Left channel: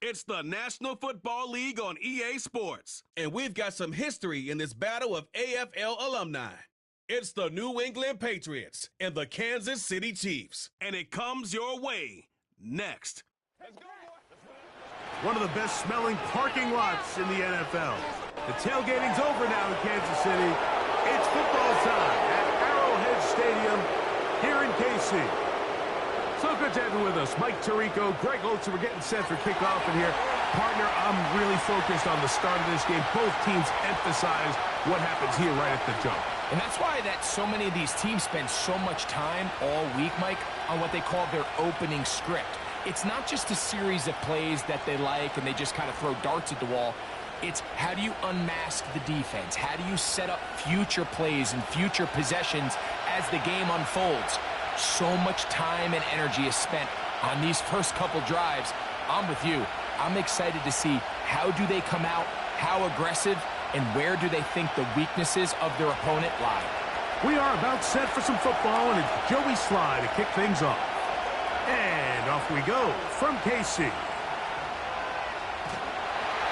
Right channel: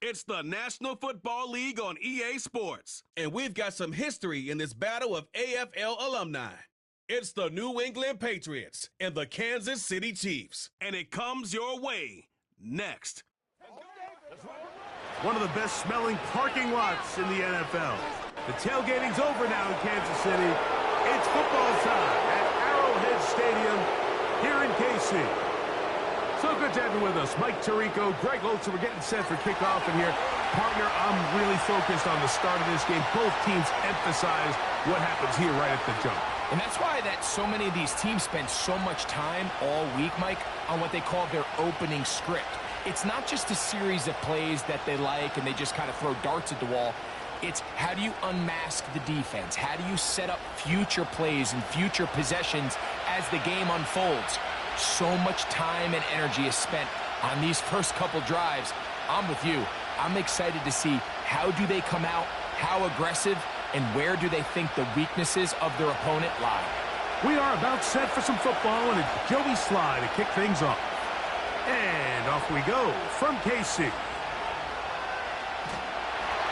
It's the National Football League on EA Sports, and we've got some history in this battle of AFL alumni. It's the New England Patriots and the Kansas City Chiefs, and it comes your way next. One of the best smelling parking lots in the NFL. The tailgating's over now in Kansas City. It's football time at Arrowhead Stadium here in KC. So good to have you with us. Mike Tirico, Greg Olsen. We're getting set for kickoff in here. Partner, I'm really focused on the start of this game. Both teams emphasize what happens here right at the jump. And that's why so many of these teams spend so much time all week, Mike, on what they call their opening script. It's not just a series of plays that they like and they just kind of throw darts at the wall. It's how do you unmask the defense? How do you set up future plays and future possessions as the game unfolds? So much time and energy is spent on these first couple drives. I'm with you. I'm excited to see how do they come out, how aggressive, and where do they think the weaknesses of their opponent lie. We are about set for some football, and it's Joey Sly to kick things off. And off we go from KC.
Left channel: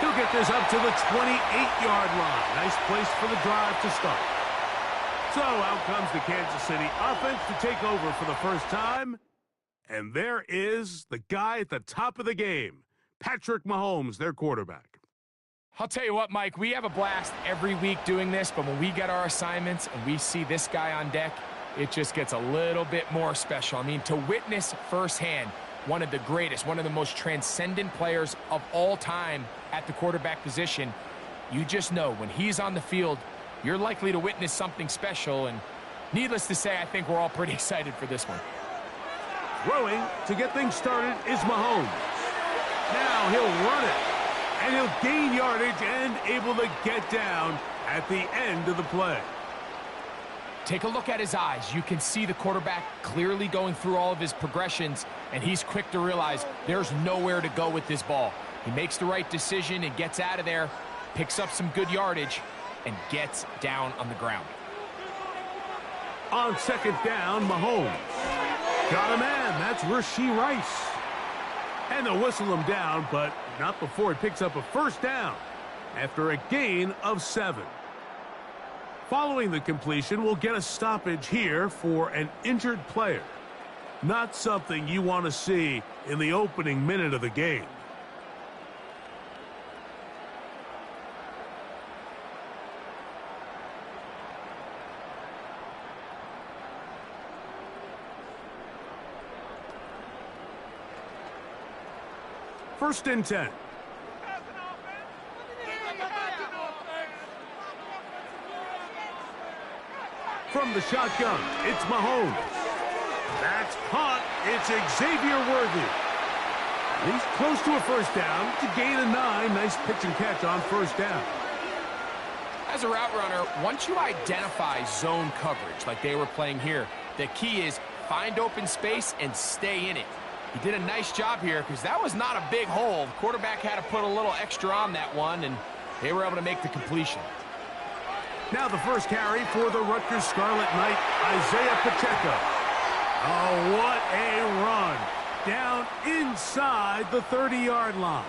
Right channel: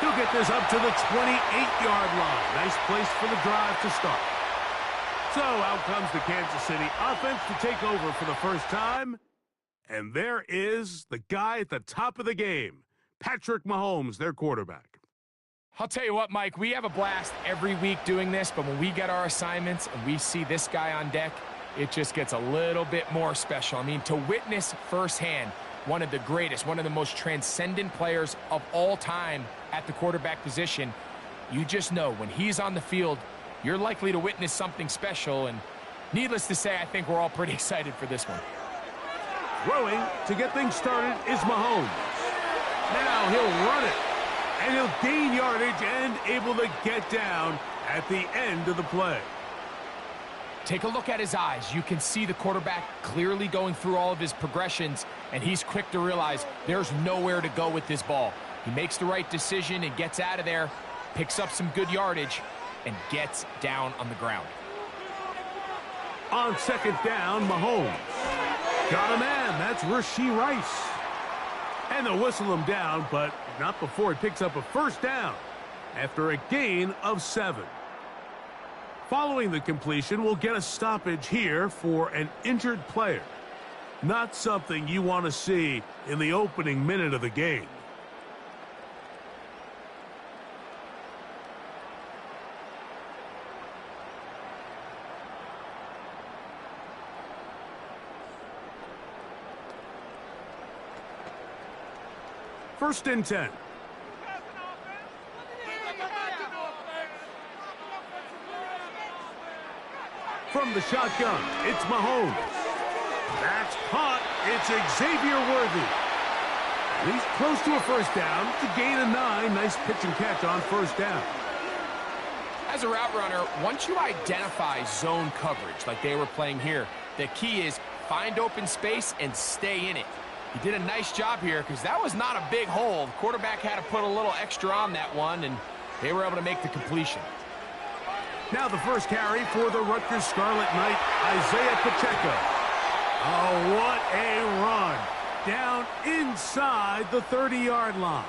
He'll get this up to the 28-yard line. Nice place for the drive to start. So out comes the Kansas City offense to take over for the first time. And there is the guy at the top of the game, Patrick Mahomes, their quarterback. I'll tell you what, Mike, we have a blast every week doing this, but when we get our assignments and we see this guy on deck, it just gets a little bit more special. I mean, to witness firsthand one of the greatest, one of the most transcendent players of all time at the quarterback position, you just know when he's on the field, you're likely to witness something special, and needless to say, I think we're all pretty excited for this one. Throwing to get things started is Mahomes. Now he'll run it, and he'll gain yardage and able to get down at the end of the play. Take a look at his eyes. You can see the quarterback clearly going through all of his progressions, and he's quick to realize there's nowhere to go with this ball. He makes the right decision and gets out of there, picks up some good yardage, and gets down on the ground. On second down, Mahomes. Got a man. That's Rashee Rice. And they'll whistle him down, but not before he picks up a first down after a gain of 7. Following the completion, we'll get a stoppage here for an injured player. Not something you want to see in the opening minute of the game. First and 10. From the shotgun, it's Mahomes. That's caught. It's Xavier Worthy. He's close to a first down to gain a 9. Nice pitch and catch on first down. As a route runner, once you identify zone coverage like they were playing here, the key is find open space and stay in it. He did a nice job here because that was not a big hole. The quarterback had to put a little extra on that one, and they were able to make the completion. Now the first carry for the Rutgers Scarlet Knight, Isaiah Pacheco. Oh, what a run. Down inside the 30-yard line.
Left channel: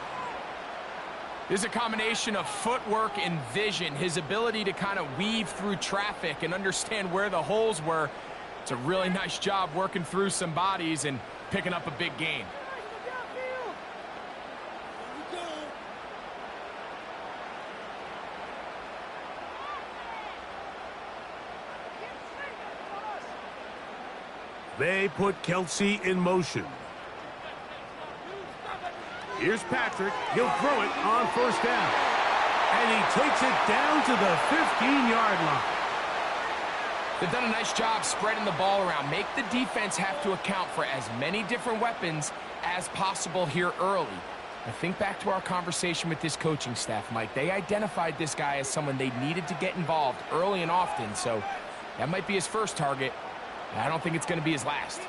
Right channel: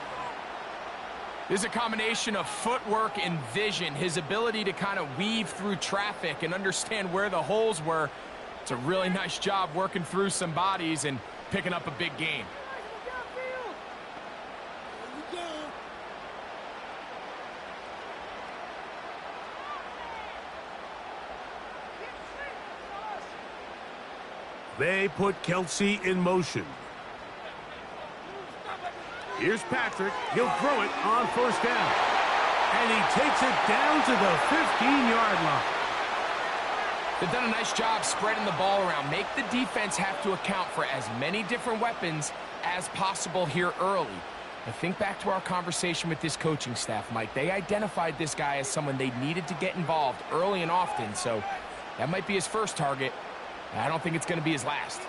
This is a combination of footwork and vision, his ability to kind of weave through traffic and understand where the holes were. It's a really nice job working through some bodies and picking up a big gain. They put Kelsey in motion. Here's Patrick. He'll throw it on first down. And he takes it down to the 15-yard line. They've done a nice job spreading the ball around. Make the defense have to account for as many different weapons as possible here early. But think back to our conversation with this coaching staff, Mike. They identified this guy as someone they needed to get involved early and often, so that might be his first target. I don't think it's going to be his last.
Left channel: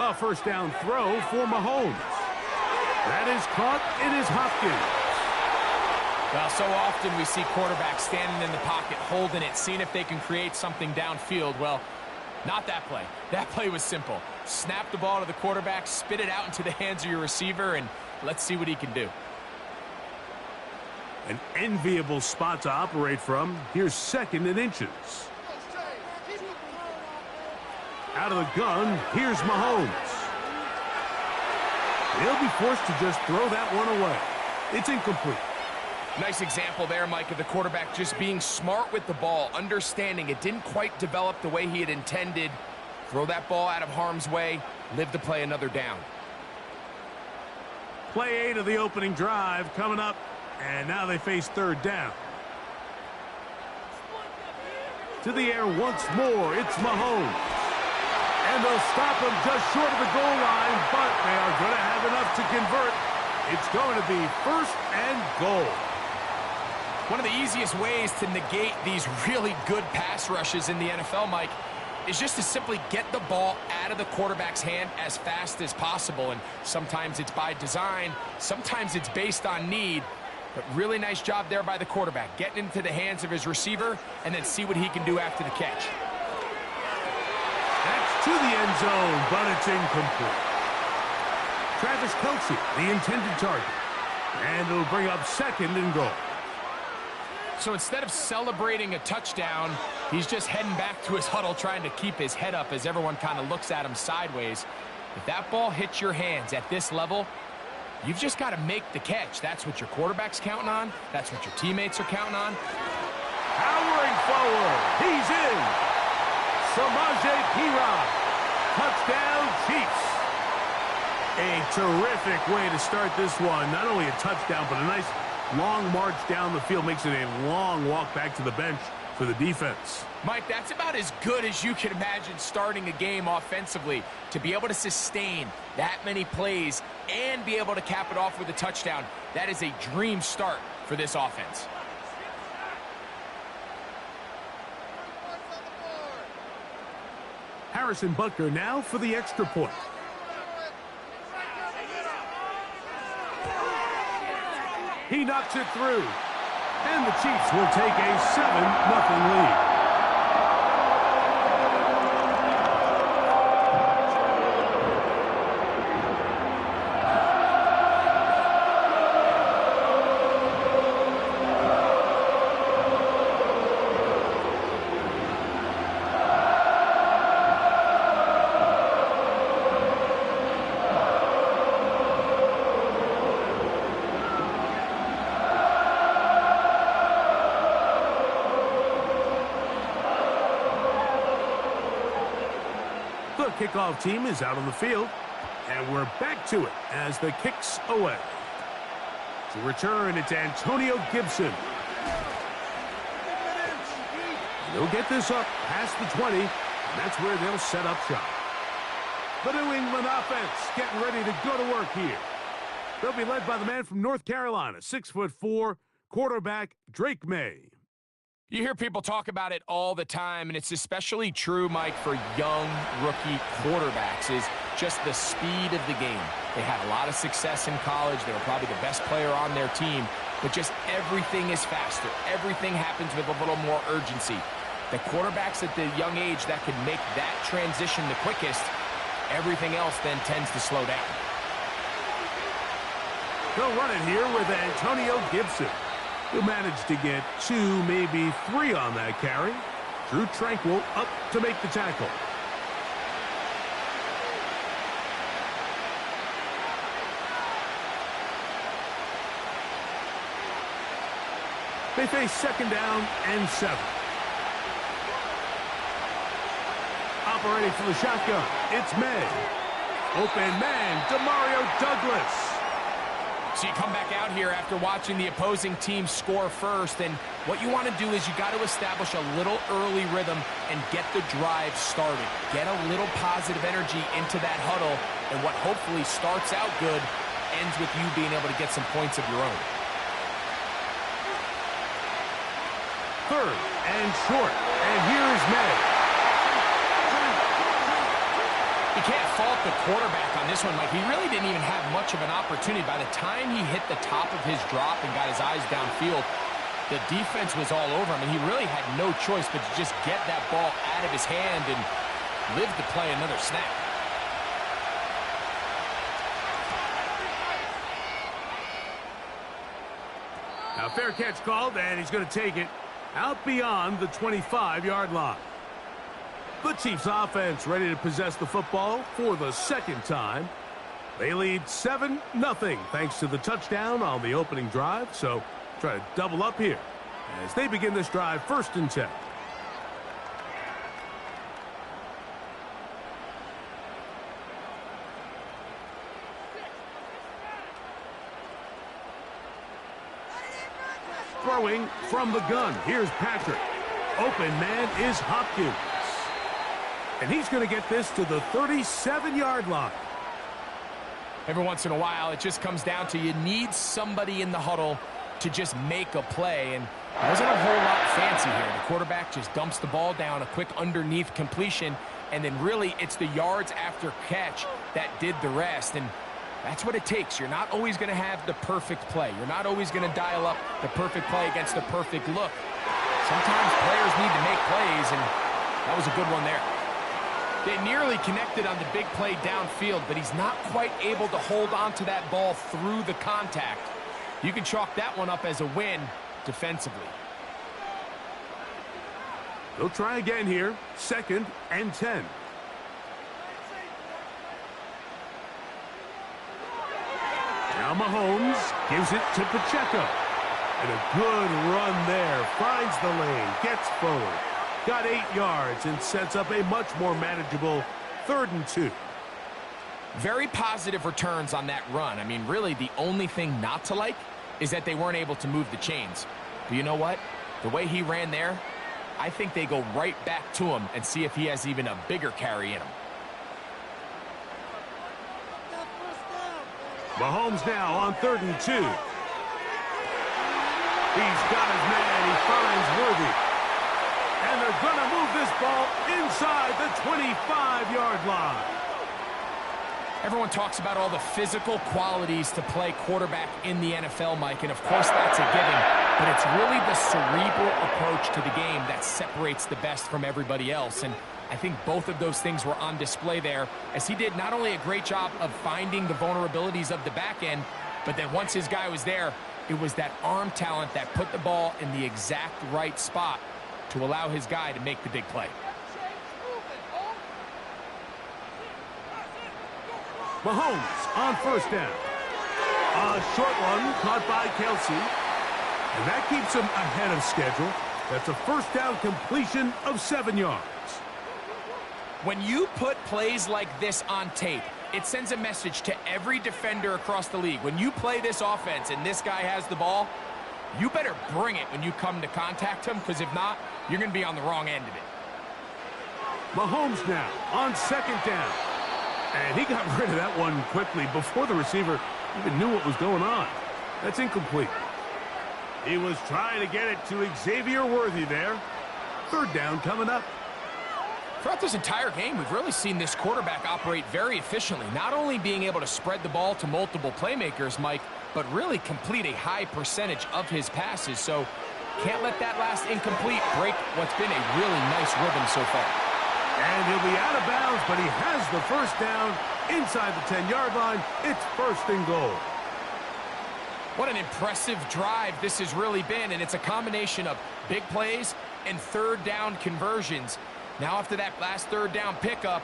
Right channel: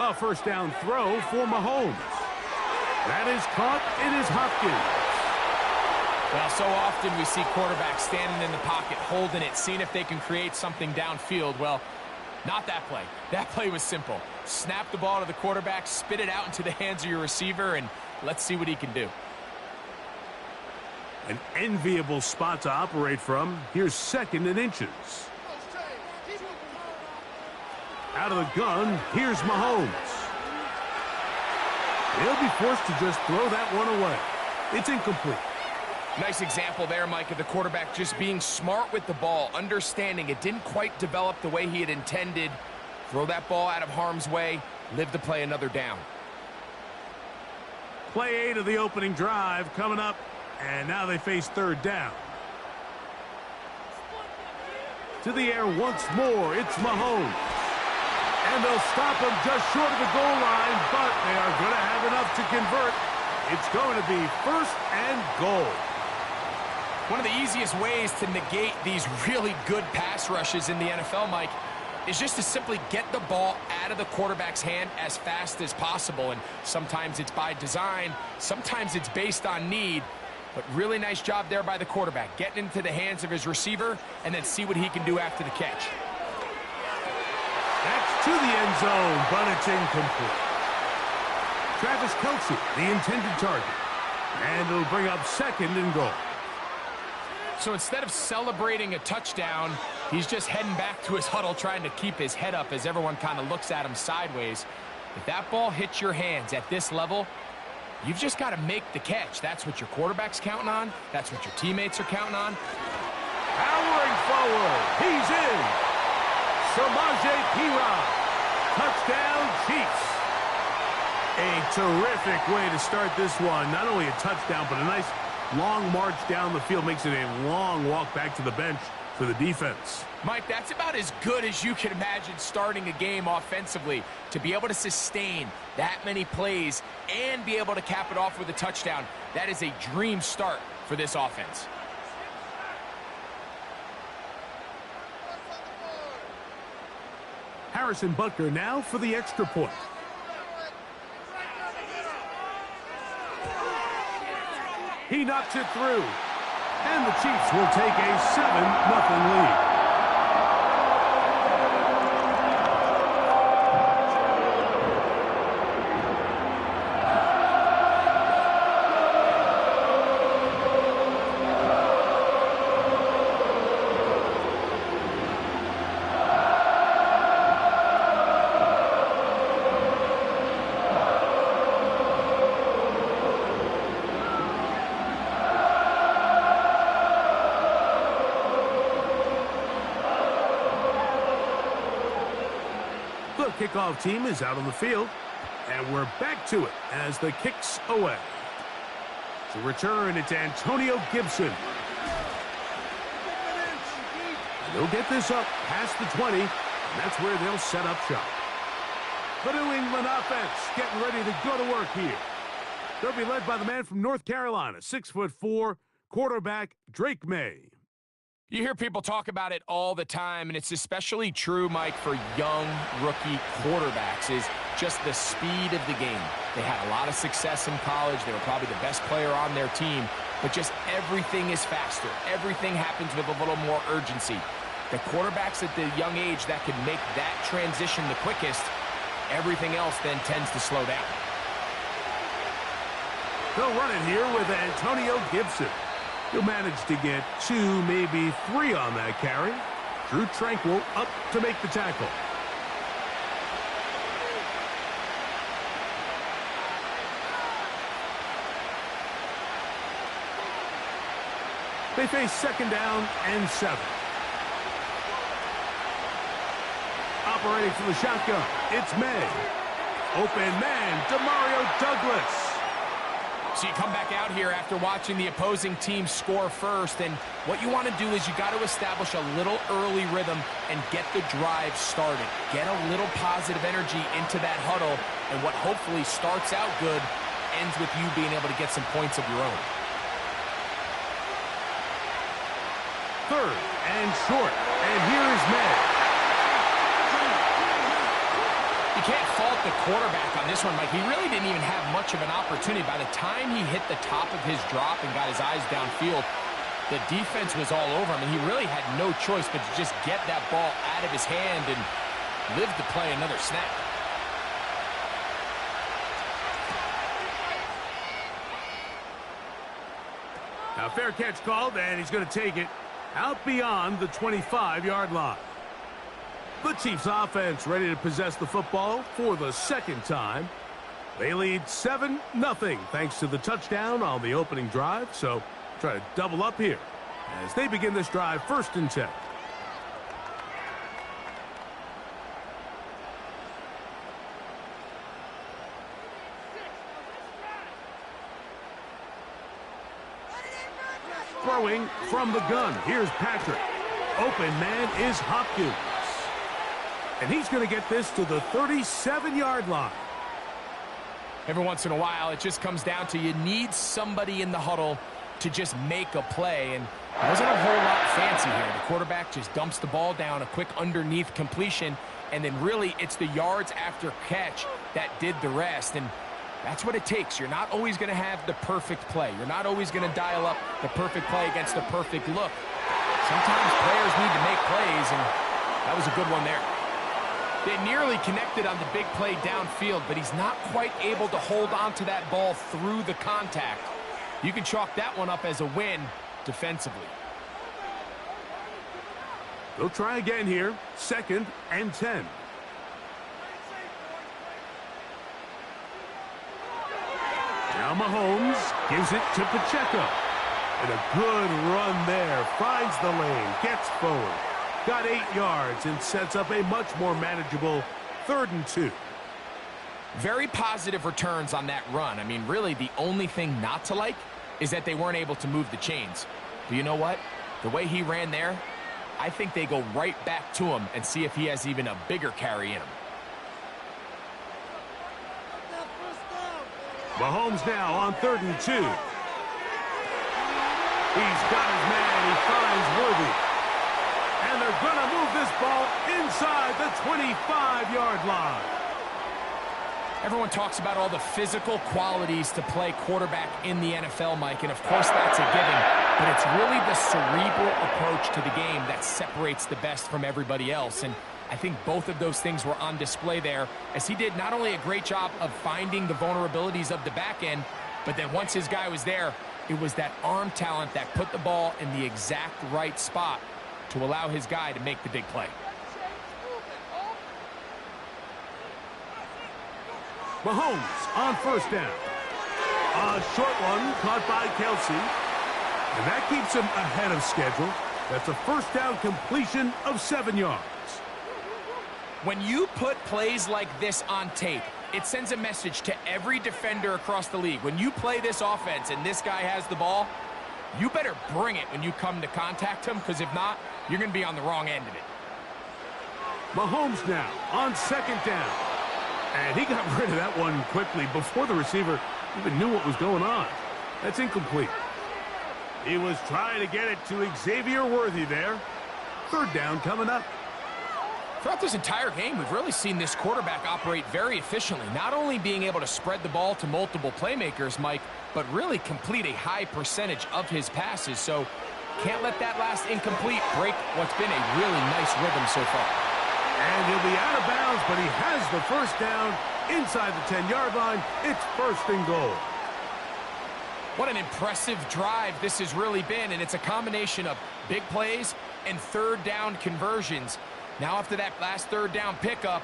A first down throw for Mahomes. That is caught. It is Hopkins. Well, so often we see quarterbacks standing in the pocket, holding it, seeing if they can create something downfield. Well, not that play. That play was simple. Snap the ball to the quarterback, spit it out into the hands of your receiver, and Let's see what he can do. An enviable spot to operate from. Here's 2nd and inches. Out of the gun, here's Mahomes. He'll be forced to just throw that one away. It's incomplete. Nice example there, Mike, of the quarterback just being smart with the ball, understanding it didn't quite develop the way he had intended. Throw that ball out of harm's way, live to play another down. Play 8 of the opening drive coming up, and now they face 3rd down. To the air once more, it's Mahomes. And they'll stop him just short of the goal line, but they are going to have enough to convert. It's going to be 1st and goal. One of the easiest ways to negate these really good pass rushes in the NFL, Mike, is just to simply get the ball out of the quarterback's hand as fast as possible. And sometimes it's by design, sometimes it's based on need. But really nice job there by the quarterback, getting into the hands of his receiver and then see what he can do after the catch. That's to the end zone, but it's incomplete. Travis Kelce, the intended target. And it'll bring up 2nd and goal. So instead of celebrating a touchdown, he's just heading back to his huddle trying to keep his head up as everyone kind of looks at him sideways. If that ball hits your hands at this level, you've just got to make the catch. That's what your quarterback's counting on. That's what your teammates are counting on. Powering forward. He's in. Samaje Perine. Touchdown, Chiefs. A terrific way to start this one. Not only a touchdown, but a nice long march down the field. Makes it a long walk back to the bench for the defense. Mike, that's about as good as you can imagine starting a game offensively. To be able to sustain that many plays and be able to cap it off with a touchdown, that is a dream start for this offense. Harrison Butker now for the extra point. He knocks it through. And the Chiefs will take a 7-0 lead. The kickoff team is out on the field, and we're back to it as the kick's away. To return, it's Antonio Gibson. They'll get this up past the 20, and that's where they'll set up shop. The New England offense getting ready to go to work here. They'll be led by the man from North Carolina, 6'4", quarterback Drake May. You hear people talk about it all the time, and it's especially true, Mike, for young rookie quarterbacks, is just the speed of the game. They had a lot of success in college. They were probably the best player on their team, but just everything is faster. Everything happens with a little more urgency. The quarterbacks at the young age that can make that transition the quickest, everything else then tends to slow down. They'll run it here with Antonio Gibson. He'll manage to get 2, maybe 3 on that carry. Drew Tranquill up to make the tackle. They face 2nd down and 7. Operating from the shotgun, it's May. Open man, Demario Douglas. So you come back out here after watching the opposing team score first, and what you want to do is you got to establish a little early rhythm and get the drive started. Get a little positive energy into that huddle, and what hopefully starts out good ends with you being able to get some points of your own. 3rd and short, and here's May. You can't fault the quarterback on this one, Mike. He really didn't even have much of an opportunity. By the time he hit the top of his drop and got his eyes downfield, the defense was all over him, and he really had no choice but to just get that ball out of his hand and live to play another snap. Now, fair catch called, and he's going to take it out beyond the 25-yard line. The Chiefs offense ready to possess the football for the second time. They lead 7-0 thanks to the touchdown on the opening drive. So try to double up here as they begin this drive 1st and 10. Throwing from the gun. Here's Patrick. Open man is Hopkins. And he's going to get this to the 37-yard line. Every once in a while, it just comes down to you need somebody in the huddle to just make a play. And it wasn't a whole lot fancy here. The quarterback just dumps the ball down, a quick underneath completion, and then really it's the yards after catch that did the rest. And that's what it takes. You're not always going to have the perfect play. You're not always going to dial up the perfect play against the perfect look. Sometimes players need to make plays, and that was a good one there. They nearly connected on the big play downfield, but he's not quite able to hold on to that ball through the contact. You can chalk that one up as a win defensively. They'll try again here. 2nd and 10. Now Mahomes gives it to Pacheco. And a good run there. Finds the lane. Gets forward. Got 8 yards and sets up a much more manageable 3rd and 2. Very positive returns on that run. I mean, really, the only thing not to like is that they weren't able to move the chains. But you know what? The way he ran there, I think they go right back to him and see if he has even a bigger carry in him. Mahomes now on 3rd and 2. He's got his man. He finds Worthy. And they're going to move this ball inside the 25-yard line. Everyone talks about all the physical qualities to play quarterback in the NFL, Mike, and of course that's a given, but it's really the cerebral approach to the game that separates the best from everybody else, and I think both of those things were on display there, as he did not only a great job of finding the vulnerabilities of the back end, but then once his guy was there, it was that arm talent that put the ball in the exact right spot to allow his guy to make the big play. Mahomes on 1st down. A short one caught by Kelsey. And that keeps him ahead of schedule. That's a 1st down completion of 7 yards. When you put plays like this on tape, it sends a message to every defender across the league. When you play this offense and this guy has the ball, you better bring it when you come to contact him, because if not, you're going to be on the wrong end of it. Mahomes now on 2nd down. And he got rid of that one quickly before the receiver even knew what was going on. That's incomplete. He was trying to get it to Xavier Worthy there. 3rd down coming up. Throughout this entire game, we've really seen this quarterback operate very efficiently, not only being able to spread the ball to multiple playmakers, Mike, but really complete a high percentage of his passes. So can't let that last incomplete break what's been a really nice rhythm so far. And he'll be out of bounds, but he has the 1st down inside the 10-yard line. It's 1st and goal. What an impressive drive this has really been, and it's a combination of big plays and 3rd down conversions. Now after that last 3rd down pickup,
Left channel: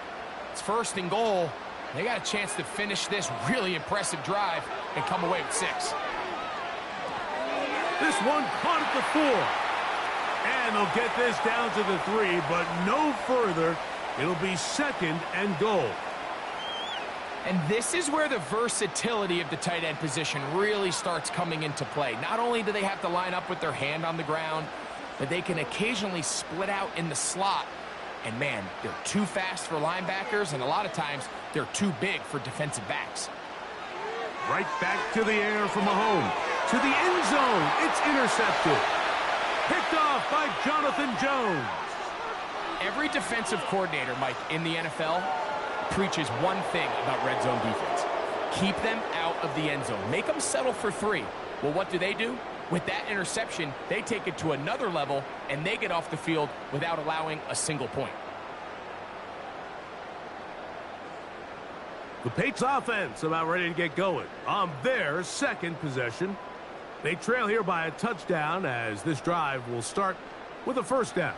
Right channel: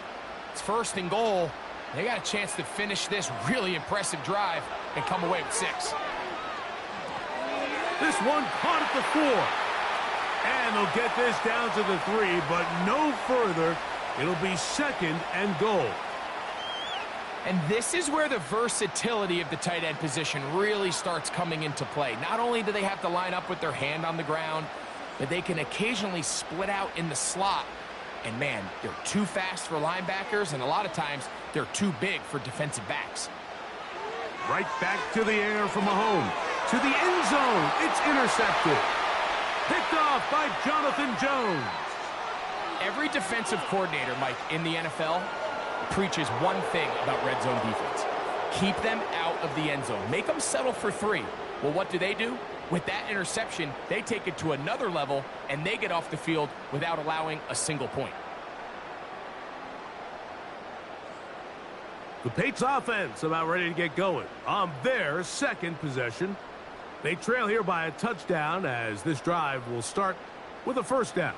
it's 1st and goal. They got a chance to finish this really impressive drive and come away with 6. This one caught at the 4. And they'll get this down to the 3, but no further. It'll be 2nd and goal. And this is where the versatility of the tight end position really starts coming into play. Not only do they have to line up with their hand on the ground, but they can occasionally split out in the slot. And man, they're too fast for linebackers, and a lot of times they're too big for defensive backs. Right back to the air from Mahomes. To the end zone. It's intercepted. Picked off by Jonathan Jones. Every defensive coordinator, Mike, in the NFL preaches one thing about red zone defense. Keep them out of the end zone. Make them settle for 3. Well, what do? With that interception, they take it to another level, and they get off the field without allowing a single point. The Patriots offense about ready to get going on their 2nd possession. They trail here by a touchdown as this drive will start with a first down.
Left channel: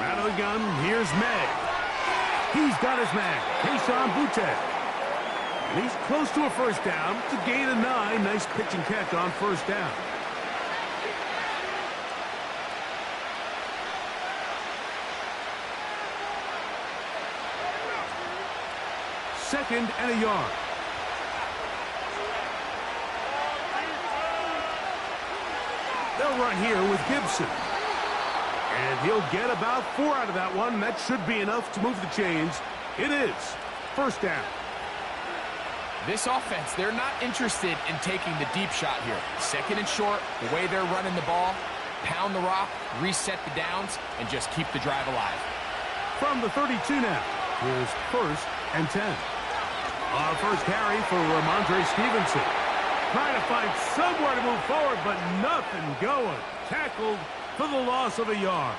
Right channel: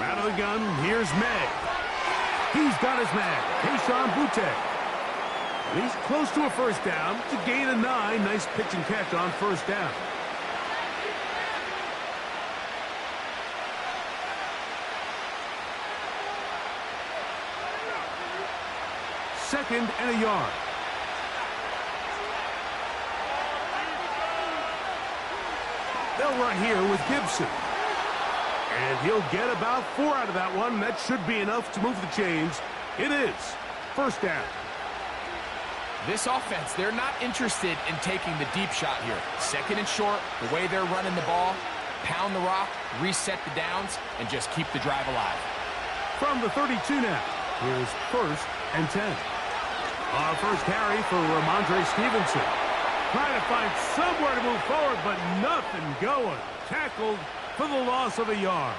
Out of the gun, here's May. He's got his man, Keyshawn Butte. And he's close to a first down. It's a gain of 9. Nice pitch and catch on first down. Second and a yard. They'll run here with Gibson. And he'll get about 4 out of that one. That should be enough to move the chains. It is. First down. This offense, they're not interested in taking the deep shot here. Second and short, the way they're running the ball, pound the rock, reset the downs, and just keep the drive alive. From the 32 now, here's first and 10. Our first carry for Ramondre Stevenson. Trying to find somewhere to move forward, but nothing going. Tackled for the loss of a yard.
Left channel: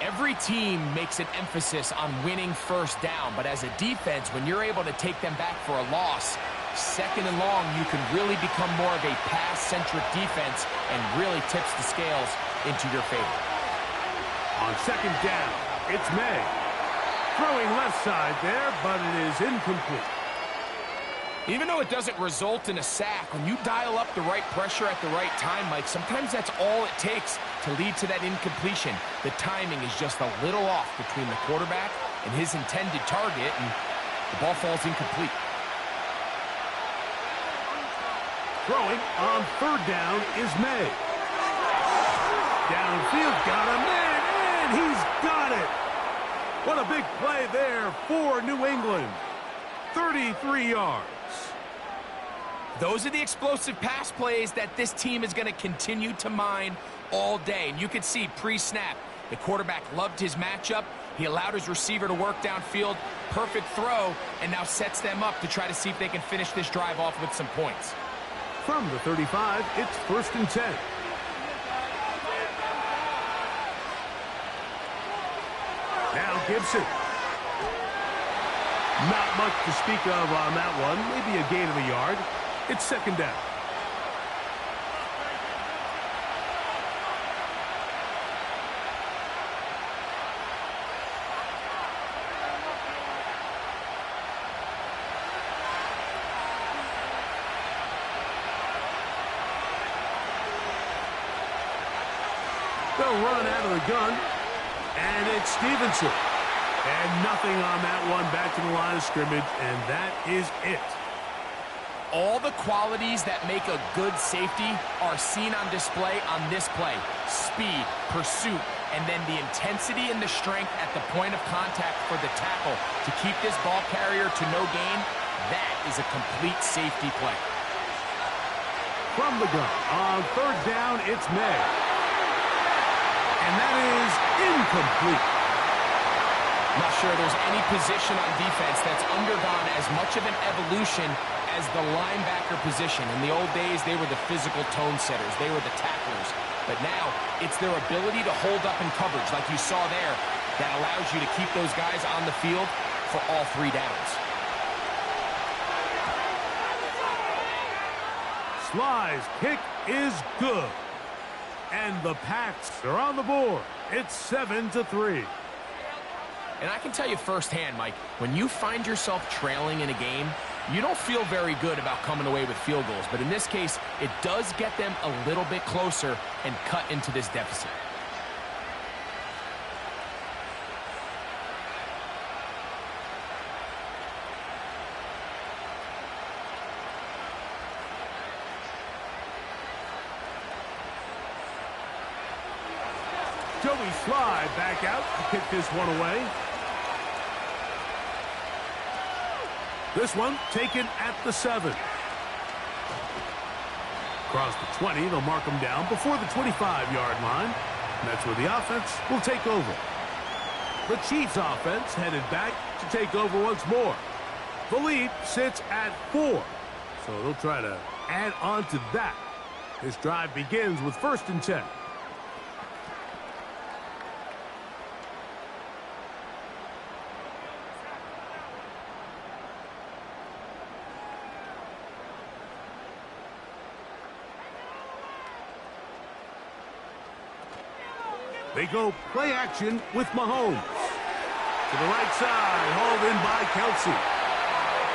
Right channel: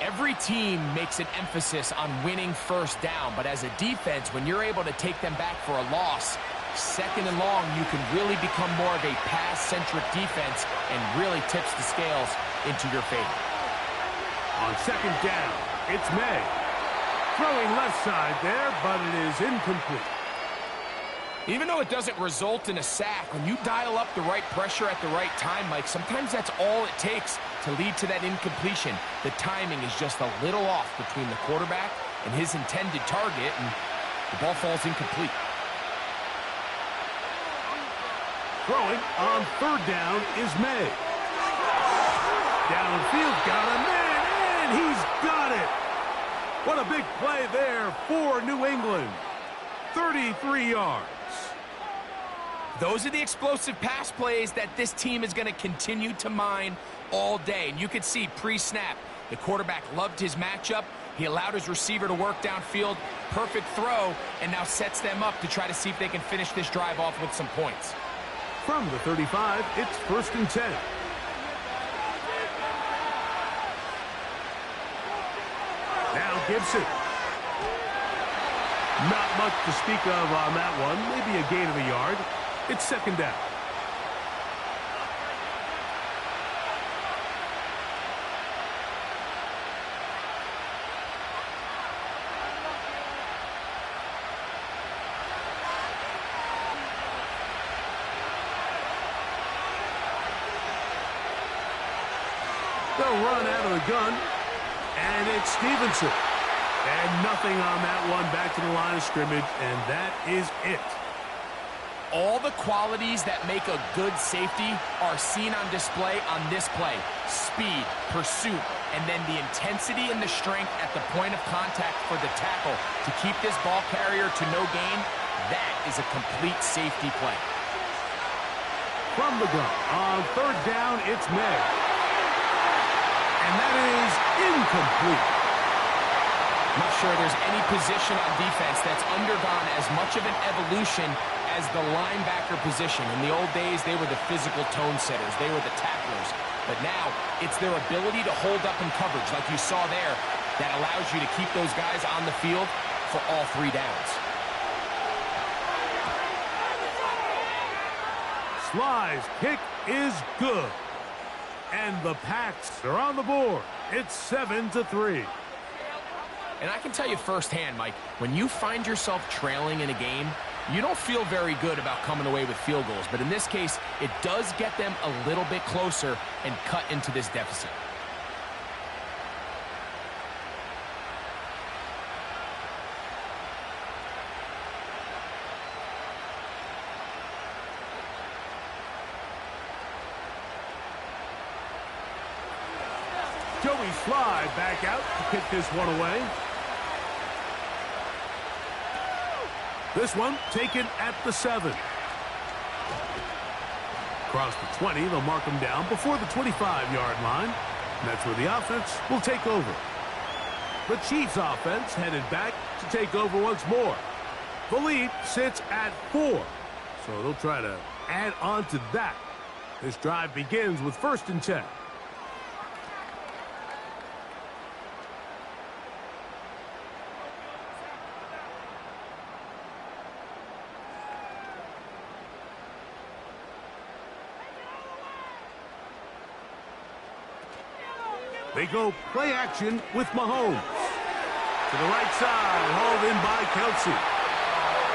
Every team makes an emphasis on winning first down, but as a defense, when you're able to take them back for a loss, second and long, you can really become more of a pass-centric defense and really tips the scales into your favor. On second down, it's May. Throwing left side there, but it is incomplete. Even though it doesn't result in a sack, when you dial up the right pressure at the right time, Mike, sometimes that's all it takes to lead to that incompletion. The timing is just a little off between the quarterback and his intended target, and the ball falls incomplete. Throwing on third down is May. Downfield, got a man, and he's got it. What a big play there for New England. 33 yards. Those are the explosive pass plays that this team is going to continue to mine all day. And you can see pre-snap, the quarterback loved his matchup. He allowed his receiver to work downfield. Perfect throw, and now sets them up to try to see if they can finish this drive off with some points. From the 35, it's first and 10. Now Gibson. Not much to speak of on that one. Maybe a gain of a yard. It's second down. They'll run out of the gun, and it's Stevenson. And nothing on that one, back to the line of scrimmage, and that is it. All the qualities that make a good safety are seen on display on this play. Speed, pursuit, and then the intensity and the strength at the point of contact for the tackle to keep this ball carrier to no gain. That is a complete safety play. From the gun, on third down, it's May. And that is incomplete. I'm not sure there's any position on defense that's undergone as much of an evolution as the linebacker position. In the old days, they were the physical tone setters. They were the tacklers. But now, it's their ability to hold up in coverage, like you saw there, that allows you to keep those guys on the field for all 3 downs. Sly's kick is good. And the Pats are on the board. It's 7-3. And I can tell you firsthand, Mike, when you find yourself trailing in a game, you don't feel very good about coming away with field goals. But in this case, it does get them a little bit closer and cut into this deficit. Joey Sly back out to kick this one away. This one taken at the 7. Across the 20, they'll mark them down before the 25-yard line. And that's where the offense will take over. The Chiefs offense headed back to take over once more. The lead sits at 4, so they'll try to add on to that. This drive begins with 1st and 10. They go play action with Mahomes. To the right side, hauled in by Kelsey.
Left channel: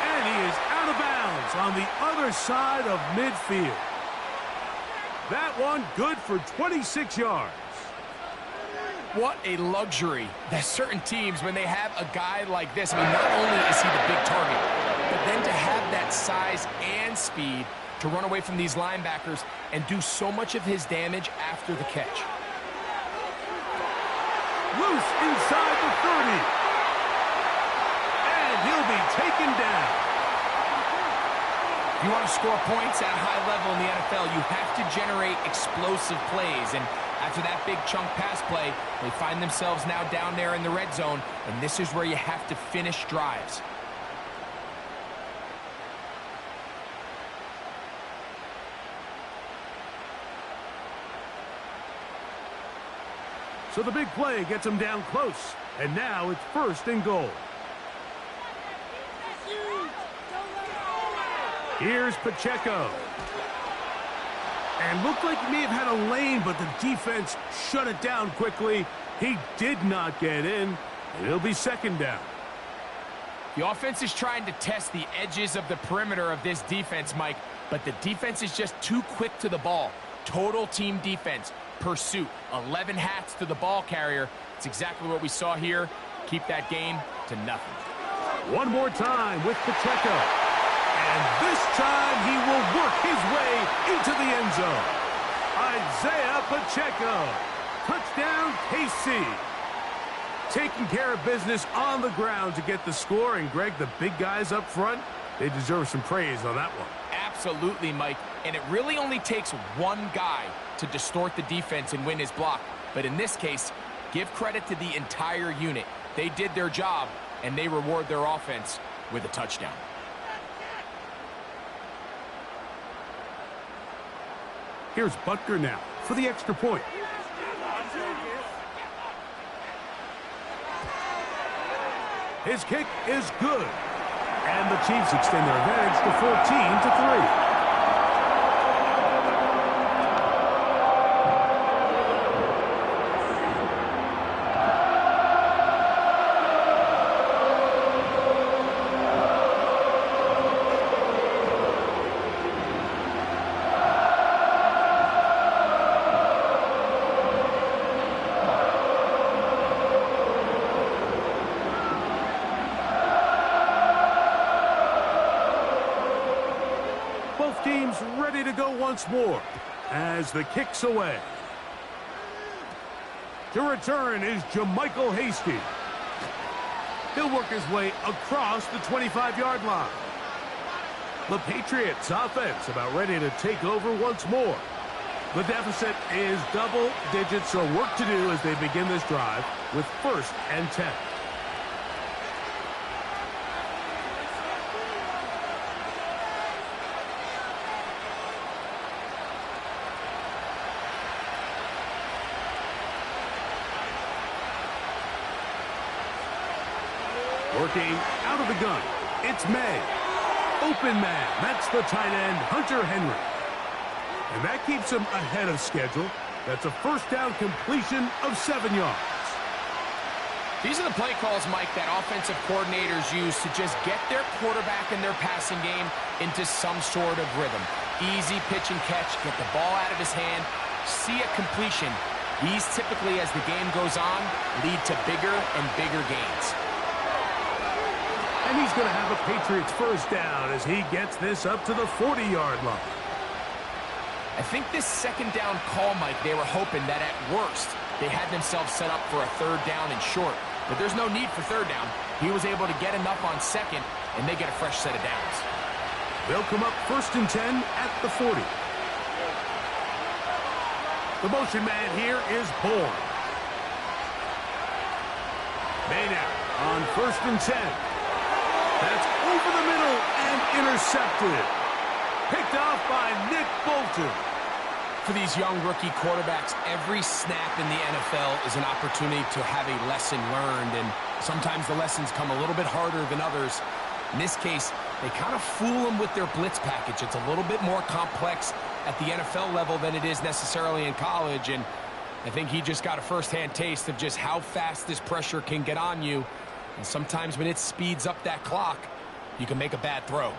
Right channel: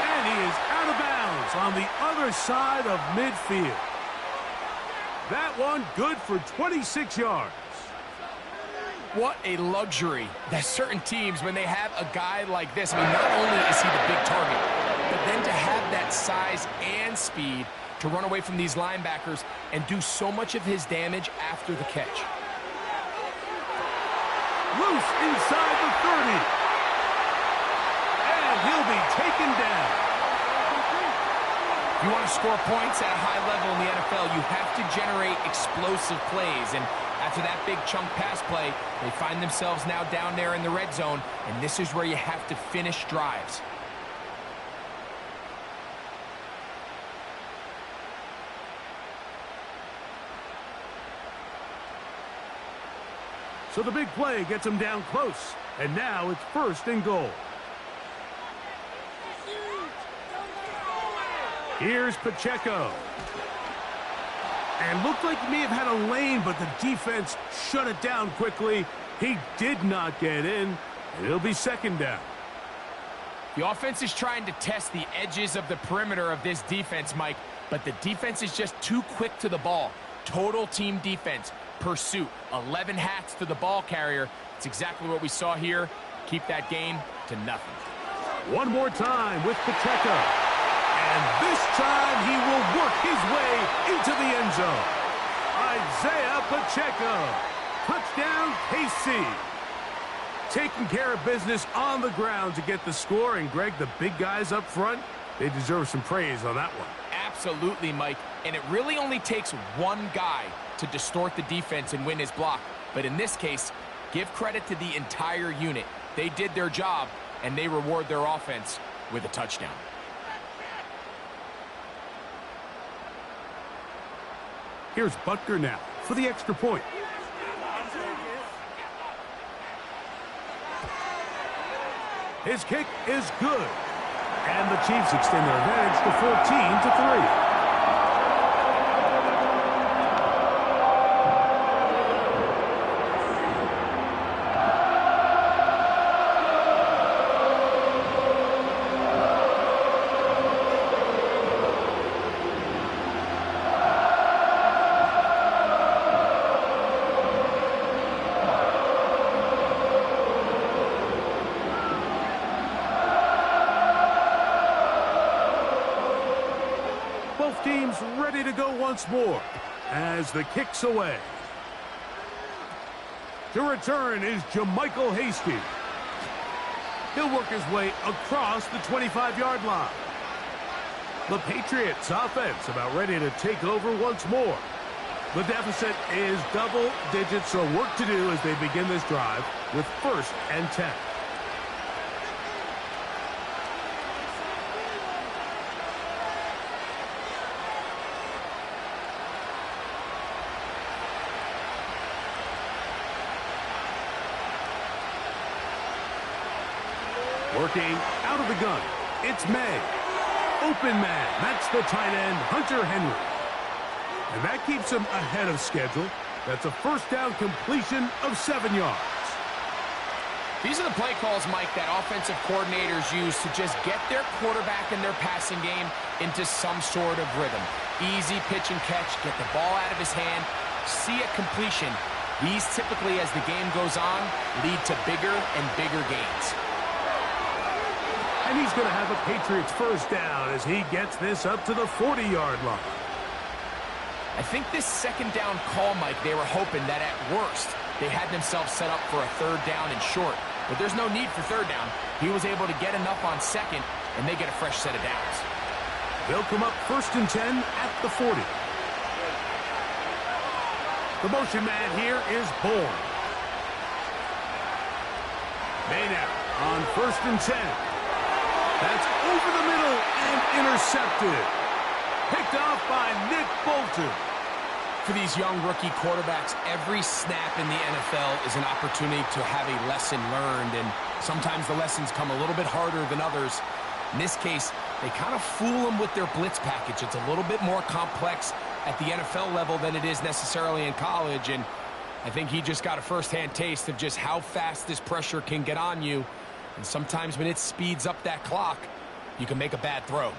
And he is out of bounds on the other side of midfield. That one good for 26 yards. What a luxury that certain teams, when they have a guy like this, I mean, not only is he the big target, but then to have that size and speed to run away from these linebackers and do so much of his damage after the catch. Loose inside the 30. And he'll be taken down. If you want to score points at a high level in the NFL, you have to generate explosive plays. And after that big chunk pass play, they find themselves now down there in the red zone. And this is where you have to finish drives. So the big play gets him down close. And now it's 1st and goal. Here's Pacheco. And looked like he may have had a lane, but the defense shut it down quickly. He did not get in, and it'll be 2nd down. The offense is trying to test the edges of the perimeter of this defense, Mike, but the defense is just too quick to the ball. Total team defense, pursuit, 11 hats to the ball carrier. It's exactly what we saw here. Keep that game to nothing. One more time with Pacheco. And this time he will work his way into the end zone. Isaiah Pacheco. Touchdown, KC. Taking care of business on the ground to get the score. And, Greg, the big guys up front, they deserve some praise on that one. Absolutely, Mike. And it really only takes one guy to distort the defense and win his block. But in this case, give credit to the entire unit. They did their job, and they reward their offense with a touchdown. Here's Butker now for the extra point. His kick is good. And the Chiefs extend their advantage to 14-3. Both teams ready to go once more as the kick's away. To return is Jermichael Hasty. He'll work his way across the 25-yard line. The Patriots offense about ready to take over once more. The deficit is double digits, so work to do as they begin this drive with 1st and 10. Working out of the gun, it's May. Open man, that's the tight end, Hunter Henry. And that keeps him ahead of schedule. That's a 1st down completion of 7 yards. These are the play calls, Mike, that offensive coordinators use to just get their quarterback and their passing game into some sort of rhythm. Easy pitch and catch, get the ball out of his hand, see a completion. These typically, as the game goes on, lead to bigger and bigger gains. And he's going to have a Patriots 1st down as he gets this up to the 40-yard line. I think this 2nd down call, Mike, they were hoping that at worst they had themselves set up for a 3rd down and short. But there's no need for 3rd down. He was able to get enough on 2nd, and they get a fresh set of downs. They'll come up 1st and 10 at the 40. The motion man here is Bourne. May now on 1st and 10. That's over the middle and intercepted. Picked off by Nick Bolton. For these young rookie quarterbacks, every snap in the NFL is an opportunity to have a lesson learned, and sometimes the lessons come a little bit harder than others. In this case, they kind of fool them with their blitz package. It's a little bit more complex at the NFL level than it is necessarily in college, and I think he just got a first-hand taste of just how fast this pressure can get on you, and sometimes when it speeds up that clock, you can make a bad throw.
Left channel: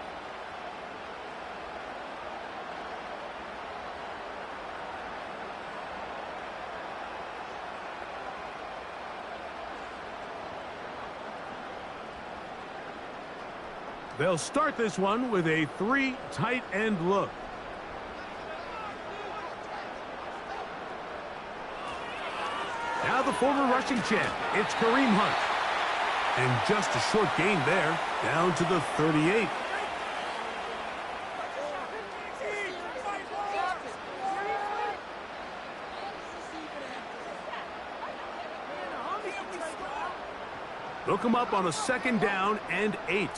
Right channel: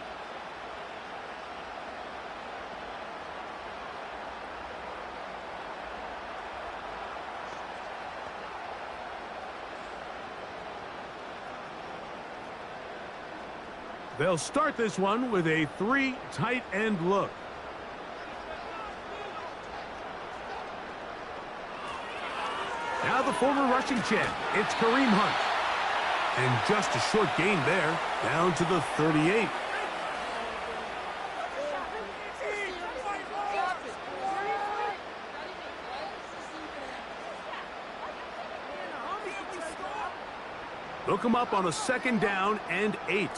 They'll start this one with a 3 tight end look. Now the former rushing champ, it's Kareem Hunt. And just a short gain there, down to the 38. Hook him up on a 2nd down and 8.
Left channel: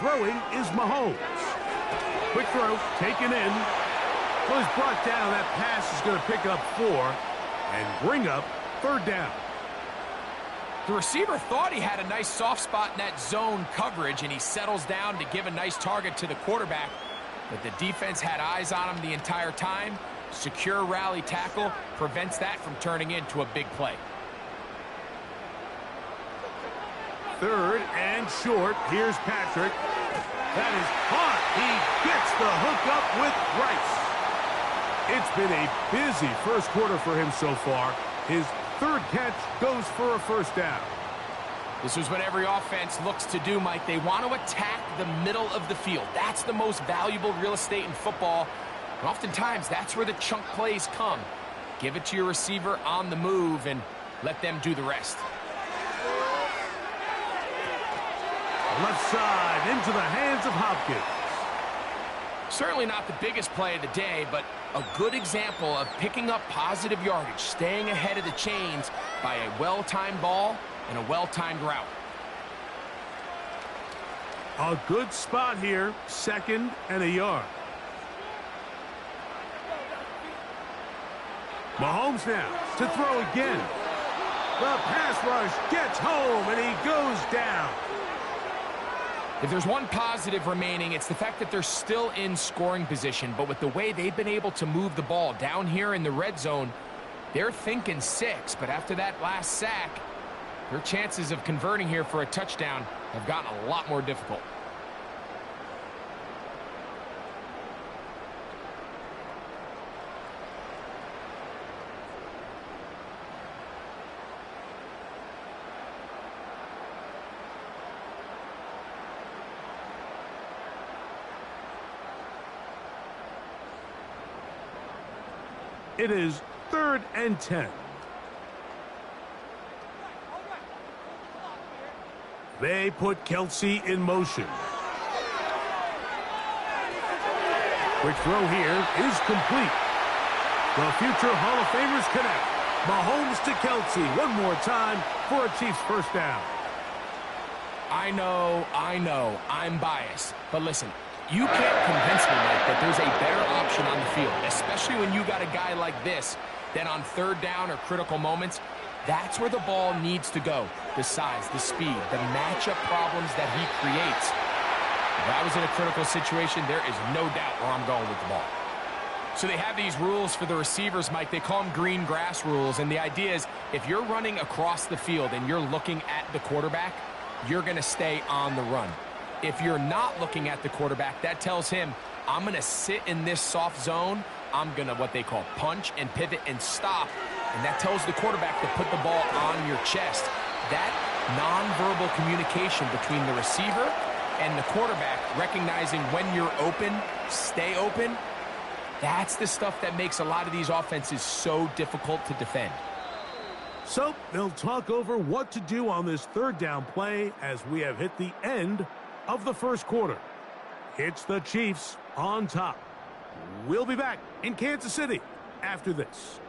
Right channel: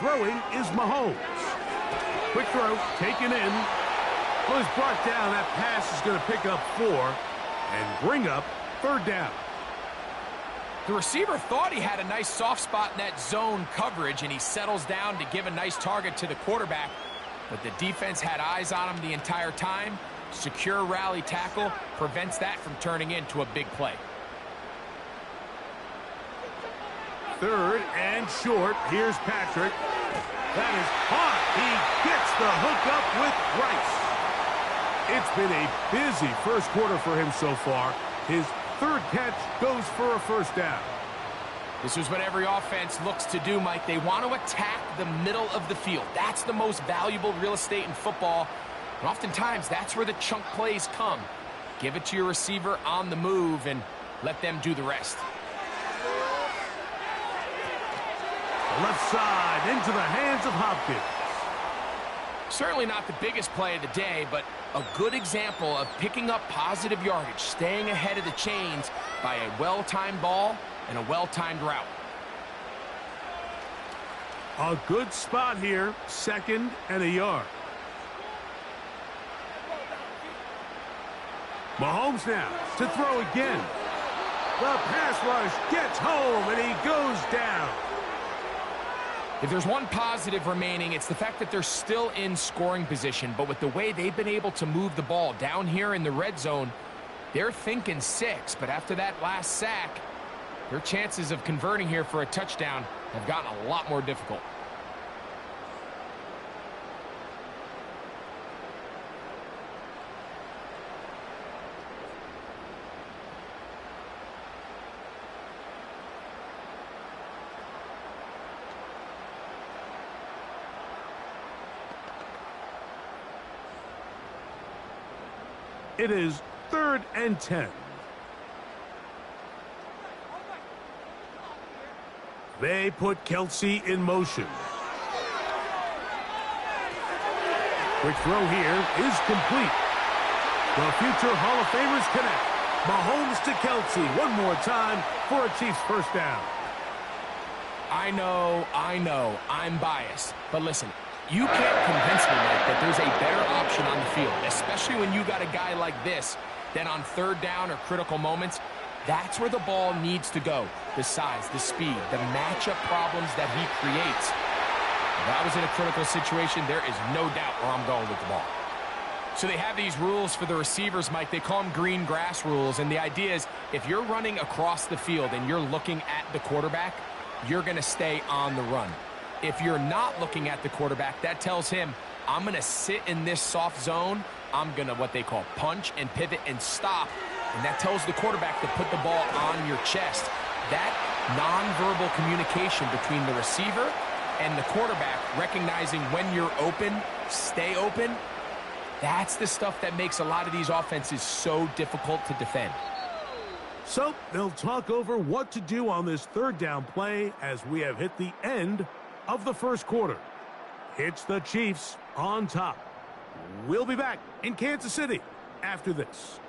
Throwing is Mahomes. Quick throw, taken in. Well, he's brought down. That pass is going to pick up 4 and bring up 3rd down. The receiver thought he had a nice soft spot in that zone coverage, and he settles down to give a nice target to the quarterback. But the defense had eyes on him the entire time. Secure rally tackle prevents that from turning into a big play. 3rd and short. Here's Patrick. That is hot. He gets the hook up with Rice. It's been a busy first quarter for him so far. His 3rd catch goes for a 1st down. This is what every offense looks to do, Mike. They want to attack the middle of the field. That's the most valuable real estate in football. And oftentimes, that's where the chunk plays come. Give it to your receiver on the move and let them do the rest. Left side into the hands of Hopkins. Certainly not the biggest play of the day, but a good example of picking up positive yardage, staying ahead of the chains by a well-timed ball and a well-timed route. A good spot here, 2nd and a yard. Mahomes now to throw again. The pass rush gets home and he goes down. If there's one positive remaining, it's the fact that they're still in scoring position. But with the way they've been able to move the ball down here in the red zone, they're thinking 6. But after that last sack, their chances of converting here for a touchdown have gotten a lot more difficult. It is 3rd and 10. They put Kelsey in motion. Quick throw here is complete. The future Hall of Famers connect. Mahomes to Kelsey one more time for a Chiefs 1st down. I know, I'm biased. But listen, you can't convince me, Mike, that there's a better option on the field, especially when you got a guy like this, then on 3rd down or critical moments, that's where the ball needs to go. The size, the speed, the matchup problems that he creates. If I was in a critical situation, there is no doubt where I'm going with the ball. So they have these rules for the receivers, Mike. They call them green grass rules, and the idea is if you're running across the field and you're looking at the quarterback, you're going to stay on the run. If you're not looking at the quarterback, that tells him, I'm going to sit in this soft zone. I'm going to what they call punch and pivot and stop. And that tells the quarterback to put the ball on your chest. That nonverbal communication between the receiver and the quarterback, recognizing when you're open, stay open, that's the stuff that makes a lot of these offenses so difficult to defend. So they'll talk over what to do on this 3rd down play as we have hit the end of the first quarter. It's the Chiefs on top. We'll be back in Kansas City after this.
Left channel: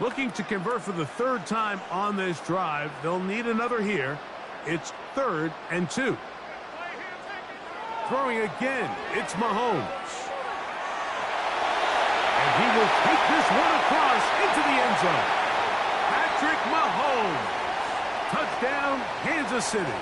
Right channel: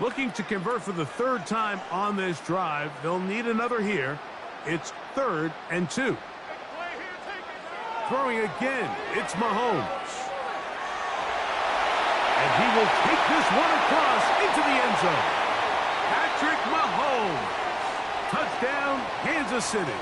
Looking to convert for the third time on this drive. They'll need another here. It's 3rd and 2. Throwing again, it's Mahomes. And he will take this one across into the end zone. Patrick Mahomes. Touchdown, Kansas City.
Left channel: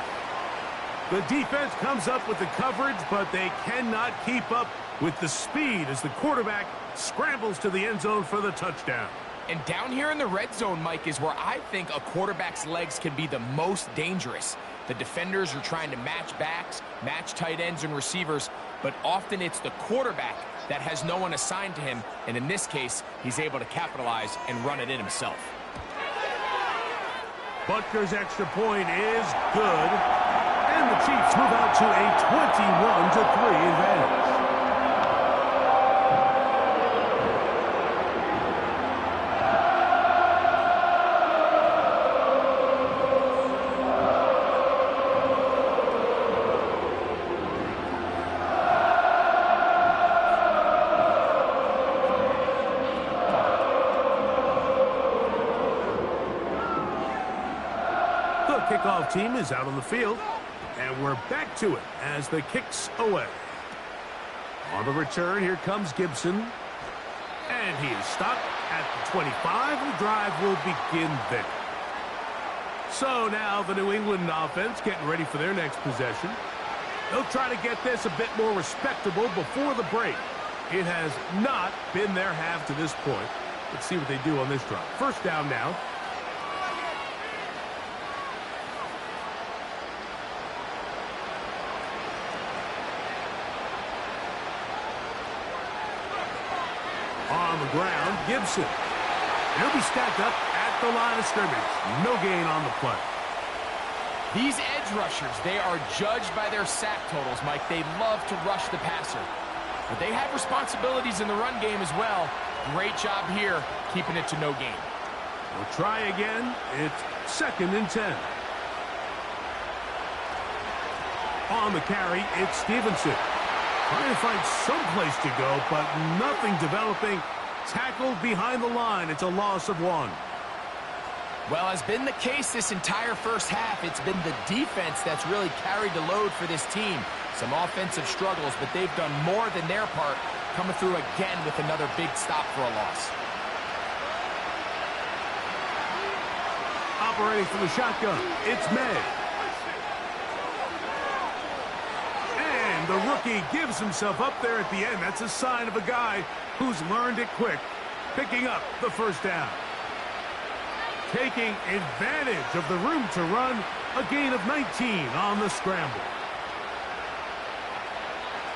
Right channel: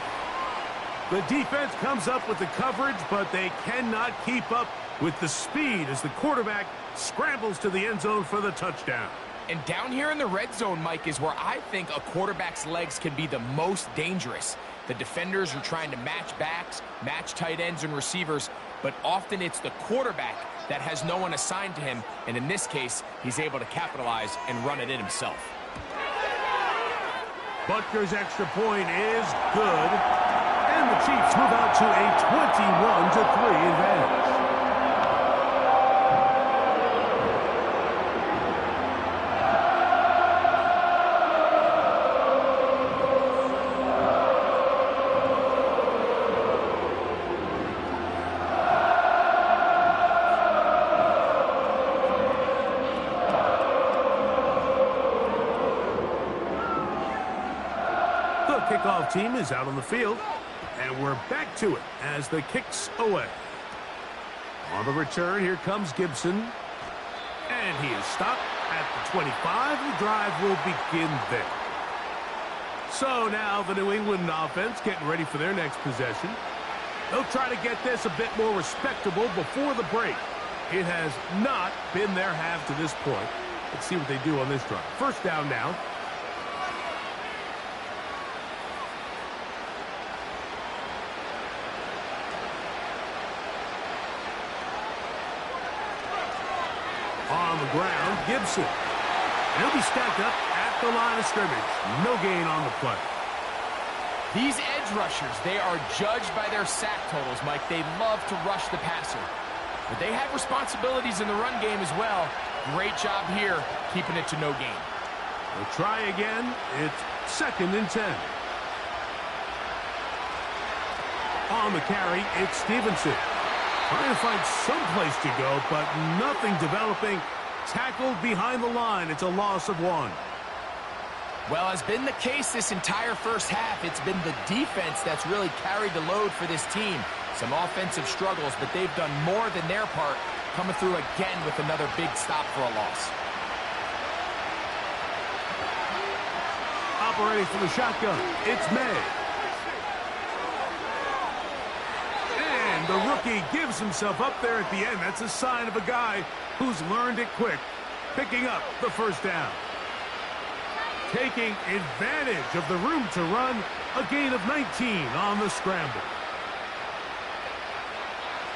The defense comes up with the coverage, but they cannot keep up with the speed as the quarterback scrambles to the end zone for the touchdown. And down here in the red zone, Mike, is where I think a quarterback's legs can be the most dangerous. The defenders are trying to match backs, match tight ends and receivers, but often it's the quarterback that has no one assigned to him, and in this case, he's able to capitalize and run it in himself. Butker's extra point is good, and the Chiefs move out to a 21-3 advantage. Kickoff team is out on the field, and we're back to it as the kick's away. On the return, here comes Gibson, and he is stopped at the 25. The drive will begin there. So now the New England offense getting ready for their next possession. They'll try to get this a bit more respectable before the break. It has not been their half to this point. Let's see what they do on this drive. First down now. On the ground, Gibson. And he'll be stacked up at the line of scrimmage. No gain on the play. These edge rushers, they are judged by their sack totals, Mike. They love to rush the passer. But they have responsibilities in the run game as well. Great job here, keeping it to no gain. We'll try again. It's 2nd and 10. On the carry, it's Stevenson. Trying to find some place to go, but nothing developing. Tackled behind the line. It's a loss of 1. Well, has been the case this entire first half. It's been the defense that's really carried the load for this team. Some offensive struggles, but they've done more than their part, coming through again with another big stop for a loss. Operating from the shotgun, it's May. The rookie gives himself up there at the end. That's a sign of a guy who's learned it quick, picking up the first down. Taking advantage of the room to run, a gain of 19 on the scramble.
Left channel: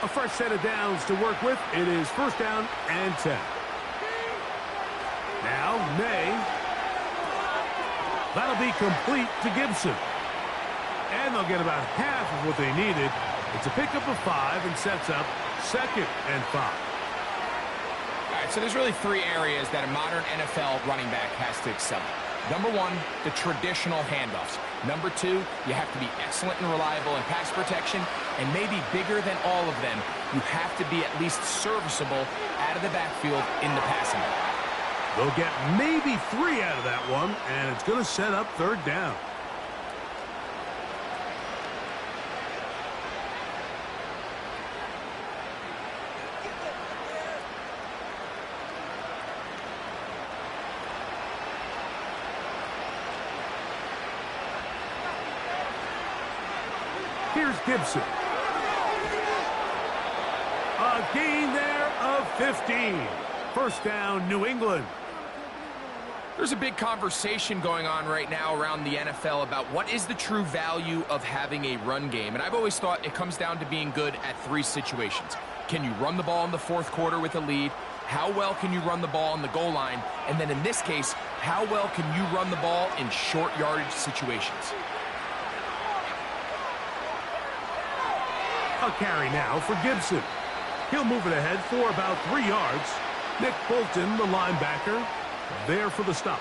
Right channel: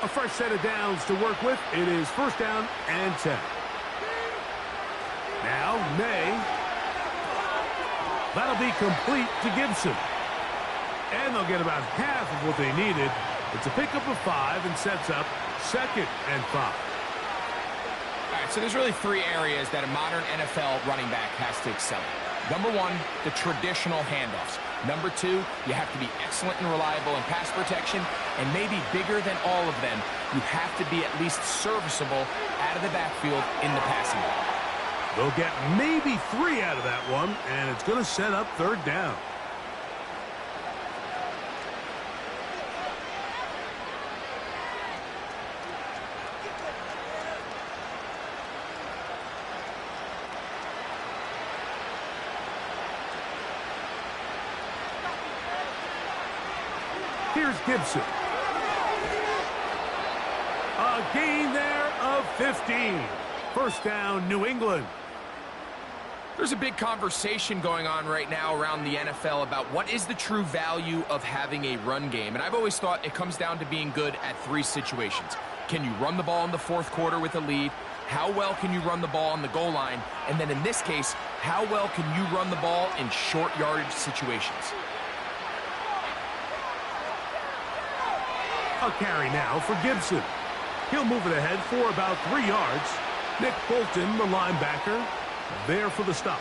A fresh set of downs to work with. It is 1st down and 10. Now, May. That'll be complete to Gibson. And they'll get about half of what they needed. It's a pickup of 5 and sets up 2nd and 5. All right, so there's really 3 areas that a modern NFL running back has to excel at. Number 1, the traditional handoffs. Number 2, you have to be excellent and reliable in pass protection. And maybe bigger than all of them, you have to be at least serviceable out of the backfield in the passing game. They'll get maybe 3 out of that one, and it's going to set up 3rd down. Here's Gibson. A gain there of 15. 1st down, New England. There's a big conversation going on right now around the NFL about what is the true value of having a run game. And I've always thought it comes down to being good at 3 situations. Can you run the ball in the 4th quarter with a lead? How well can you run the ball on the goal line? And then in this case, how well can you run the ball in short yardage situations? A carry now for Gibson. He'll move it ahead for about 3 yards. Nick Bolton, the linebacker, there for the stop.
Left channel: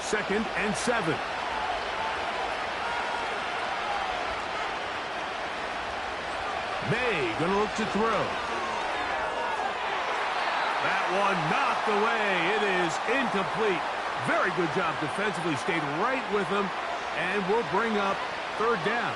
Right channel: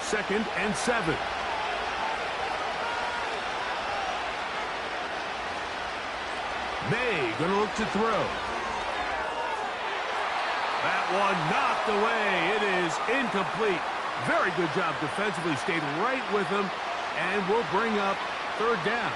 Second and 7. May going to look to throw. That one knocked away. It is incomplete. Very good job defensively. Stayed right with him and will bring up third down.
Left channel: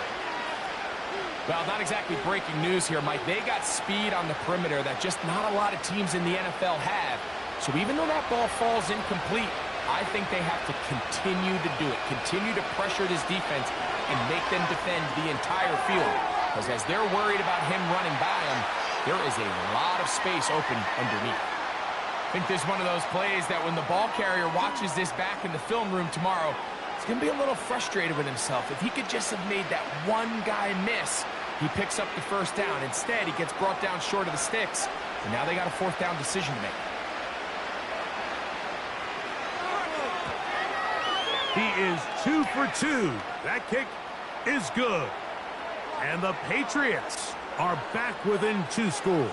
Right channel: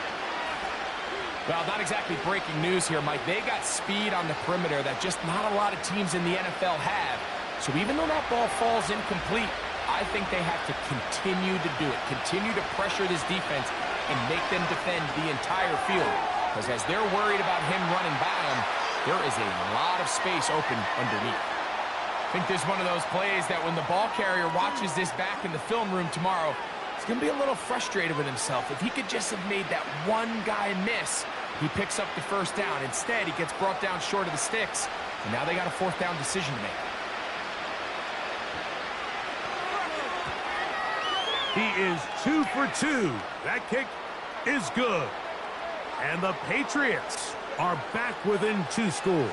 Well, not exactly breaking news here, Mike. They got speed on the perimeter that just not a lot of teams in the NFL have. So even though that ball falls incomplete, I think they have to continue to do it. Continue to pressure this defense and make them defend the entire field. Because as they're worried about him running by them, there is a lot of space open underneath. I think there's one of those plays that when the ball carrier watches this back in the film room tomorrow, he's going to be a little frustrated with himself. If he could just have made that one guy miss, he picks up the first down. Instead, he gets brought down short of the sticks, and now they got a fourth down decision to make. He is 2 for 2. That kick is good. And the Patriots are back within 2 scores.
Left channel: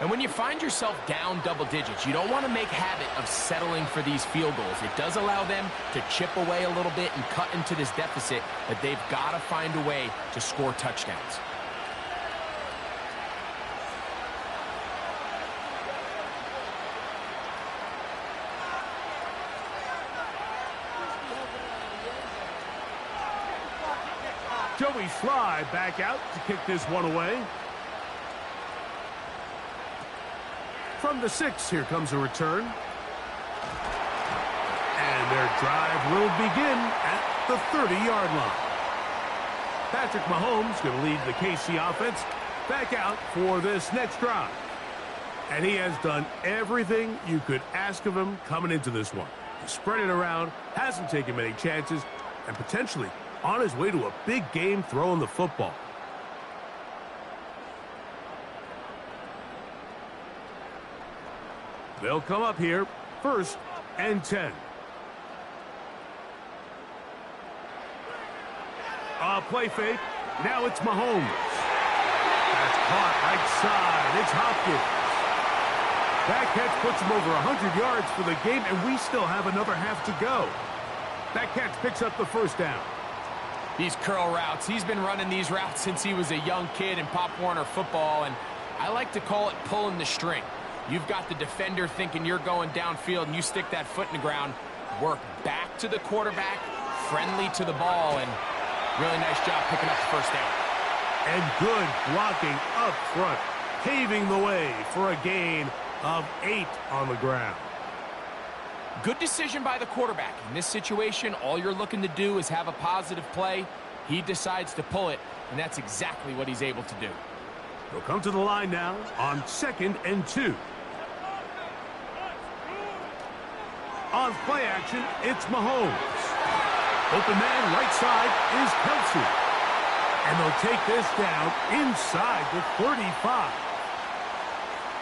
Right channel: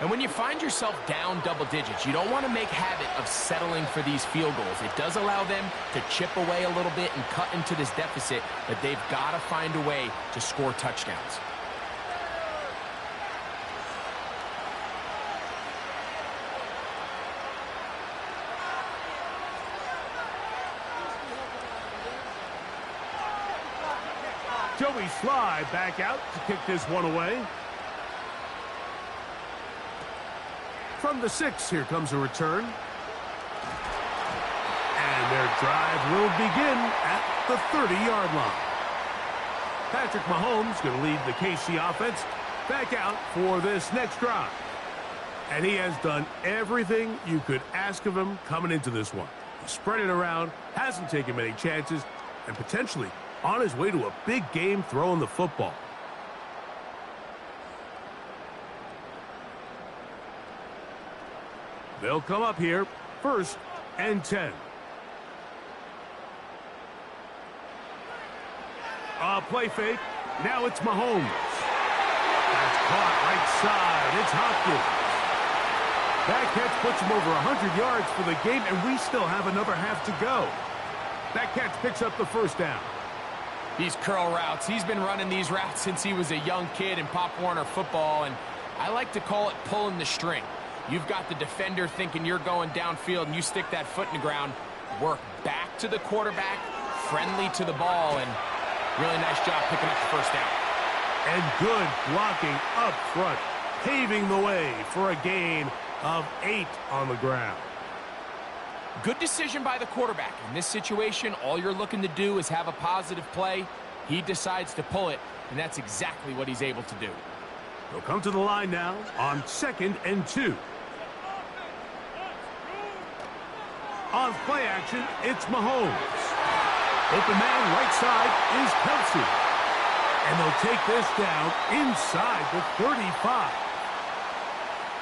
And when you find yourself down double digits, you don't want to make habit of settling for these field goals. It does allow them to chip away a little bit and cut into this deficit, but they've got to find a way to score touchdowns. Joey Sly back out to kick this one away. From the 6, here comes a return. And their drive will begin at the 30-yard line. Patrick Mahomes going to lead the KC offense back out for this next drive. And he has done everything you could ask of him coming into this one. He's spread it around, hasn't taken many chances, and potentially on his way to a big game throwing the football. They'll come up here, 1st and 10. A play fake. Now it's Mahomes. That's caught right side. It's Hopkins. That catch puts him over 100 yards for the game, and we still have another half to go. That catch picks up the first down. These curl routes, he's been running these routes since he was a young kid in Pop Warner football, and I like to call it pulling the string. You've got the defender thinking you're going downfield, and you stick that foot in the ground, work back to the quarterback, friendly to the ball, and really nice job picking up the first down. And good blocking up front, paving the way for a gain of 8 on the ground. Good decision by the quarterback. In this situation, all you're looking to do is have a positive play. He decides to pull it, and that's exactly what he's able to do. They'll come to the line now on 2nd and 2. On play action, it's Mahomes. Open man right side is Kelsey. And they'll take this down inside the 35.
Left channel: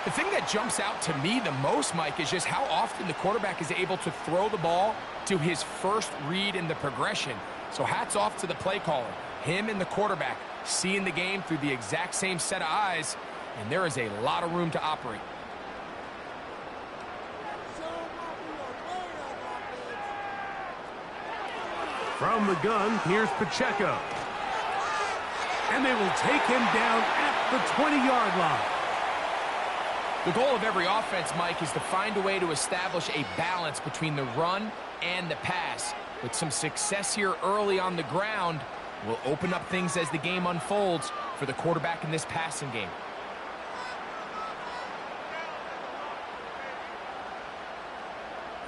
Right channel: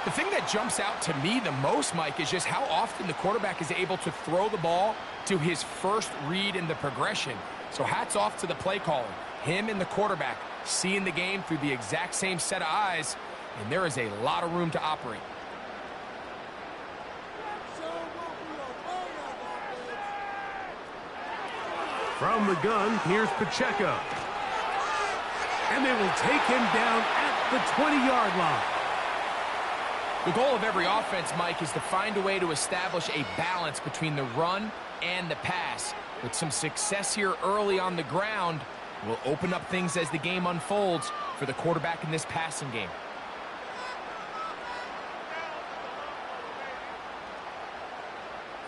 The thing that jumps out to me the most, Mike, is just how often the quarterback is able to throw the ball to his first read in the progression. So hats off to the play caller. Him and the quarterback seeing the game through the exact same set of eyes, and there is a lot of room to operate. From the gun, here's Pacheco. And they will take him down at the 20-yard line. The goal of every offense, Mike, is to find a way to establish a balance between the run and the pass. With some success here early on the ground, will open up things as the game unfolds for the quarterback in this passing game.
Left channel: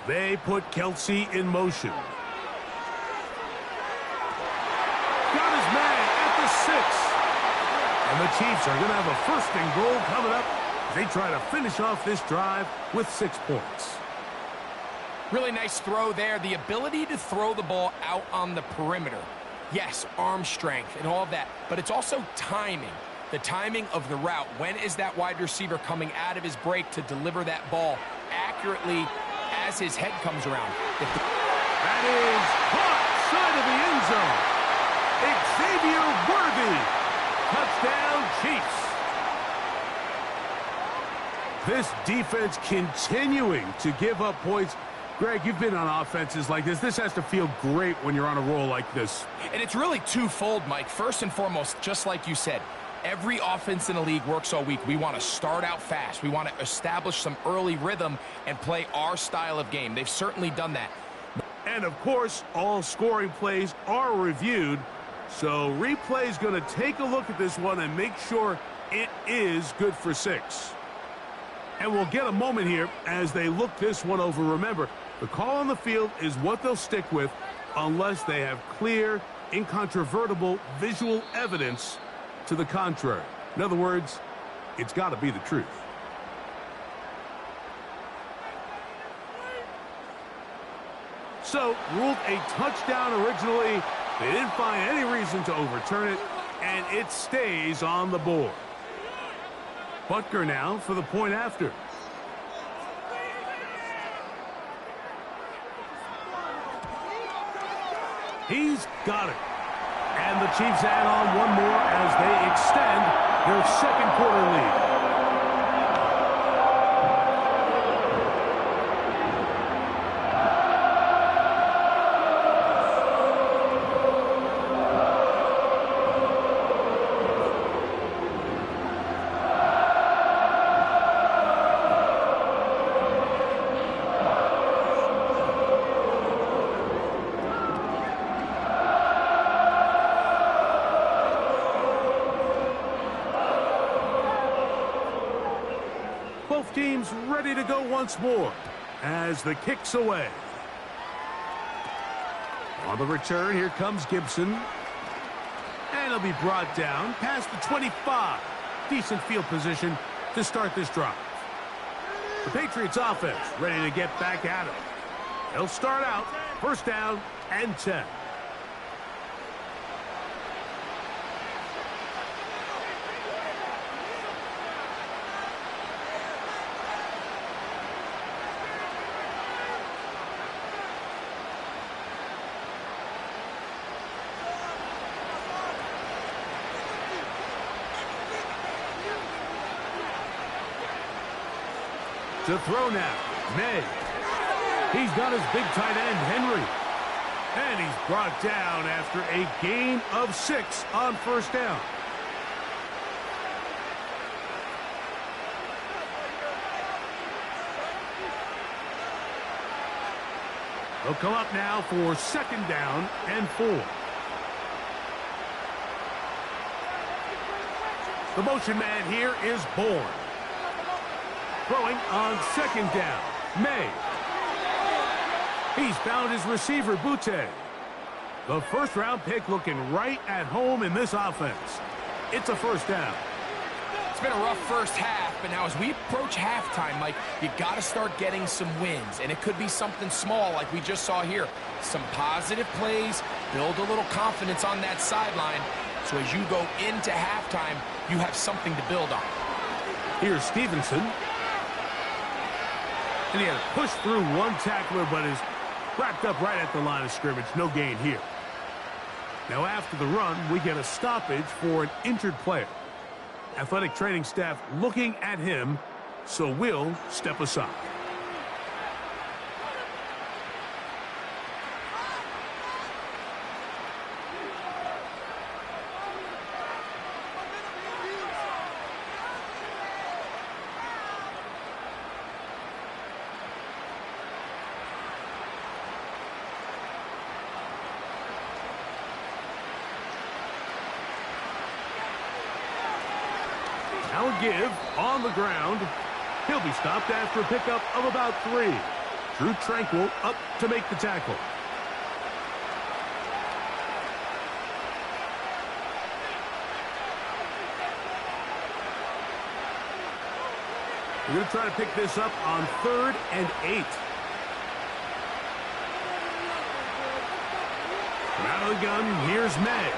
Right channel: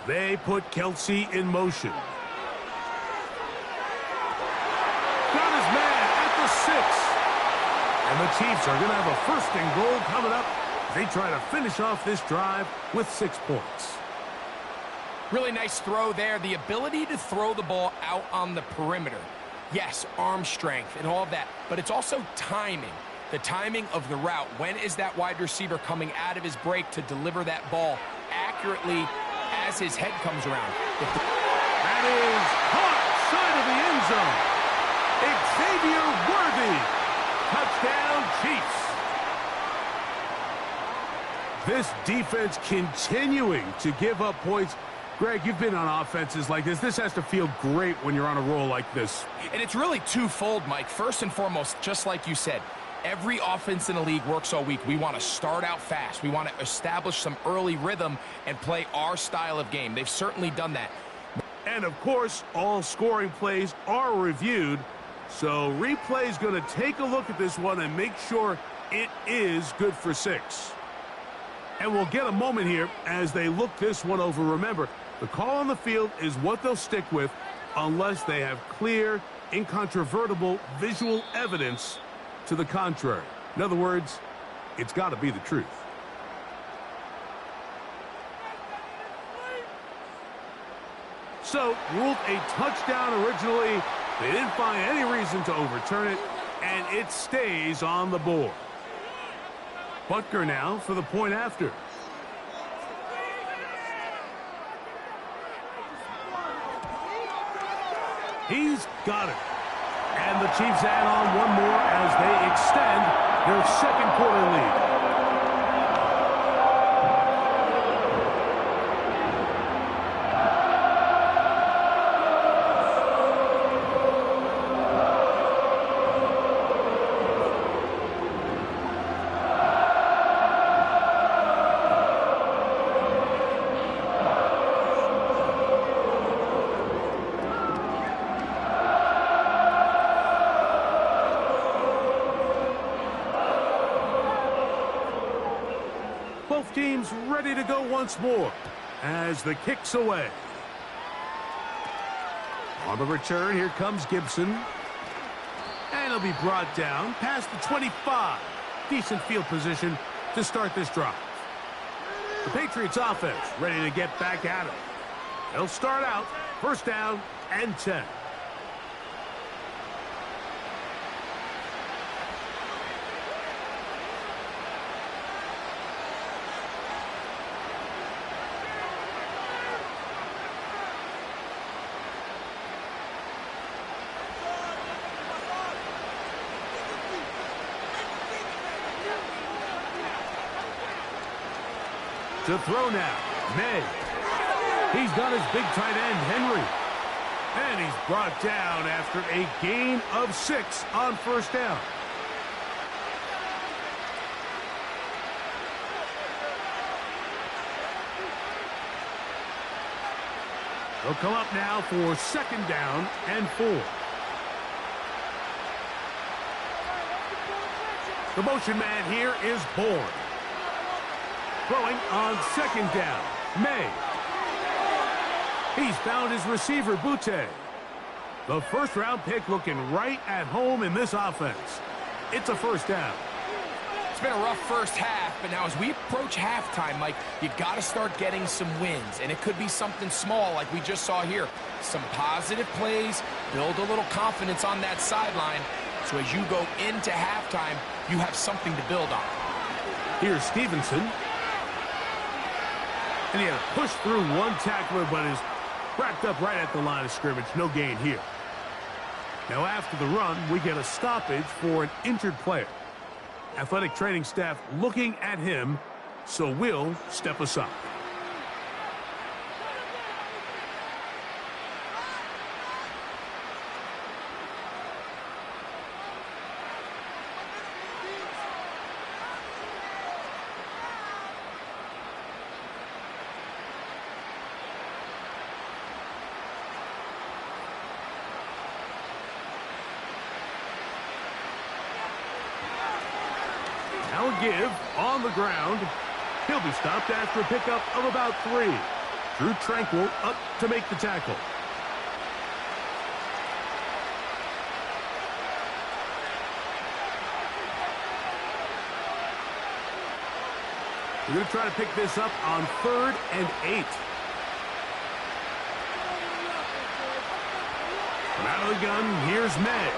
They put Kelsey in motion. Got his man at the 6. And the Chiefs are going to have a 1st and goal coming up as they try to finish off this drive with 6 points. Really nice throw there. The ability to throw the ball out on the perimeter. Yes, arm strength and all of that, but it's also timing. The timing of the route. When is that wide receiver coming out of his break to deliver that ball accurately as his head comes around? That is caught side of the end zone. Xavier Worthy. Touchdown, Chiefs. This defense continuing to give up points. Greg, you've been on offenses like this. This has to feel great when you're on a roll like this. And it's really twofold, Mike. First and foremost, just like you said, Every offense in the league works all week. We want to start out fast. We want to establish some early rhythm and play our style of game. They've certainly done that. And, of course, all scoring plays are reviewed. So replay is going to take a look at this one and make sure it is good for 6. And we'll get a moment here as they look this one over. Remember, the call on the field is what they'll stick with unless they have clear, incontrovertible visual evidence to the contrary. In other words, it's got to be the truth. So, ruled a touchdown originally. They didn't find any reason to overturn it, and it stays on the board. Butker now for the point after. He's got it. And the Chiefs add on one more as they extend their second quarter lead. Both teams ready to go once more as the kick's away. On the return, here comes Gibson. And he'll be brought down past the 25. Decent field position to start this drive. The Patriots offense ready to get back at it. They'll start out first down and 10. To throw now, May. He's got his big tight end, Henry. And he's brought down after a gain of 6 on first down. They'll come up now for second down and 4. The motion man here is Bourne. Throwing on second down, May. He's found his receiver, Butte. The first-round pick looking right at home in this offense. It's a first down. It's been a rough first half, but now as we approach halftime, Mike, you've got to start getting some wins, and it could be something small like we just saw here. Some positive plays, build a little confidence on that sideline, so as you go into halftime, you have something to build on. Here's Stevenson. And he had to push through one tackler, but is wrapped up right at the line of scrimmage. No gain here. Now after the run, we get a stoppage for an injured player. Athletic training staff looking at him, so we'll step aside. Now a give on the ground. He'll be stopped after a pickup of about 3. Drew Tranquil up to make the tackle. We're going to try to pick this up on 3rd and 8. From out of the gun, here's May.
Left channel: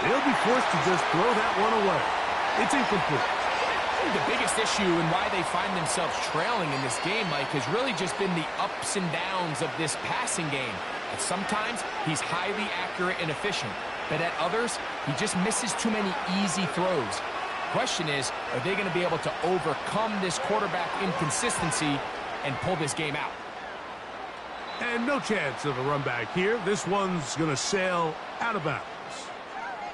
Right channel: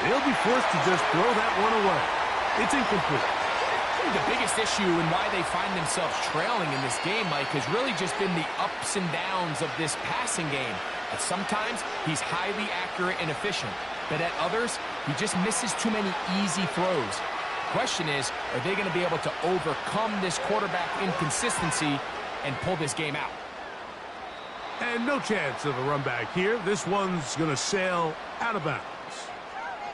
They'll be forced to just throw that one away. It's incomplete. I think the biggest issue and why they find themselves trailing in this game, Mike, has really just been the ups and downs of this passing game. At sometimes, he's highly accurate and efficient, but at others, he just misses too many easy throws. Question is, are they going to be able to overcome this quarterback inconsistency and pull this game out? And no chance of a run back here. This one's going to sail out of bounds.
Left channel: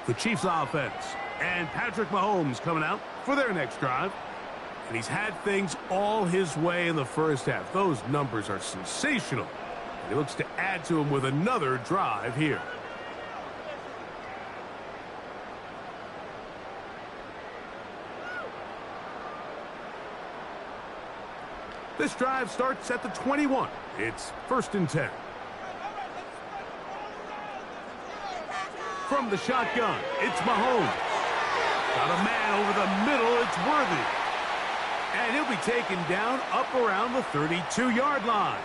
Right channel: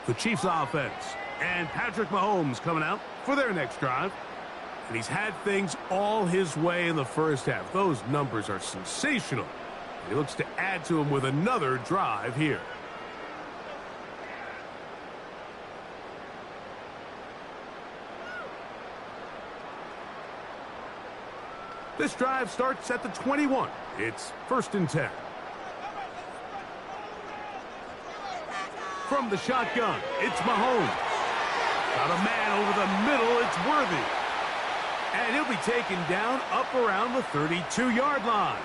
The Chiefs offense. And Patrick Mahomes coming out for their next drive. And he's had things all his way in the first half. Those numbers are sensational. And he looks to add to them with another drive here. This drive starts at the 21. It's 1st and 10. From the shotgun, it's Mahomes. Got a man over the middle, it's Worthy. And he'll be taken down up around the 32-yard line.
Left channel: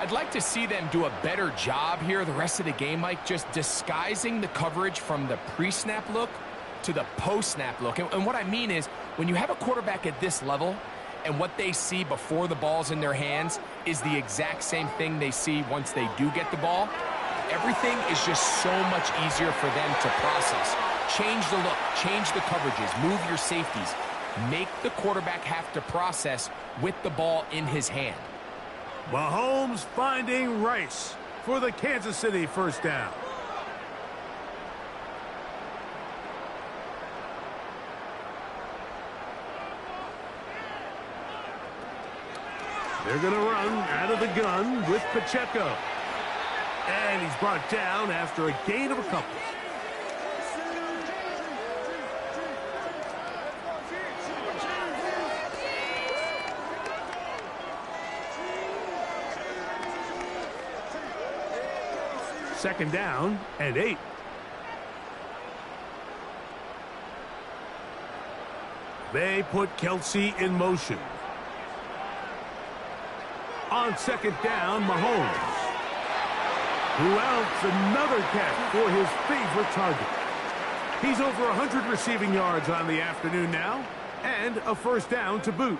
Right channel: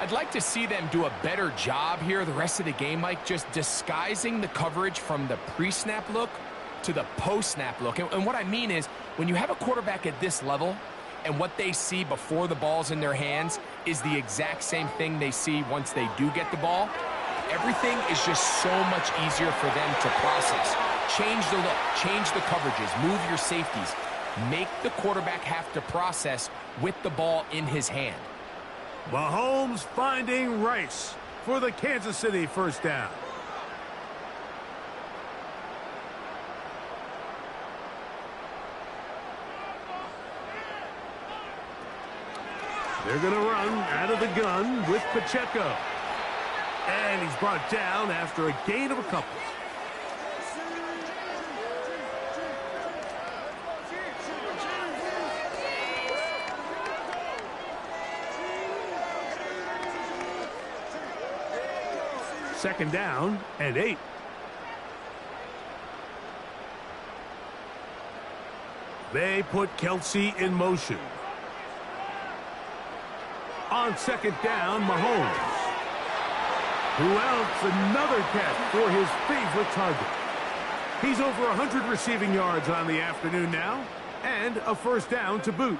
I'd like to see them do a better job here the rest of the game, Mike, just disguising the coverage from the pre-snap look to the post-snap look. And what I mean is, when you have a quarterback at this level, and what they see before the ball's in their hands is the exact same thing they see once they do get the ball, everything is just so much easier for them to process. Change the look, change the coverages, move your safeties. Make the quarterback have to process with the ball in his hand. Mahomes finding Rice for the Kansas City first down. They're going to run out of the gun with Pacheco. And he's brought down after a gain of a couple. Second down and 8. They put Kelsey in motion. On second down, Mahomes. Who else? Another catch for his favorite target. He's over 100 receiving yards on the afternoon now, and a first down to boot.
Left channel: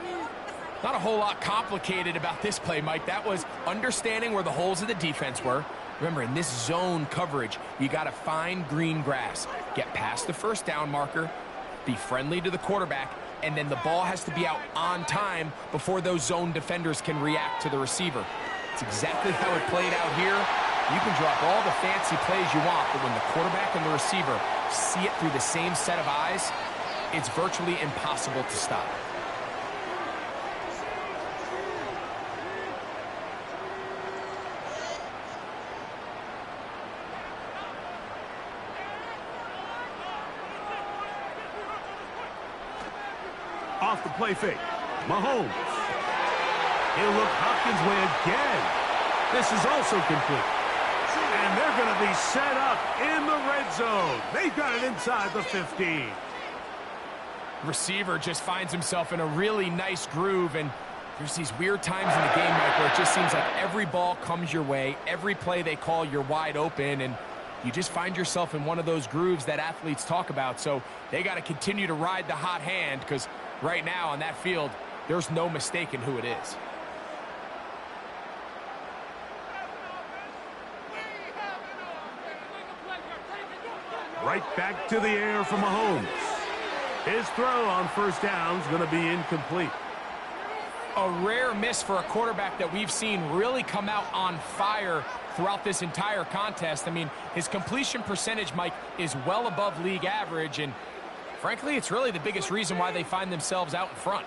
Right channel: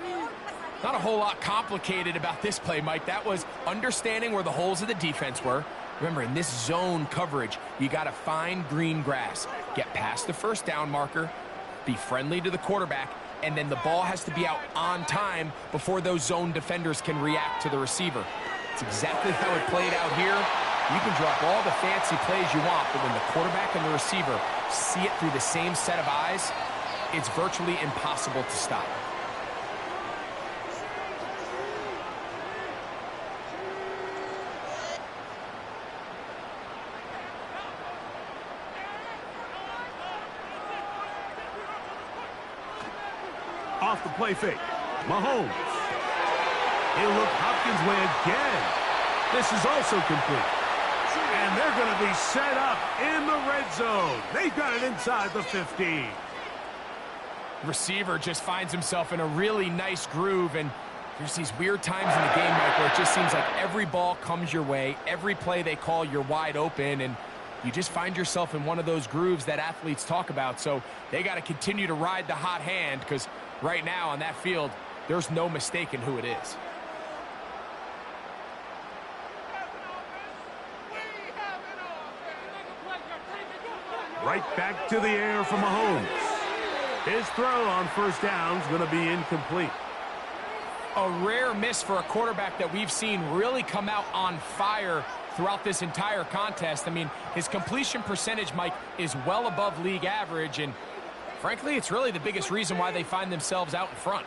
Not a whole lot complicated about this play, Mike. That was understanding where the holes of the defense were. Remember, in this zone coverage, you got to find green grass. Get past the first down marker, be friendly to the quarterback, and then the ball has to be out on time before those zone defenders can react to the receiver. It's exactly how it played out here. You can drop all the fancy plays you want, but when the quarterback and the receiver see it through the same set of eyes, it's virtually impossible to stop. Off the play fake, Mahomes. He'll look Hopkins' way again. This is also complete. And they're going to be set up in the red zone. They've got it inside the 15. Receiver just finds himself in a really nice groove, and there's these weird times in the game, Mike, where it just seems like every ball comes your way, every play they call, you're wide open, and you just find yourself in one of those grooves that athletes talk about. So they got to continue to ride the hot hand, because right now on that field, there's no mistaking who it is. Right back to the air for Mahomes. His throw on first down is going to be incomplete. A rare miss for a quarterback that we've seen really come out on fire throughout this entire contest. I mean, his completion percentage, Mike, is well above league average, and frankly, it's really the biggest reason why they find themselves out in front.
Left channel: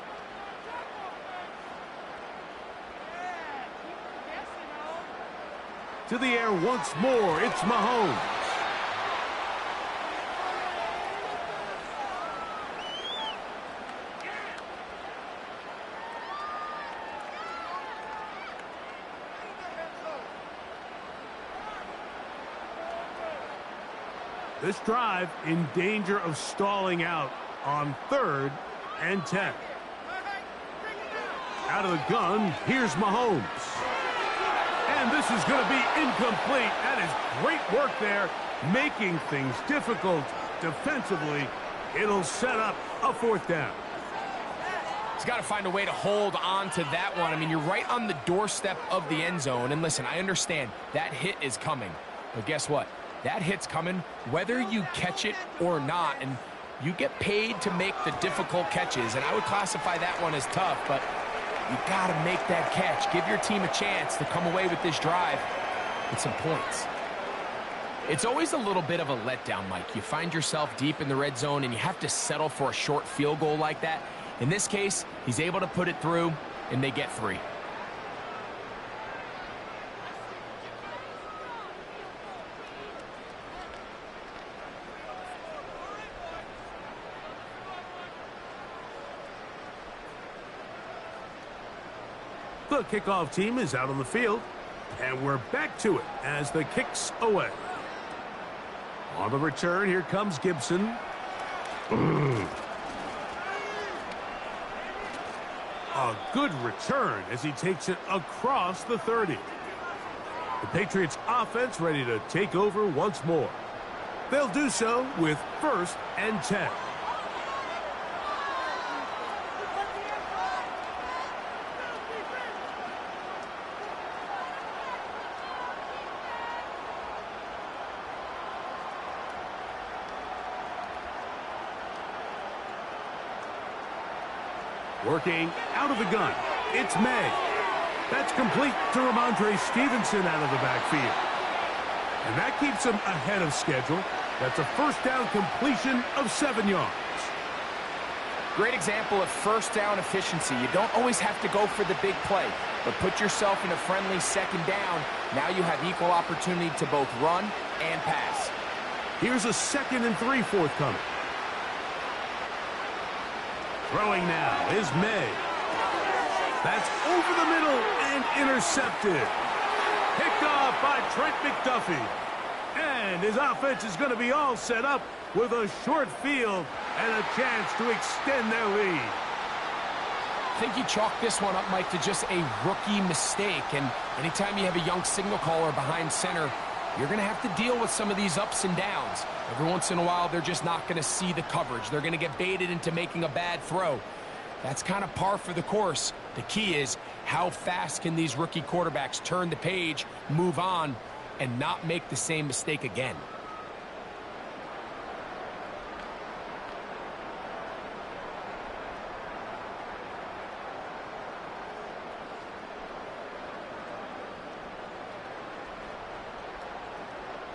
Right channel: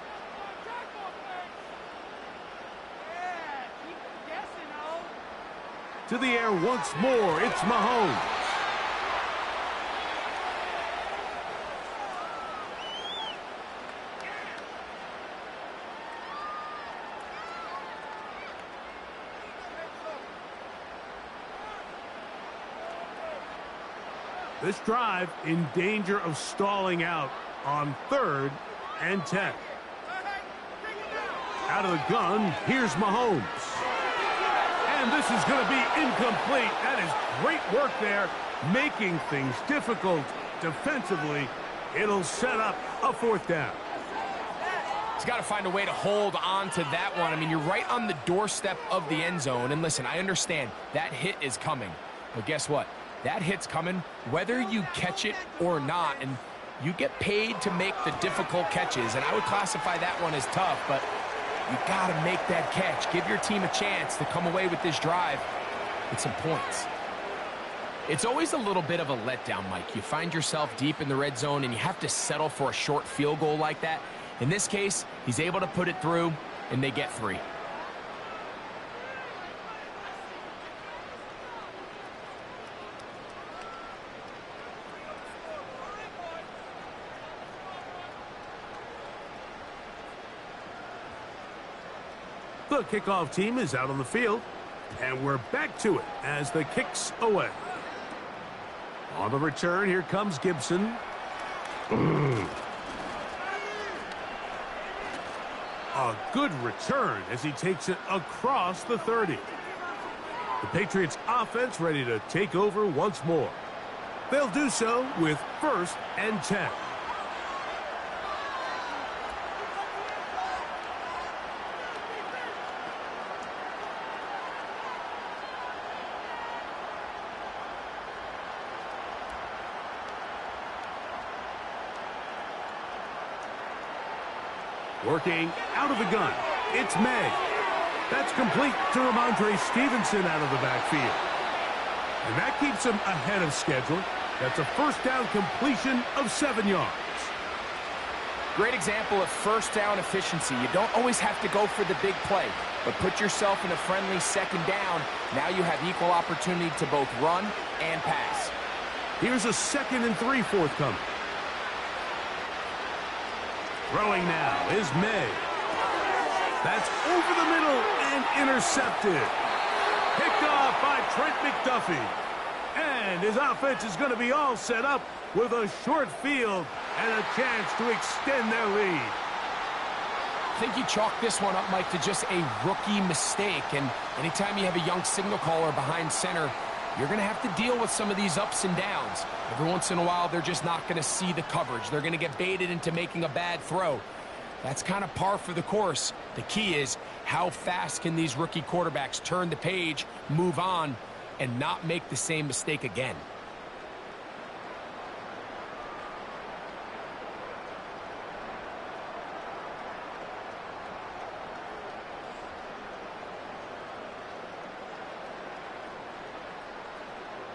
To the air once more, it's Mahomes. This drive in danger of stalling out on 3rd and 10. Out of the gun, here's Mahomes. And this is going to be incomplete. That is great work there, making things difficult defensively. It'll set up a 4th down. He's got to find a way to hold on to that one. I mean, you're right on the doorstep of the end zone. And listen, I understand that hit is coming. But guess what? That hit's coming whether you catch it or not, and you get paid to make the difficult catches, and I would classify that one as tough, but you got to make that catch. Give your team a chance to come away with this drive with some points. It's always a little bit of a letdown, Mike. You find yourself deep in the red zone, and you have to settle for a short field goal like that. In this case, he's able to put it through, and they get 3. The kickoff team is out on the field, and we're back to it as the kick's away. On the return, here comes Gibson. A good return as he takes it across the 30. The Patriots offense ready to take over once more. They'll do so with 1st and 10. Working out of the gun, it's May. That's complete to Ramondre Stevenson out of the backfield. And that keeps him ahead of schedule. That's a 1st down completion of 7 yards. Great example of 1st down efficiency. You don't always have to go for the big play, but put yourself in a friendly 2nd down. Now you have equal opportunity to both run and pass. Here's a 2nd and 3 forthcoming. Throwing now is May. That's over the middle and intercepted. Picked off by Trent McDuffie. And his offense is going to be all set up with a short field and a chance to extend their lead. I think you chalk this one up, Mike, to just a rookie mistake. And anytime you have a young signal caller behind center, you're going to have to deal with some of these ups and downs. Every once in a while, they're just not going to see the coverage. They're going to get baited into making a bad throw. That's kind of par for the course. The key is how fast can these rookie quarterbacks turn the page, move on, and not make the same mistake again.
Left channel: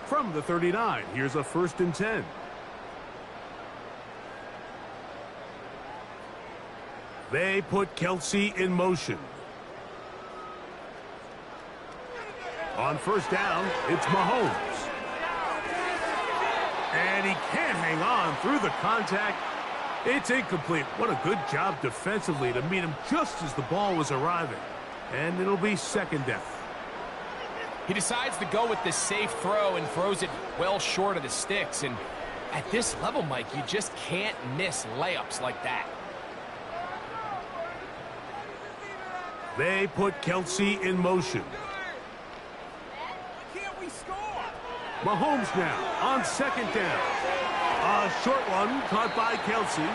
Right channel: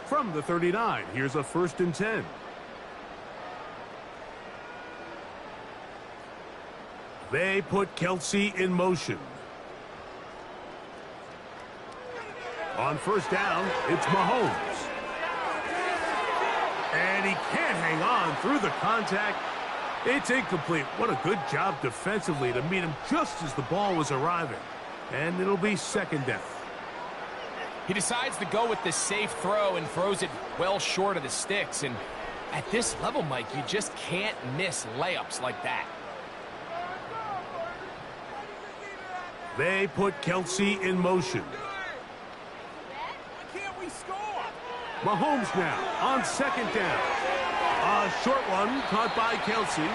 From the 39, here's a 1st and 10. They put Kelsey in motion. On 1st down, it's Mahomes. And he can't hang on through the contact. It's incomplete. What a good job defensively to meet him just as the ball was arriving. And it'll be 2nd down. He decides to go with the safe throw and throws it well short of the sticks. And at this level, Mike, you just can't miss layups like that. They put Kelsey in motion. Why can't we score? Mahomes now on 2nd down. A short one caught by Kelsey.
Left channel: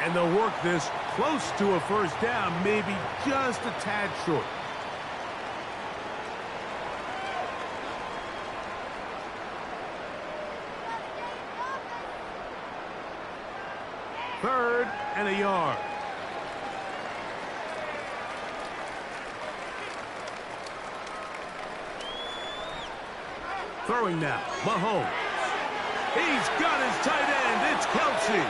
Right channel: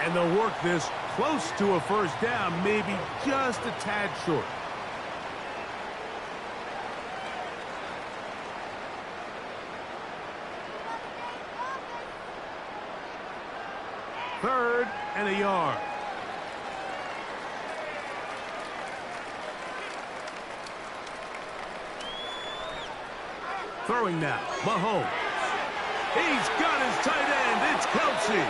And they'll work this close to a 1st down, maybe just a tad short. Third and a yard. Throwing now, Mahomes. He's got his tight end. It's Kelsey.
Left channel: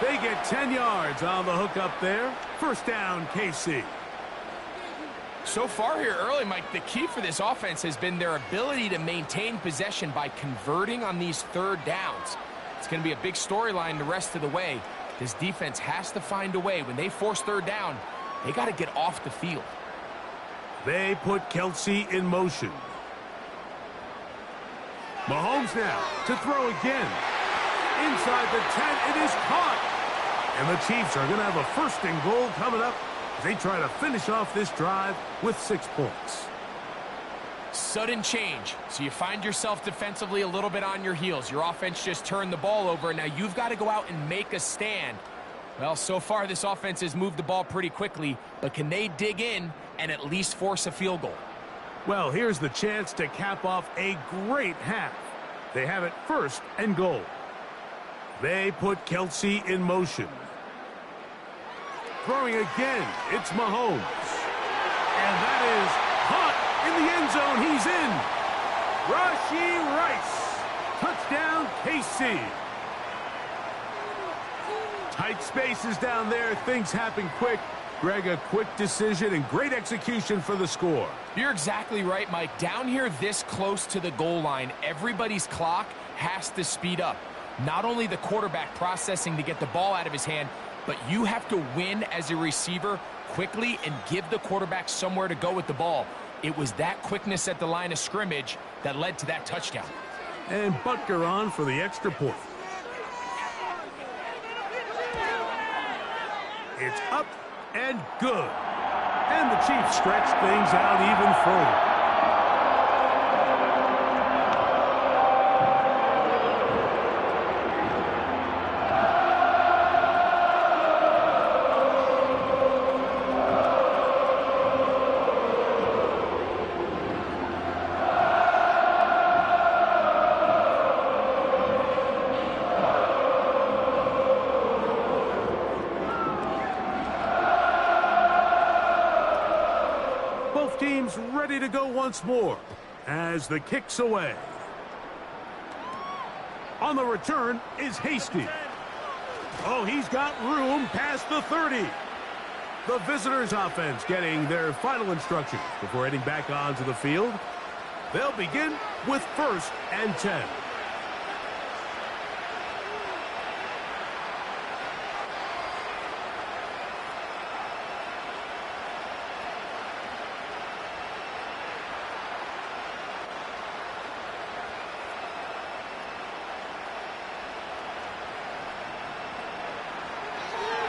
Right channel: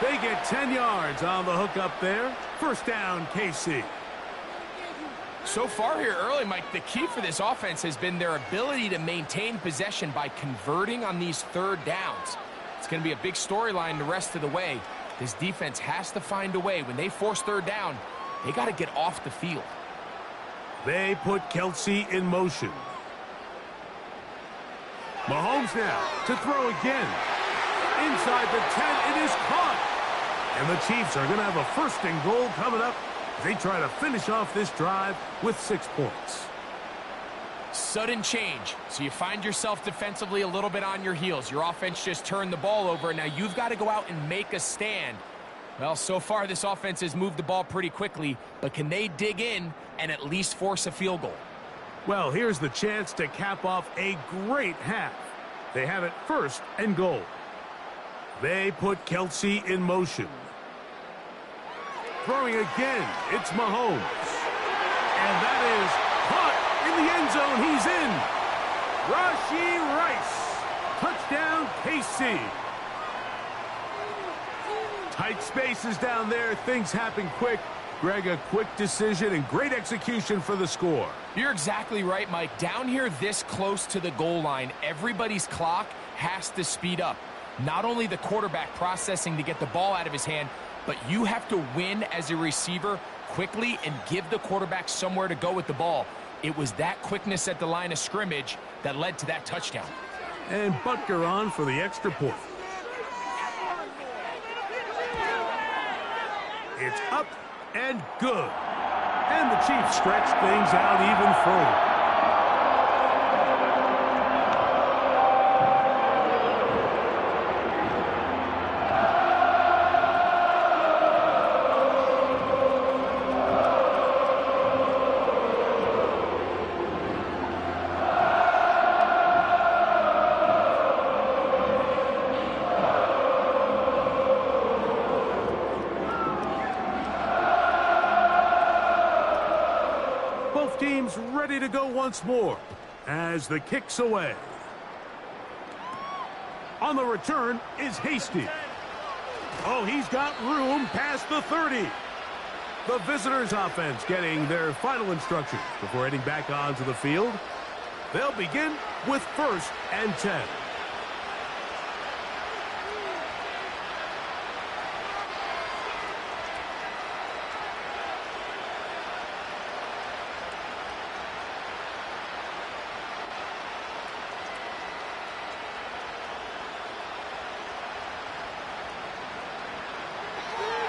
They get 10 yards on the hook up there. 1st down, KC. So far here early, Mike, the key for this offense has been their ability to maintain possession by converting on these 3rd downs. It's going to be a big storyline the rest of the way. This defense has to find a way. When they force 3rd down, they got to get off the field. They put Kelsey in motion. Mahomes now to throw again. Inside the 10, it is caught. And the Chiefs are going to have a 1st and goal coming up as they try to finish off this drive with 6 points. Sudden change. So you find yourself defensively a little bit on your heels. Your offense just turned the ball over, and now you've got to go out and make a stand. Well, so far this offense has moved the ball pretty quickly, but can they dig in and at least force a field goal? Well, here's the chance to cap off a great half. They have it 1st and goal. They put Kelsey in motion. Throwing again, it's Mahomes. And that is caught in the end zone. He's in. Rashee Rice. Touchdown, KC. Tight spaces down there. Things happen quick. Greg, a quick decision and great execution for the score. You're exactly right, Mike. Down here this close to the goal line, everybody's clock has to speed up. Not only the quarterback processing to get the ball out of his hand, but you have to win as a receiver quickly and give the quarterback somewhere to go with the ball. It was that quickness at the line of scrimmage that led to that touchdown. And Butker on for the extra point. It's up and good. And the Chiefs stretch things out even further. Teams ready to go once more as the kick's away. On the return is Hasty. Oh, he's got room past the 30. The visitors' offense getting their final instructions before heading back onto the field. They'll begin with 1st and 10.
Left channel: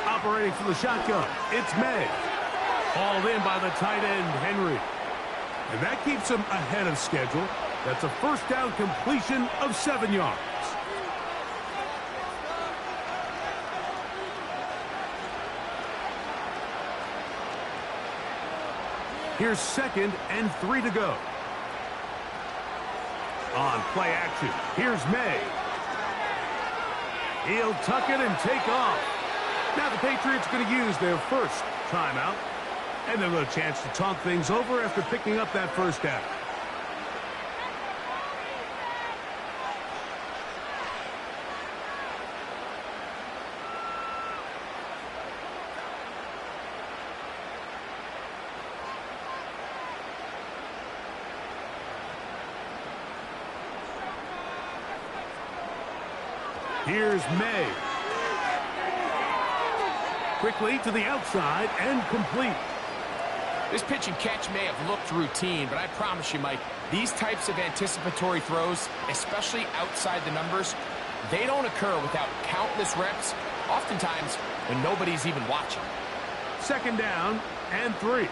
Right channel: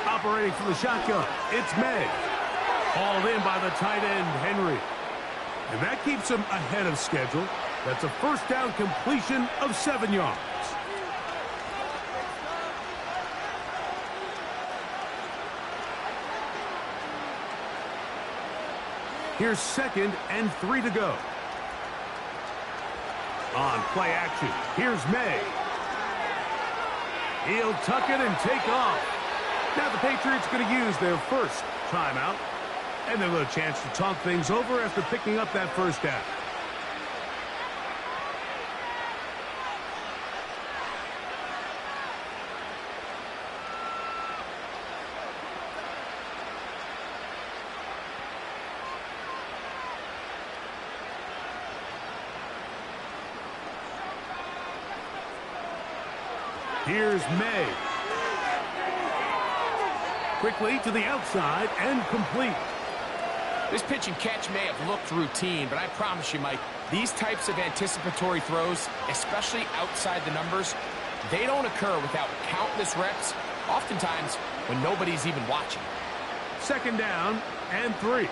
Operating from the shotgun, it's May. Hauled in by the tight end, Henry. And that keeps him ahead of schedule. That's a first down completion of 7 yards. Here's 2nd and 3 to go. On play action, here's May. He'll tuck it and take off. Now the Patriots going to use their first timeout. And they'll get a chance to talk things over after picking up that first down. Here's May. Quickly to the outside and complete. This pitch and catch may have looked routine, but I promise you, Mike, these types of anticipatory throws, especially outside the numbers, they don't occur without countless reps, oftentimes when nobody's even watching. 2nd down and 3.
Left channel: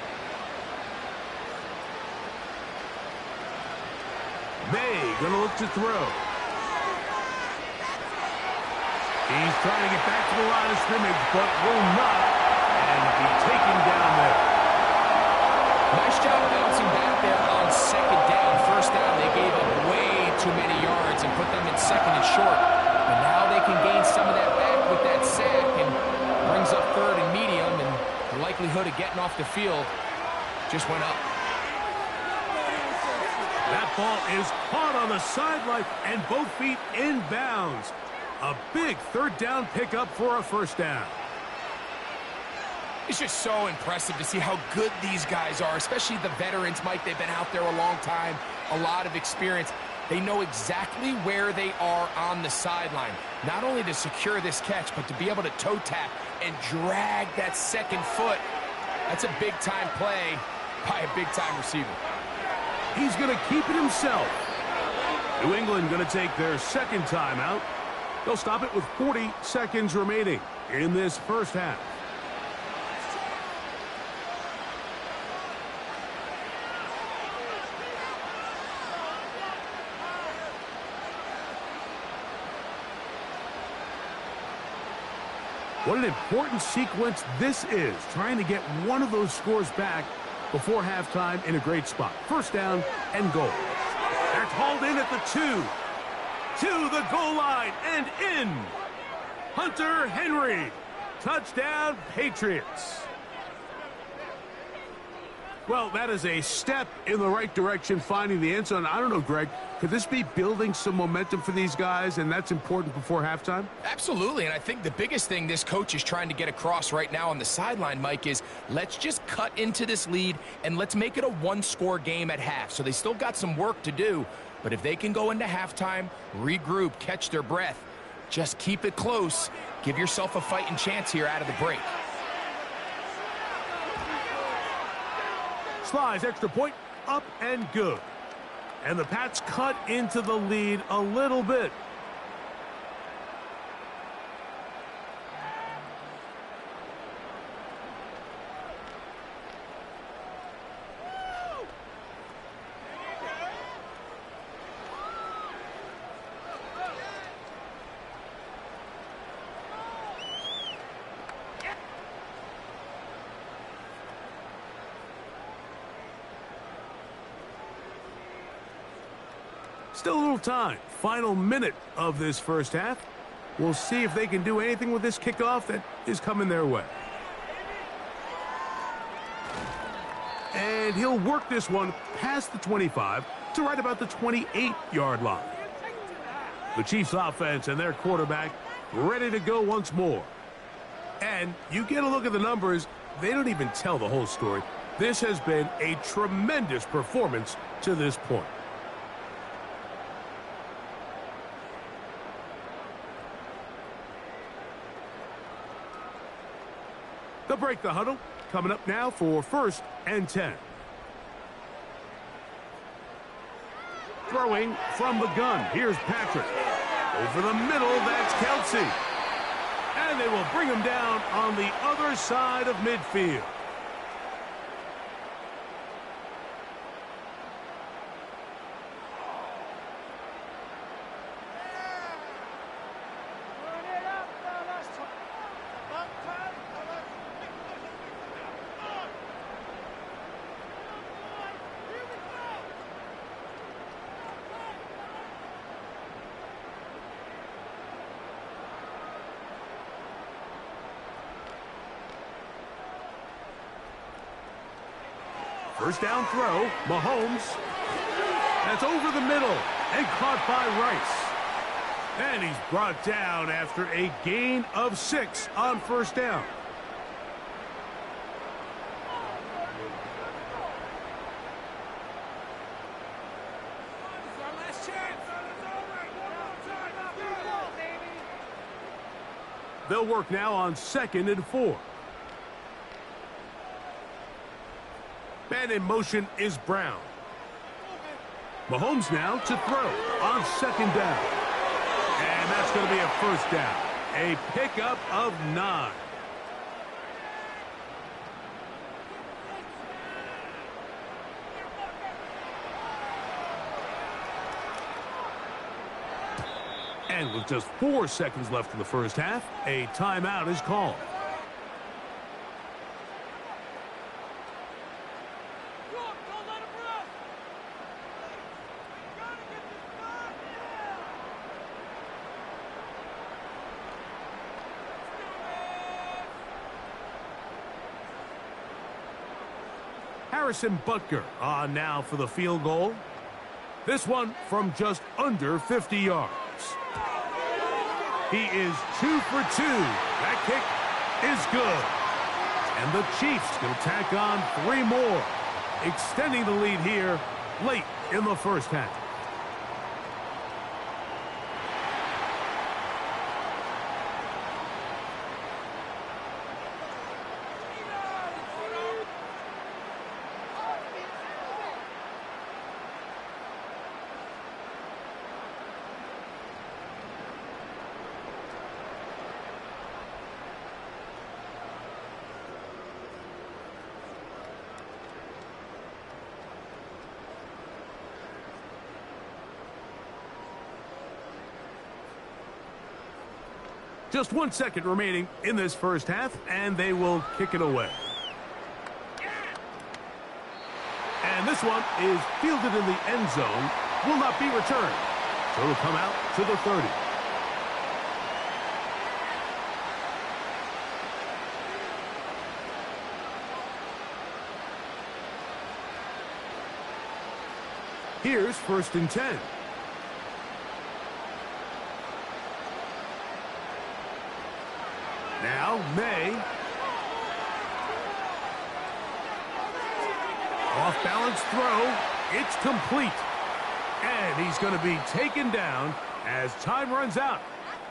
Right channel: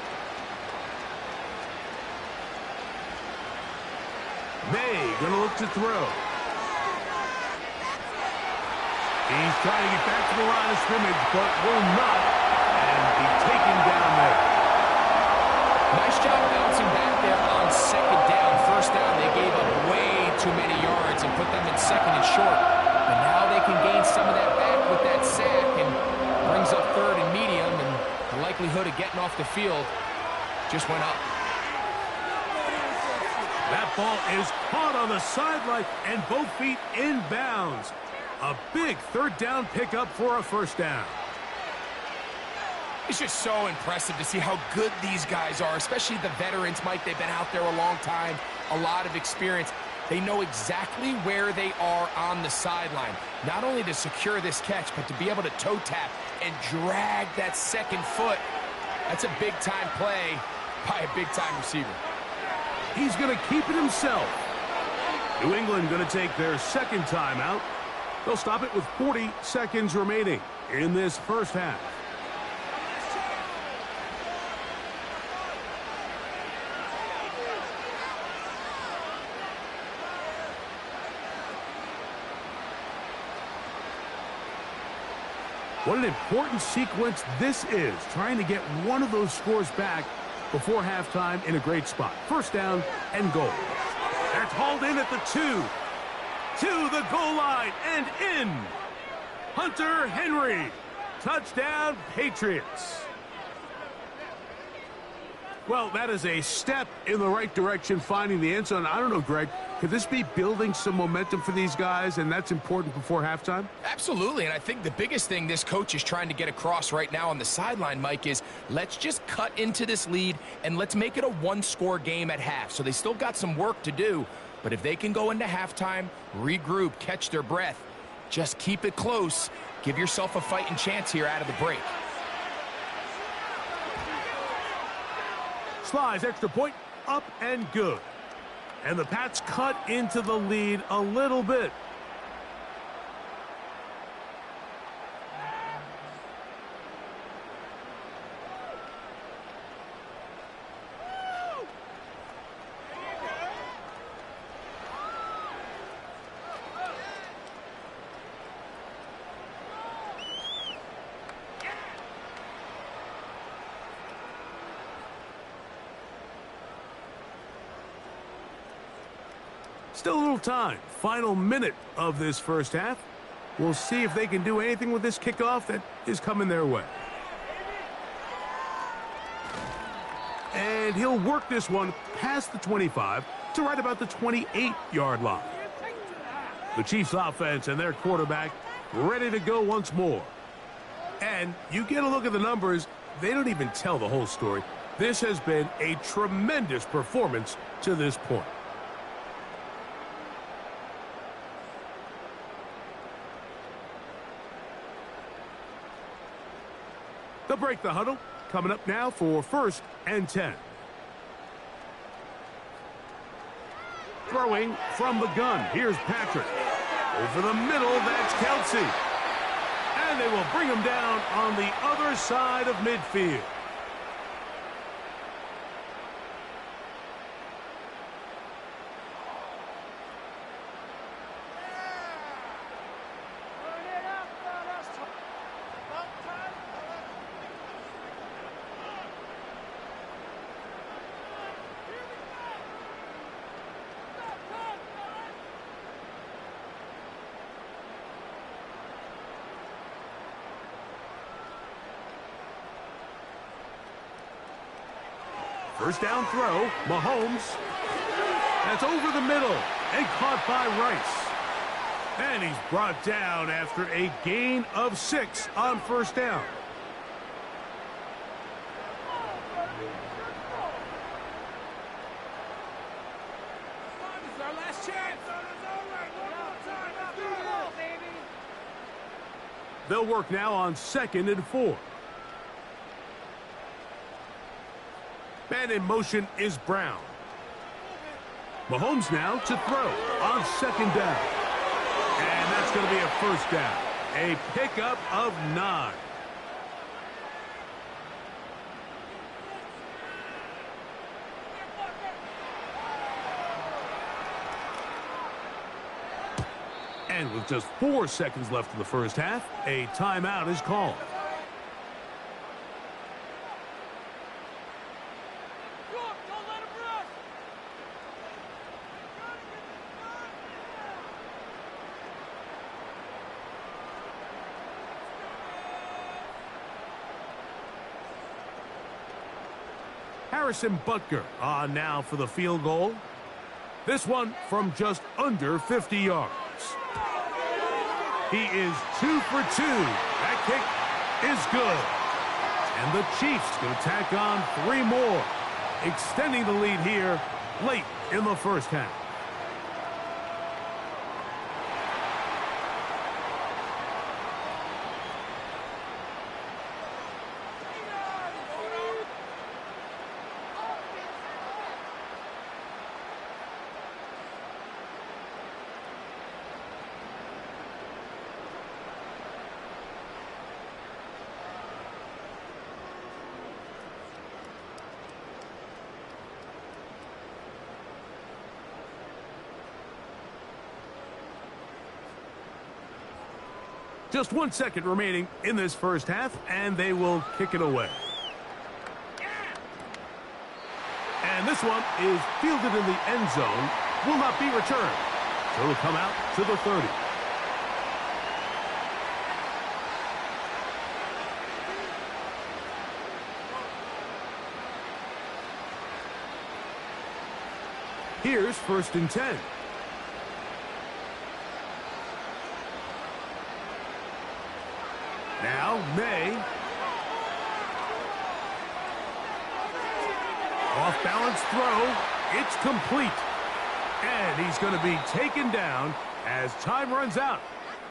May gonna look to throw. He's trying to get back to the line of scrimmage, but will not, and be taken down there. Nice job bouncing back there on 2nd down. 1st down, they gave up way too many yards and put them in 2nd and short. But now they can gain some of that back with that sack and brings up 3rd and medium, and the likelihood of getting off the field just went up. That ball is caught on the sideline and both feet in bounds. A big 3rd down pickup for a 1st down. It's just so impressive to see how good these guys are, especially the veterans, Mike. They've been out there a long time, a lot of experience. They know exactly where they are on the sideline, not only to secure this catch, but to be able to toe tap and drag that 2nd foot. That's a big-time play by a big-time receiver. He's going to keep it himself. New England going to take their 2nd timeout. They'll stop it with 40 seconds remaining in this first half. What an important sequence this is, trying to get one of those scores back before halftime in a great spot. 1st down and goal. That's hauled in at the 2. To the goal line and in. Hunter Henry. Touchdown, Patriots. Well, that is a step in the right direction, finding the end zone. I don't know, Greg, could this be building some momentum for these guys, and that's important before halftime? Absolutely, and I think the biggest thing this coach is trying to get across right now on the sideline, Mike, is let's just cut into this lead and let's make it a one-score game at half. So they still got some work to do, but if they can go into halftime, regroup, catch their breath, just keep it close, give yourself a fighting chance here out of the break. Slides, extra point, up and good. And the Pats cut into the lead a little bit. Still a little time. Final minute of this first half. We'll see if they can do anything with this kickoff that is coming their way. And he'll work this one past the 25 to right about the 28-yard line. The Chiefs offense and their quarterback ready to go once more. And you get a look at the numbers, they don't even tell the whole story. This has been a tremendous performance to this point. They'll break the huddle. Coming up now for 1st and 10. Throwing from the gun. Here's Patrick. Over the middle, that's Kelsey. And they will bring him down on the other side of midfield. First down throw, Mahomes. That's over the middle and caught by Rice. And he's brought down after a gain of 6 on first down. This is our last chance. They'll work now on 2nd and 4. Man in motion is Brown. Mahomes now to throw on 2nd down. And that's going to be a first down. A pickup of 9. And with just 4 seconds left in the first half, a timeout is called. Harrison Butker on now for the field goal. This one from just under 50 yards. He is 2 for 2. That kick is good. And the Chiefs going to tack on 3 more, extending the lead here late in the first half. Just 1 second remaining in this first half, and they will kick it away. And this one is fielded in the end zone, will not be returned. So it'll come out to the 30. Here's 1st and 10. Now, May. Off-balance throw. It's complete. And he's going to be taken down as time runs out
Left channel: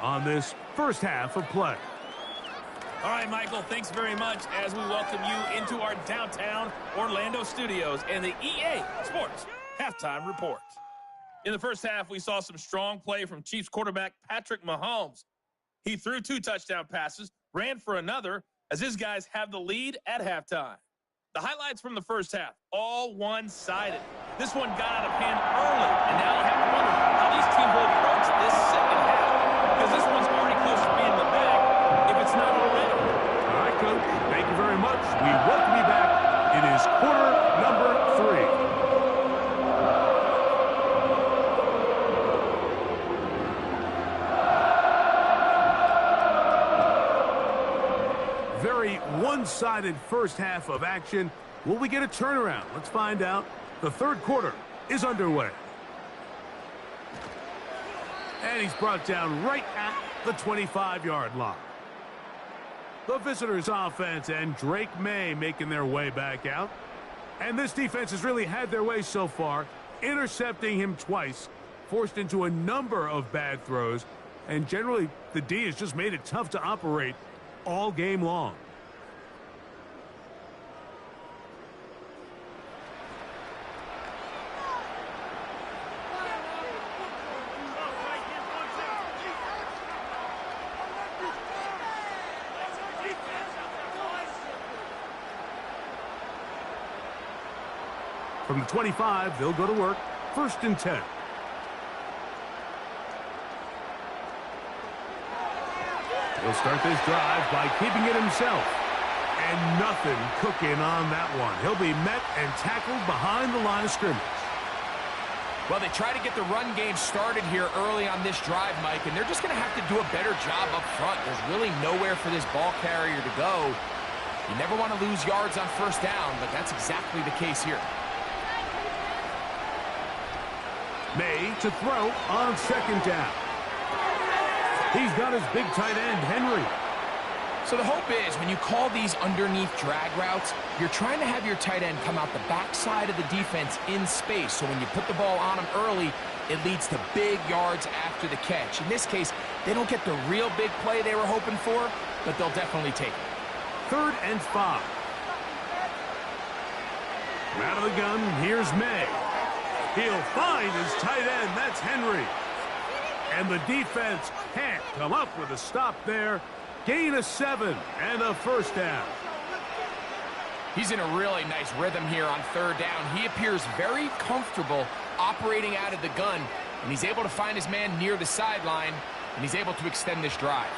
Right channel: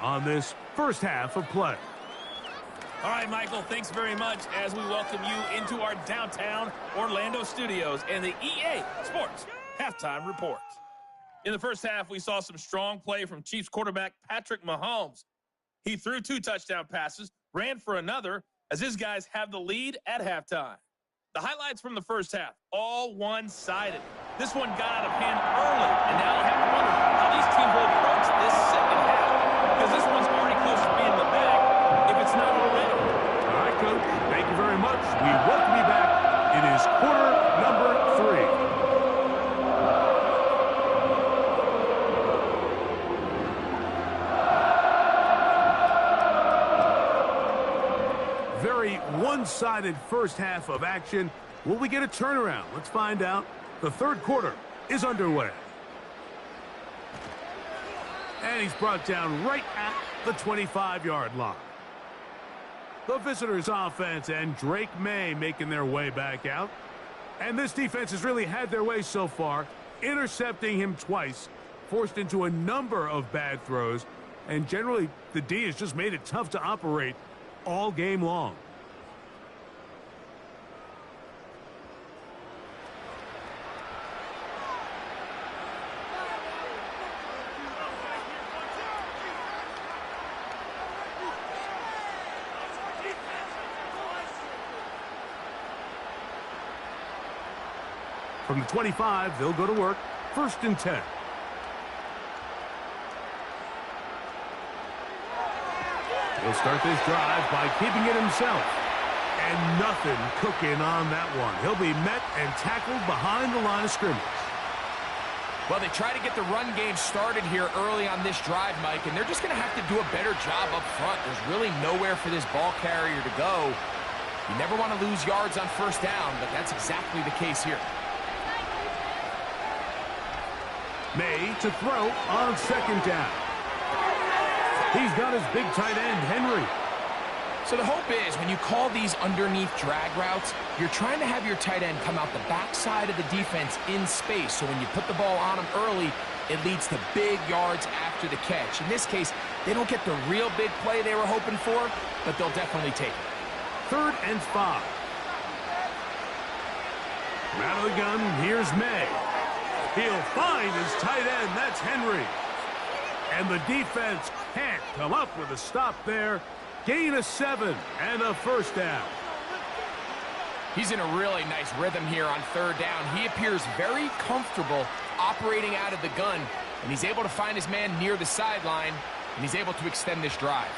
on this first half of play. All right, Michael, thanks very much as we welcome you into our downtown Orlando studios and the EA Sports Halftime Report. In the first half, we saw some strong play from Chiefs quarterback Patrick Mahomes. He threw 2 touchdown passes, ran for another, as his guys have the lead at halftime. The highlights from the first half, all one-sided. This one got out of hand early, and now you have to wonder how these teams will approach this second half, because this one's already close to being in the bag, if it's not already. All right, Coach. Thank you very much. We welcome you back. It is quarter number 3. Very one-sided first half of action. Will we get a turnaround? Let's find out. The third quarter is underway. And he's brought down right at the 25-yard line. The visitors' offense and Drake May making their way back out. And this defense has really had their way so far, intercepting him twice, forced into a number of bad throws, and generally the D has just made it tough to operate all game long. From the 25, they'll go to work. 1st and 10. He'll start this drive by keeping it himself. And nothing cooking on that one. He'll be met and tackled behind the line of scrimmage. Well, they try to get the run game started here early on this drive, Mike, and they're just going to have to do a better job up front. There's really nowhere for this ball carrier to go. You never want to lose yards on first down, but that's exactly the case here. May to throw on 2nd down. He's got his big tight end, Henry. So the hope is when you call these underneath drag routes, you're trying to have your tight end come out the backside of the defense in space. So when you put the ball on him early, it leads to big yards after the catch. In this case, they don't get the real big play they were hoping for, but they'll definitely take it. 3rd and 5. From out of the gun, here's May. He'll find his tight end. That's Henry. And the defense can't come up with a stop there. Gain of 7 and a 1st down. He's in a really nice rhythm here on 3rd down. He appears very comfortable operating out of the gun, and he's able to find his man near the sideline, and he's able to extend this drive.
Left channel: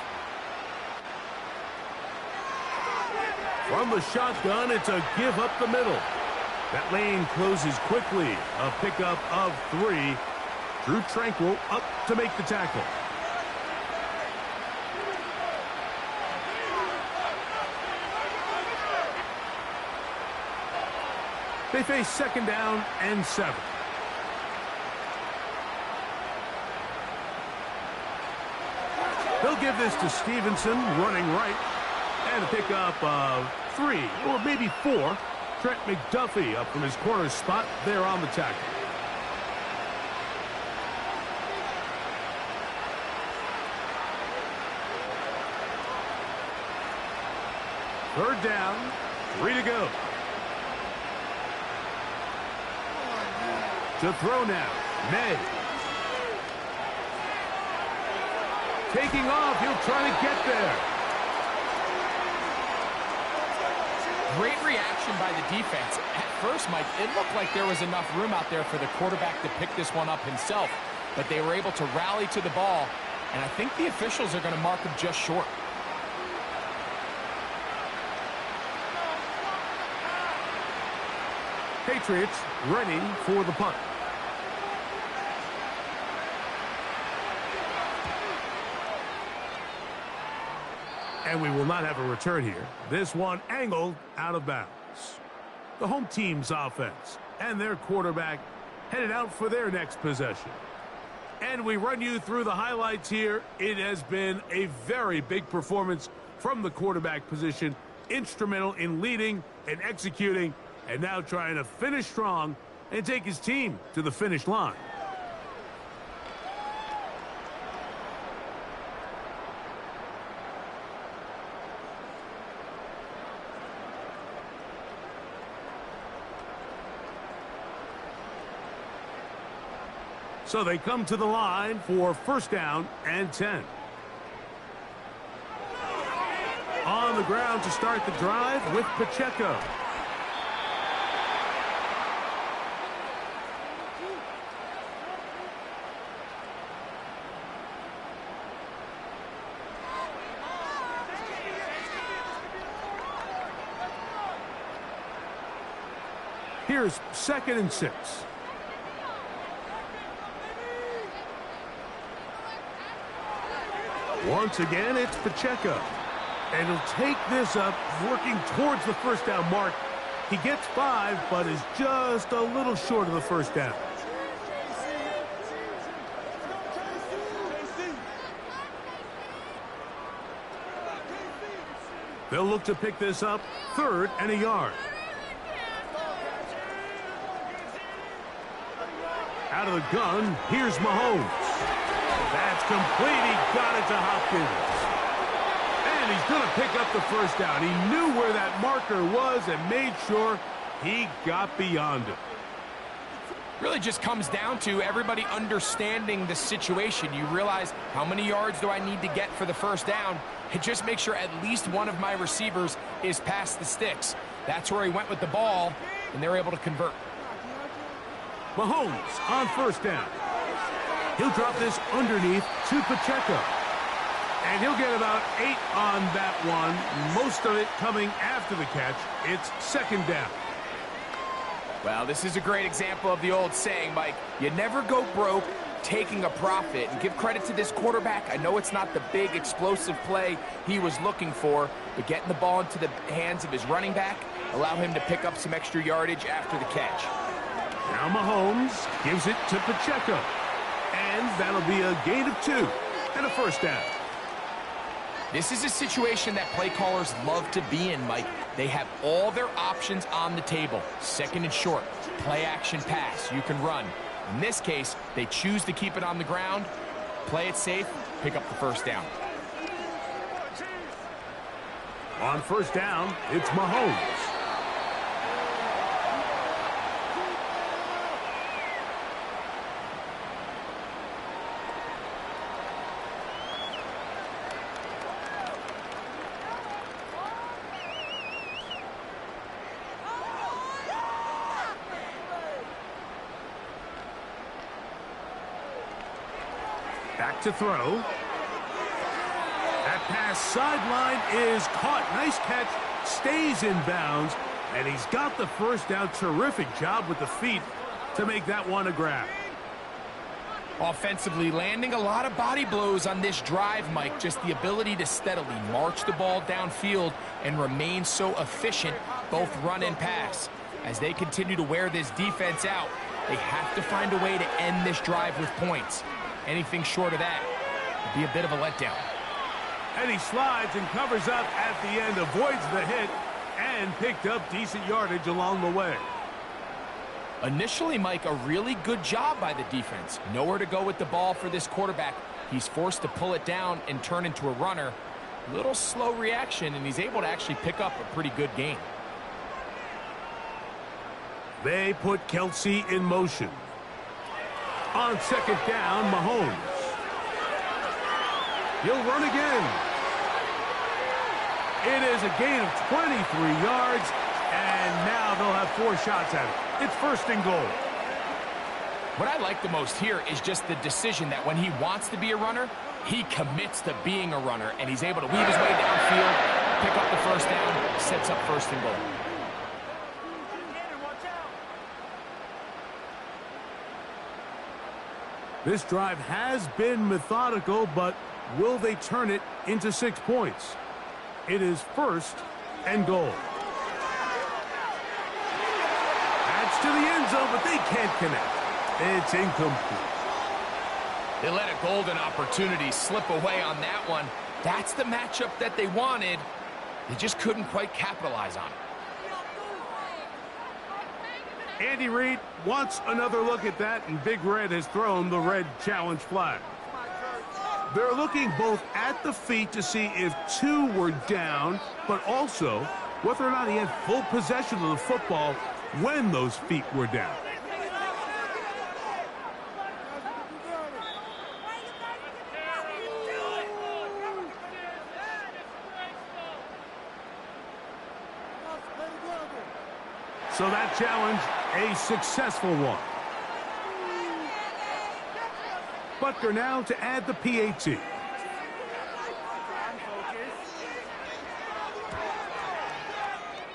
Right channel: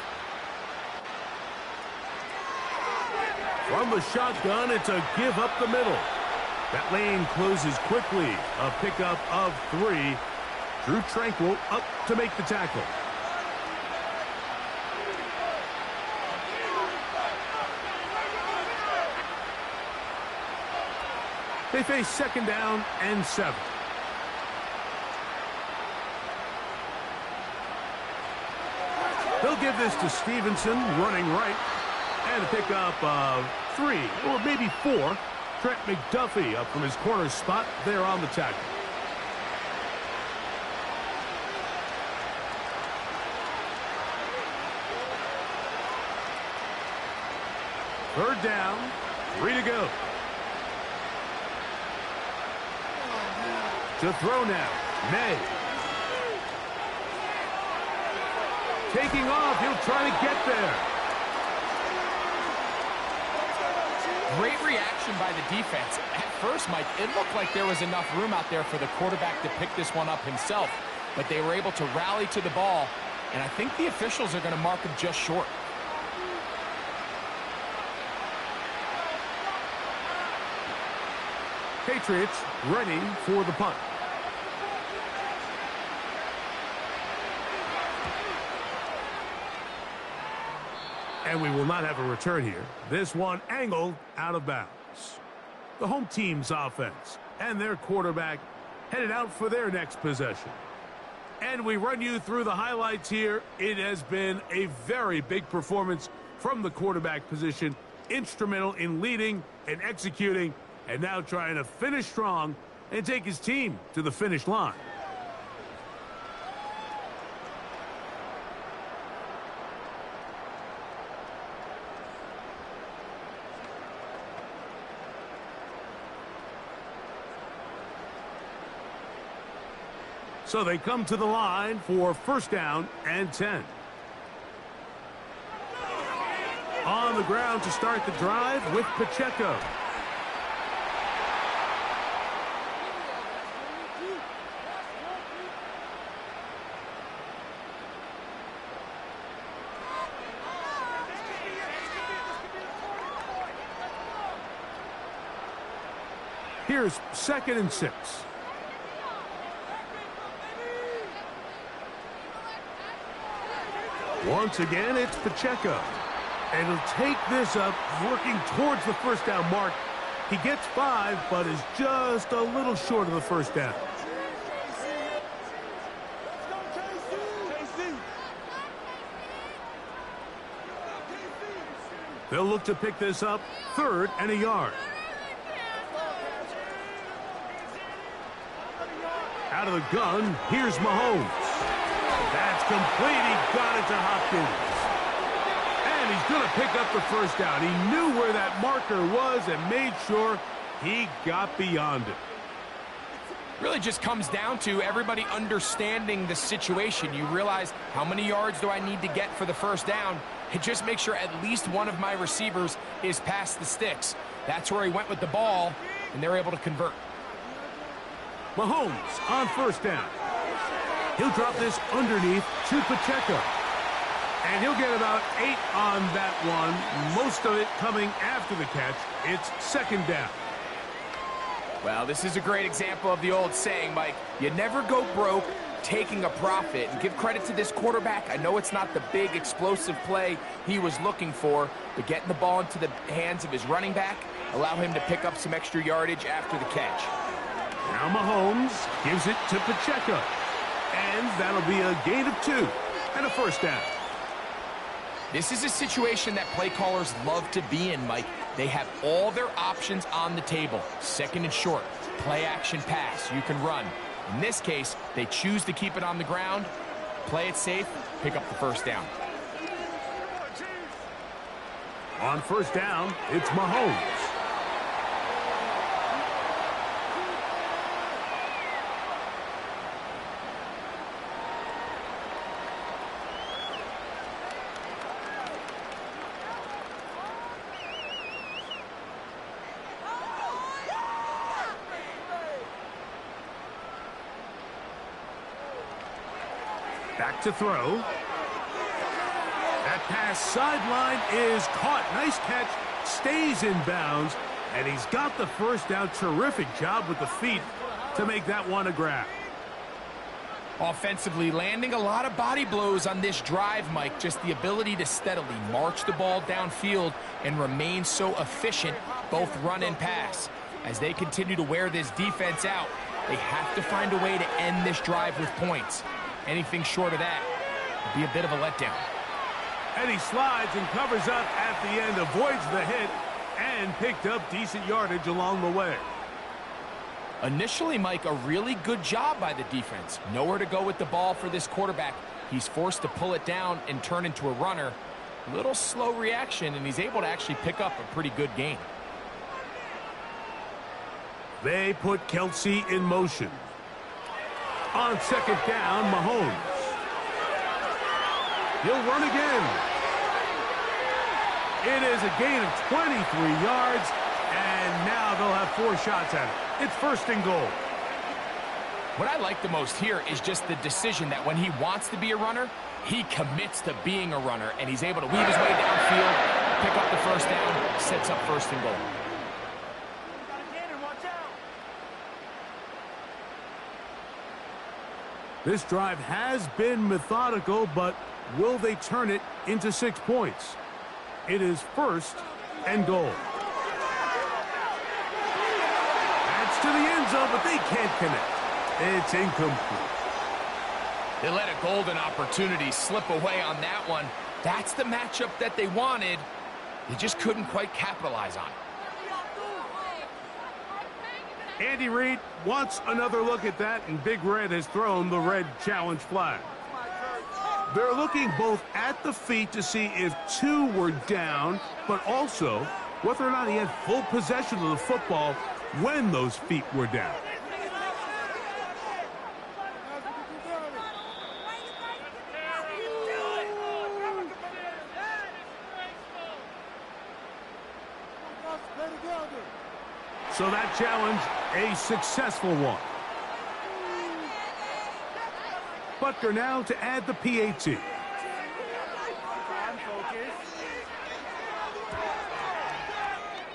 From the shotgun, it's a give up the middle. That lane closes quickly. A pickup of 3. Drew Tranquil up to make the tackle. They face 2nd down and 7. They'll give this to Stevenson, running right. And a pickup of 3, or maybe 4. Trent McDuffie up from his corner spot there on the tackle. Third down, 3 to go. To throw now, May. Taking off, he'll try to get there. Great reaction by the defense. At first, Mike, it looked like there was enough room out there for the quarterback to pick this one up himself, but they were able to rally to the ball, and I think the officials are going to mark him just short. Patriots ready for the punt. And we will not have a return here. This one angled out of bounds. The home team's offense and their quarterback headed out for their next possession. And we run you through the highlights here. It has been a very big performance from the quarterback position, instrumental in leading and executing, and now trying to finish strong and take his team to the finish line. So they come to the line for first down and 10. On the ground to start the drive with Pacheco. Here's 2nd and 6. Once again, it's Pacheco. And he'll take this up, working towards the first down mark. He gets 5, but is just a little short of the first down. They'll look to pick this up, 3rd and a yard. Out of the gun, here's Mahomes. That's complete. He got it to Hopkins. And he's going to pick up the first down. He knew where that marker was and made sure he got beyond it. Really just comes down to everybody understanding the situation. You realize, how many yards do I need to get for the first down? And just make sure at least one of my receivers is past the sticks. That's where he went with the ball, and they're able to convert. Mahomes on first down. He'll drop this underneath to Pacheco. And he'll get about 8 on that one, most of it coming after the catch. It's 2nd down. Well, this is a great example of the old saying, Mike, you never go broke taking a profit. And give credit to this quarterback. I know it's not the big explosive play he was looking for, but getting the ball into the hands of his running back allow him to pick up some extra yardage after the catch. Now Mahomes gives it to Pacheco. And that'll be a gain of 2 and a first down. This is a situation that play callers love to be in, Mike. They have all their options on the table. 2nd and short, play action pass, you can run. In this case, they choose to keep it on the ground, play it safe, pick up the first down. On first down, it's Mahomes. Back to throw. That pass sideline is caught. Nice catch. Stays in bounds. And he's got the first down. Terrific job with the feet to make that one a grab. Offensively, landing a lot of body blows on this drive, Mike. Just the ability to steadily march the ball downfield and remain so efficient, both run and pass. As they continue to wear this defense out, they have to find a way to end this drive with points. Anything short of that would be a bit of a letdown. And he slides and covers up at the end, avoids the hit, and picked up decent yardage along the way. Initially, Mike, a really good job by the defense. Nowhere to go with the ball for this quarterback. He's forced to pull it down and turn into a runner. Little slow reaction, and he's able to actually pick up a pretty good gain. They put Kelsey in motion. On 2nd down, Mahomes. He'll run again. It is a gain of 23 yards, and now they'll have 4 shots at it. It's 1st and goal. What I like the most here is just the decision that when he wants to be a runner, he commits to being a runner, and he's able to weave his way downfield, pick up the first down, sets up 1st and goal. This drive has been methodical, but will they turn it into 6 points? It is 1st and goal. That's to the end zone, but they can't connect. It's incomplete. They let a golden opportunity slip away on that one. That's the matchup that they wanted. They just couldn't quite capitalize on it. Andy Reid wants another look at that, and Big Red has thrown the red challenge flag. They're looking both at the feet to see if two were down, but also whether or not he had full possession of the football when those feet were down. So that challenge, a successful one. Butker now to add the PAT.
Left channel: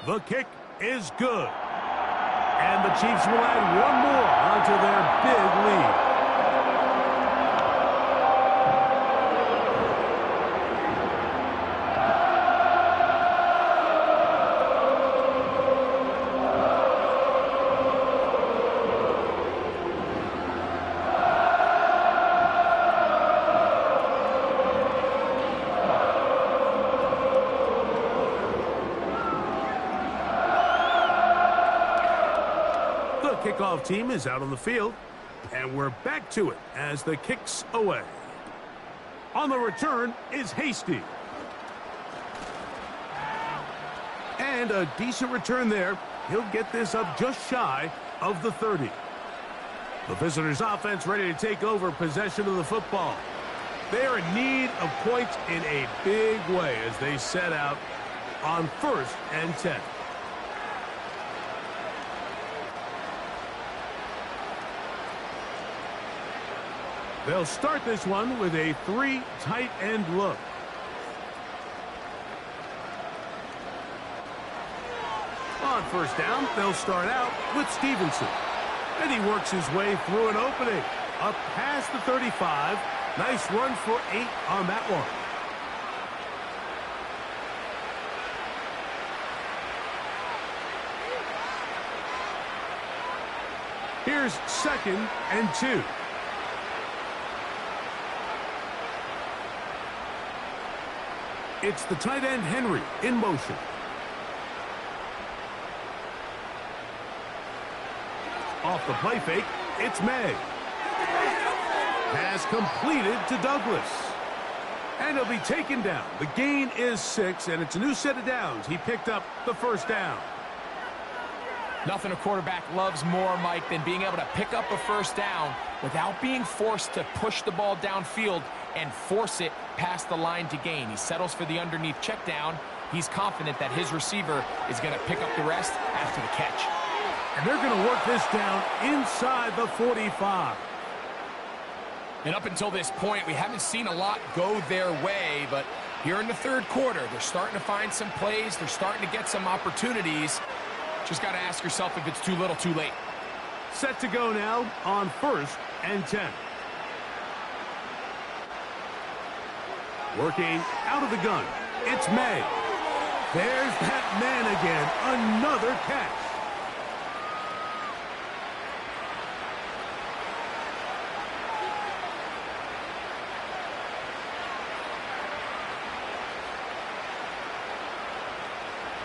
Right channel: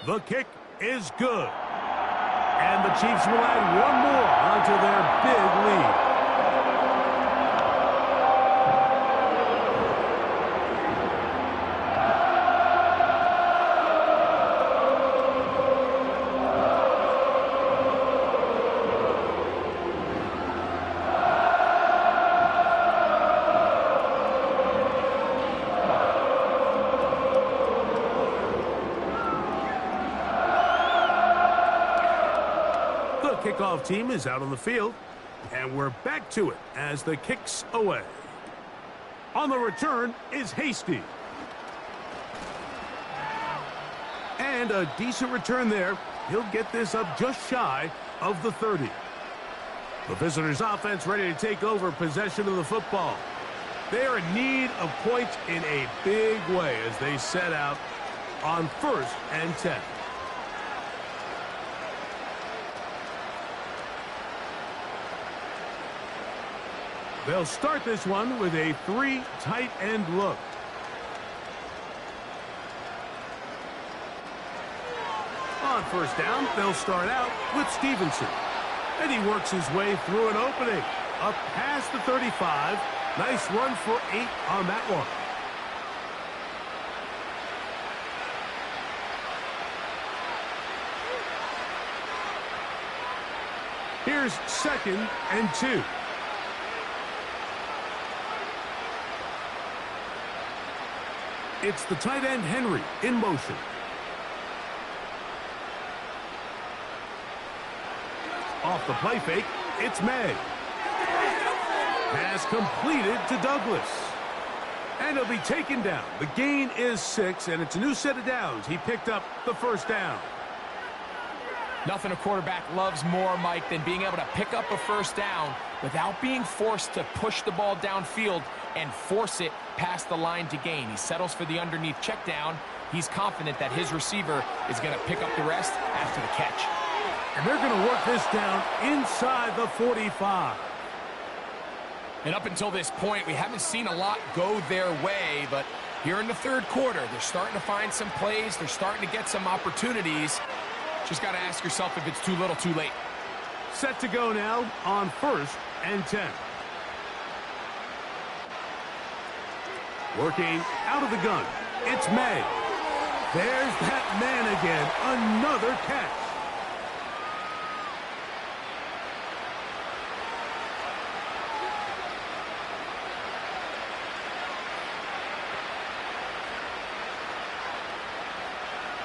The kick is good. And the Chiefs will add one more onto their big lead. Kickoff team is out on the field, and we're back to it as the kick's away. On the return is Hasty. And a decent return there. He'll get this up just shy of the 30. The visitors' offense ready to take over possession of the football. They are in need of points in a big way as they set out on 1st and 10. They'll start this one with a 3 tight end look. On 1st down, they'll start out with Stevenson. And he works his way through an opening. Up past the 35. Nice run for 8 on that one. Here's 2nd and 2. It's the tight end Henry in motion. Off the play fake, it's May. Pass completed to Douglas. And he'll be taken down. The gain is 6, and it's a new set of downs. He picked up the 1st down. Nothing a quarterback loves more, Mike, than being able to pick up a 1st down without being forced to push the ball downfield and force it past the line to gain. He settles for the underneath check down. He's confident that his receiver is going to pick up the rest after the catch. And they're going to work this down inside the 45. And up until this point, we haven't seen a lot go their way, but here in the 3rd quarter, they're starting to find some plays. They're starting to get some opportunities. Just got to ask yourself if it's too little, too late. Set to go now on 1st and 10. Working out of the gun. It's May. There's that man again. Another catch.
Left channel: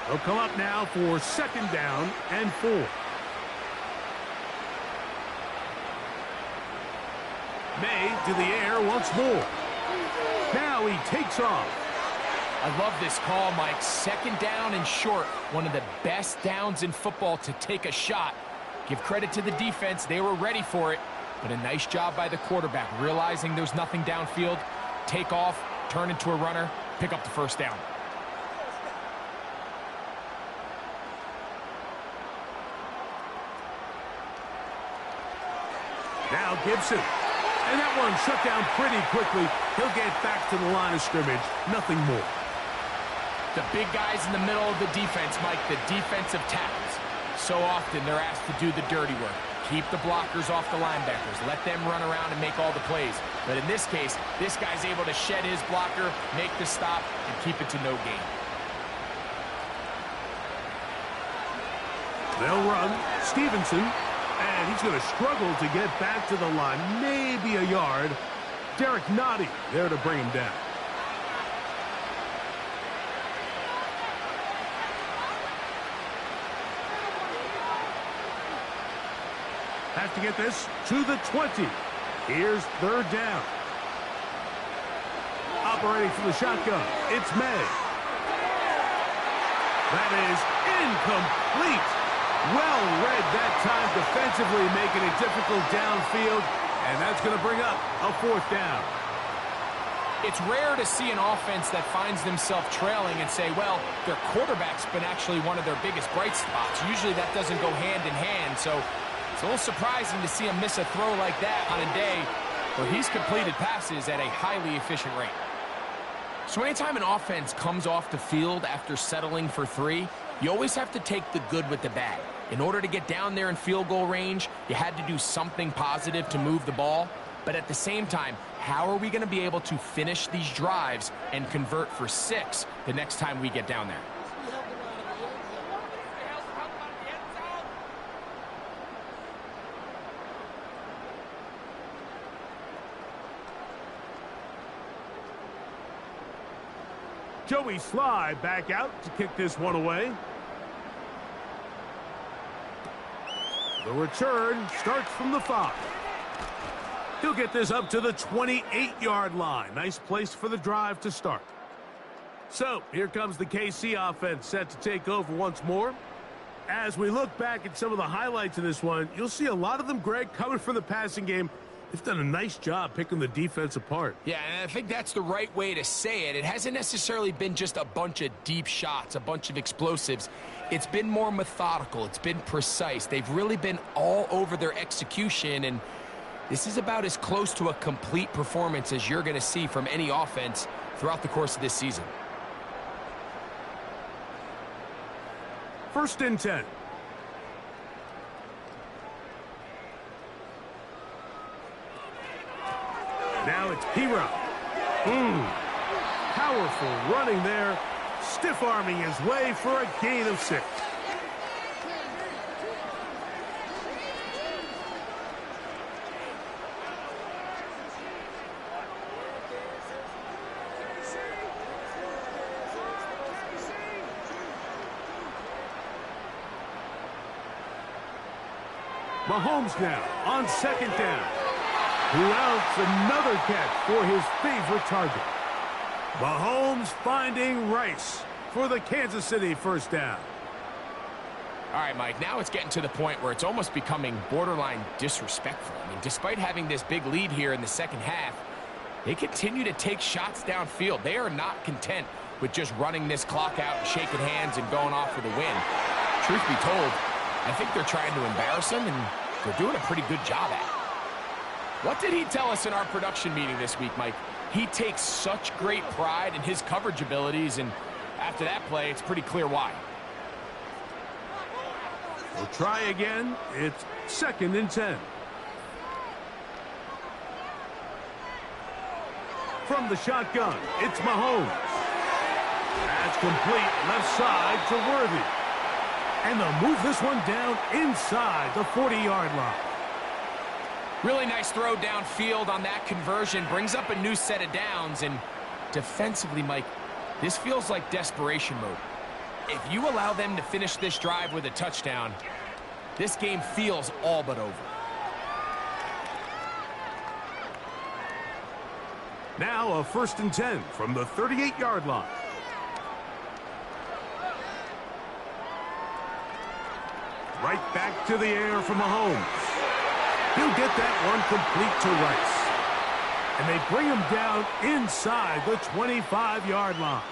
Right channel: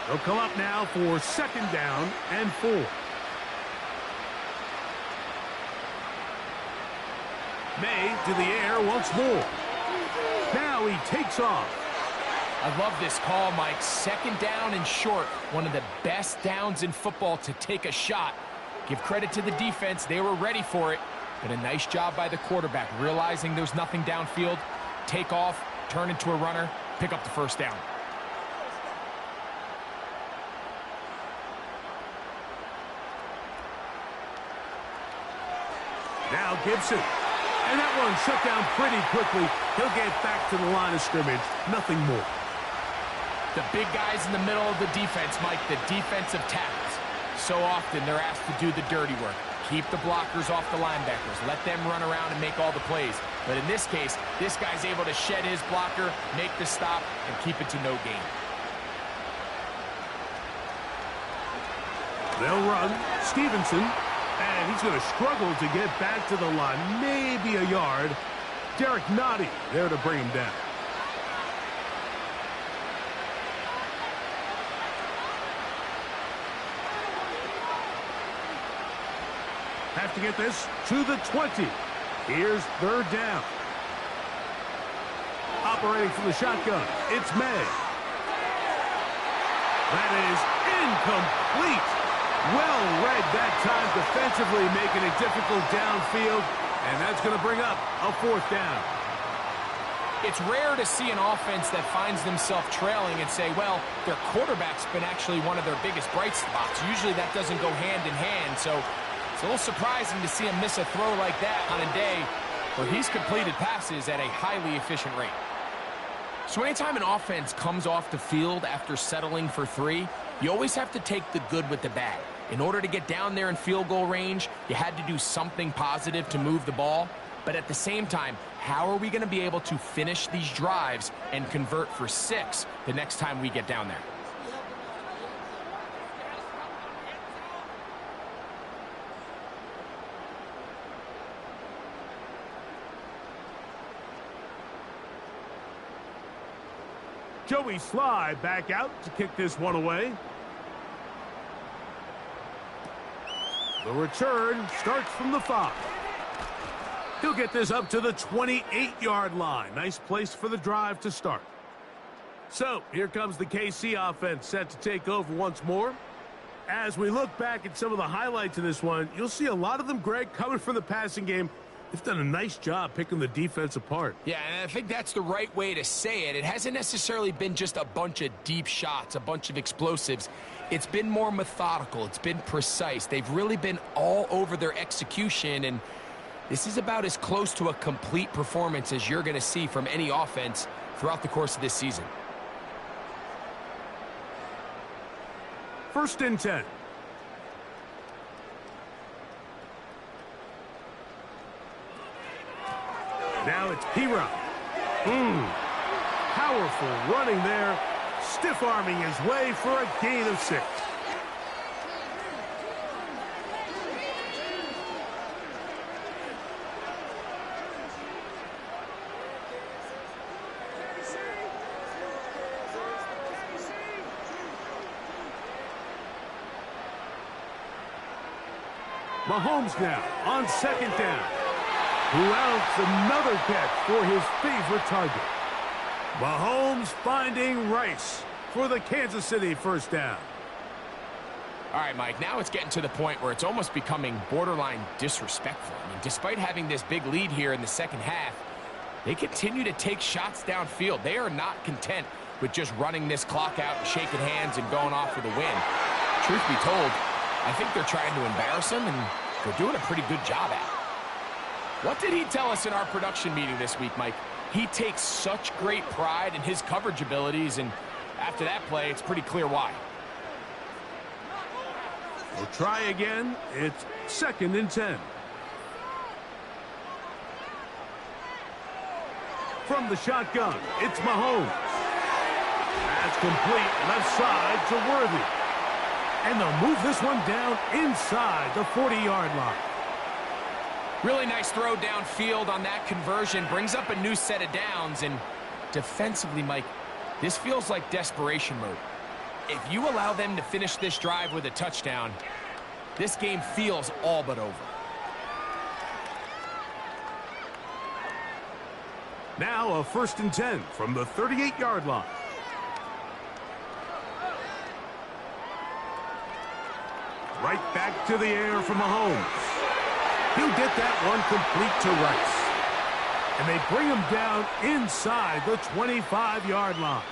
They'll come up now for 2nd down and 4. May to the air once more. Now he takes off. I love this call, Mike. 2nd down and short. One of the best downs in football to take a shot. Give credit to the defense. They were ready for it. But a nice job by the quarterback, realizing there's nothing downfield. Take off, turn into a runner, pick up the 1st down. Now Gibson. And that one shut down pretty quickly. He'll get back to the line of scrimmage. Nothing more. The big guys in the middle of the defense, Mike, the defensive tackles. So often they're asked to do the dirty work. Keep the blockers off the linebackers. Let them run around and make all the plays. But in this case, this guy's able to shed his blocker, make the stop, and keep it to no gain. They'll run. Stevenson And he's going to struggle to get back to the line, maybe a yard. Derek Nottie there to bring him down. Have to get this to the 20. Here's third down. Operating from the shotgun, it's May. That is incomplete. Well read that time defensively, making it difficult downfield, and that's going to bring up a fourth down. It's rare to see an offense that finds themselves trailing and say, well, their quarterback's been actually one of their biggest bright spots. Usually that doesn't go hand in hand, so it's a little surprising to see him miss a throw like that on a day where he's completed passes at a highly efficient rate. So anytime an offense comes off the field after settling for 3, you always have to take the good with the bad. In order to get down there in field goal range, you had to do something positive to move the ball. But at the same time, how are we going to be able to finish these drives and convert for 6 the next time we get down there? Joey Sly back out to kick this one away. The return starts from the 5. He'll get this up to the 28-yard line. Nice place for the drive to start. So here comes the KC offense set to take over once more. As we look back at some of the highlights of this one, you'll see a lot of them, Greg, coming from the passing game. They've done a nice job picking the defense apart. Yeah, and I think that's the right way to say it. It hasn't necessarily been just a bunch of deep shots, a bunch of explosives. It's been more methodical. It's been precise. They've really been all over their execution, and this is about as close to a complete performance as you're going to see from any offense throughout the course of this season. 1st and 10. Now it's P-Rob. Powerful running there. Stiff-arming his way for a gain of 6. Mahomes now on 2nd down. Who else? Another catch for his favorite target. Mahomes finding Rice for the Kansas City 1st down. All right, Mike, now it's getting to the point where it's almost becoming borderline disrespectful. I mean, despite having this big lead here in the second half, they continue to take shots downfield. They are not content with just running this clock out and shaking hands and going off for the win. Truth be told, I think they're trying to embarrass him, and they're doing a pretty good job at it. What did he tell us in our production meeting this week, Mike? He takes such great pride in his coverage abilities, and after that play, it's pretty clear why. We'll try again. It's 2nd and 10. From the shotgun, it's Mahomes. That's complete left side to Worthy. And they'll move this one down inside the 40-yard line. Really nice throw downfield on that conversion. Brings up a new set of downs. And defensively, Mike, this feels like desperation mode. If you allow them to finish this drive with a touchdown, this game feels all but over. Now a 1st and 10 from the 38-yard line. Right back to the air from Mahomes. He'll get that one complete to Rice. And they bring him down inside the 25-yard line.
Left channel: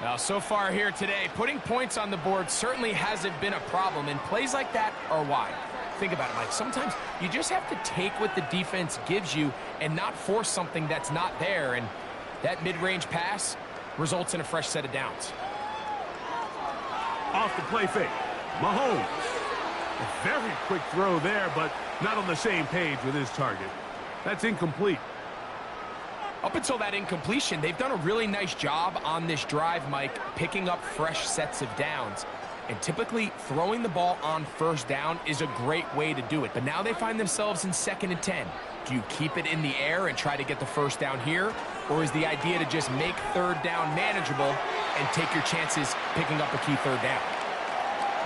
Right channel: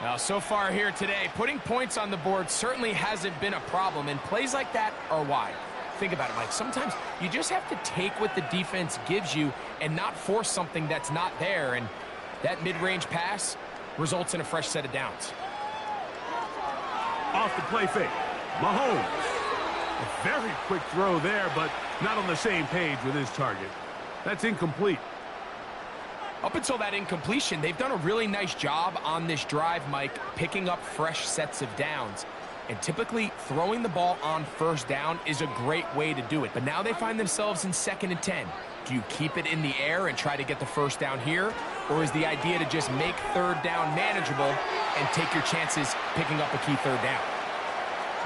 Now, so far here today, putting points on the board certainly hasn't been a problem, and plays like that are why. Think about it, Mike. Sometimes you just have to take what the defense gives you and not force something that's not there, and that mid-range pass results in a fresh set of downs. Off the play fake, Mahomes. A very quick throw there, but not on the same page with his target. That's incomplete. Up until that incompletion, they've done a really nice job on this drive, Mike, picking up fresh sets of downs. And typically, throwing the ball on first down is a great way to do it. But now they find themselves in 2nd and 10. Do you keep it in the air and try to get the first down here? Or is the idea to just make 3rd down manageable and take your chances picking up a key 3rd down?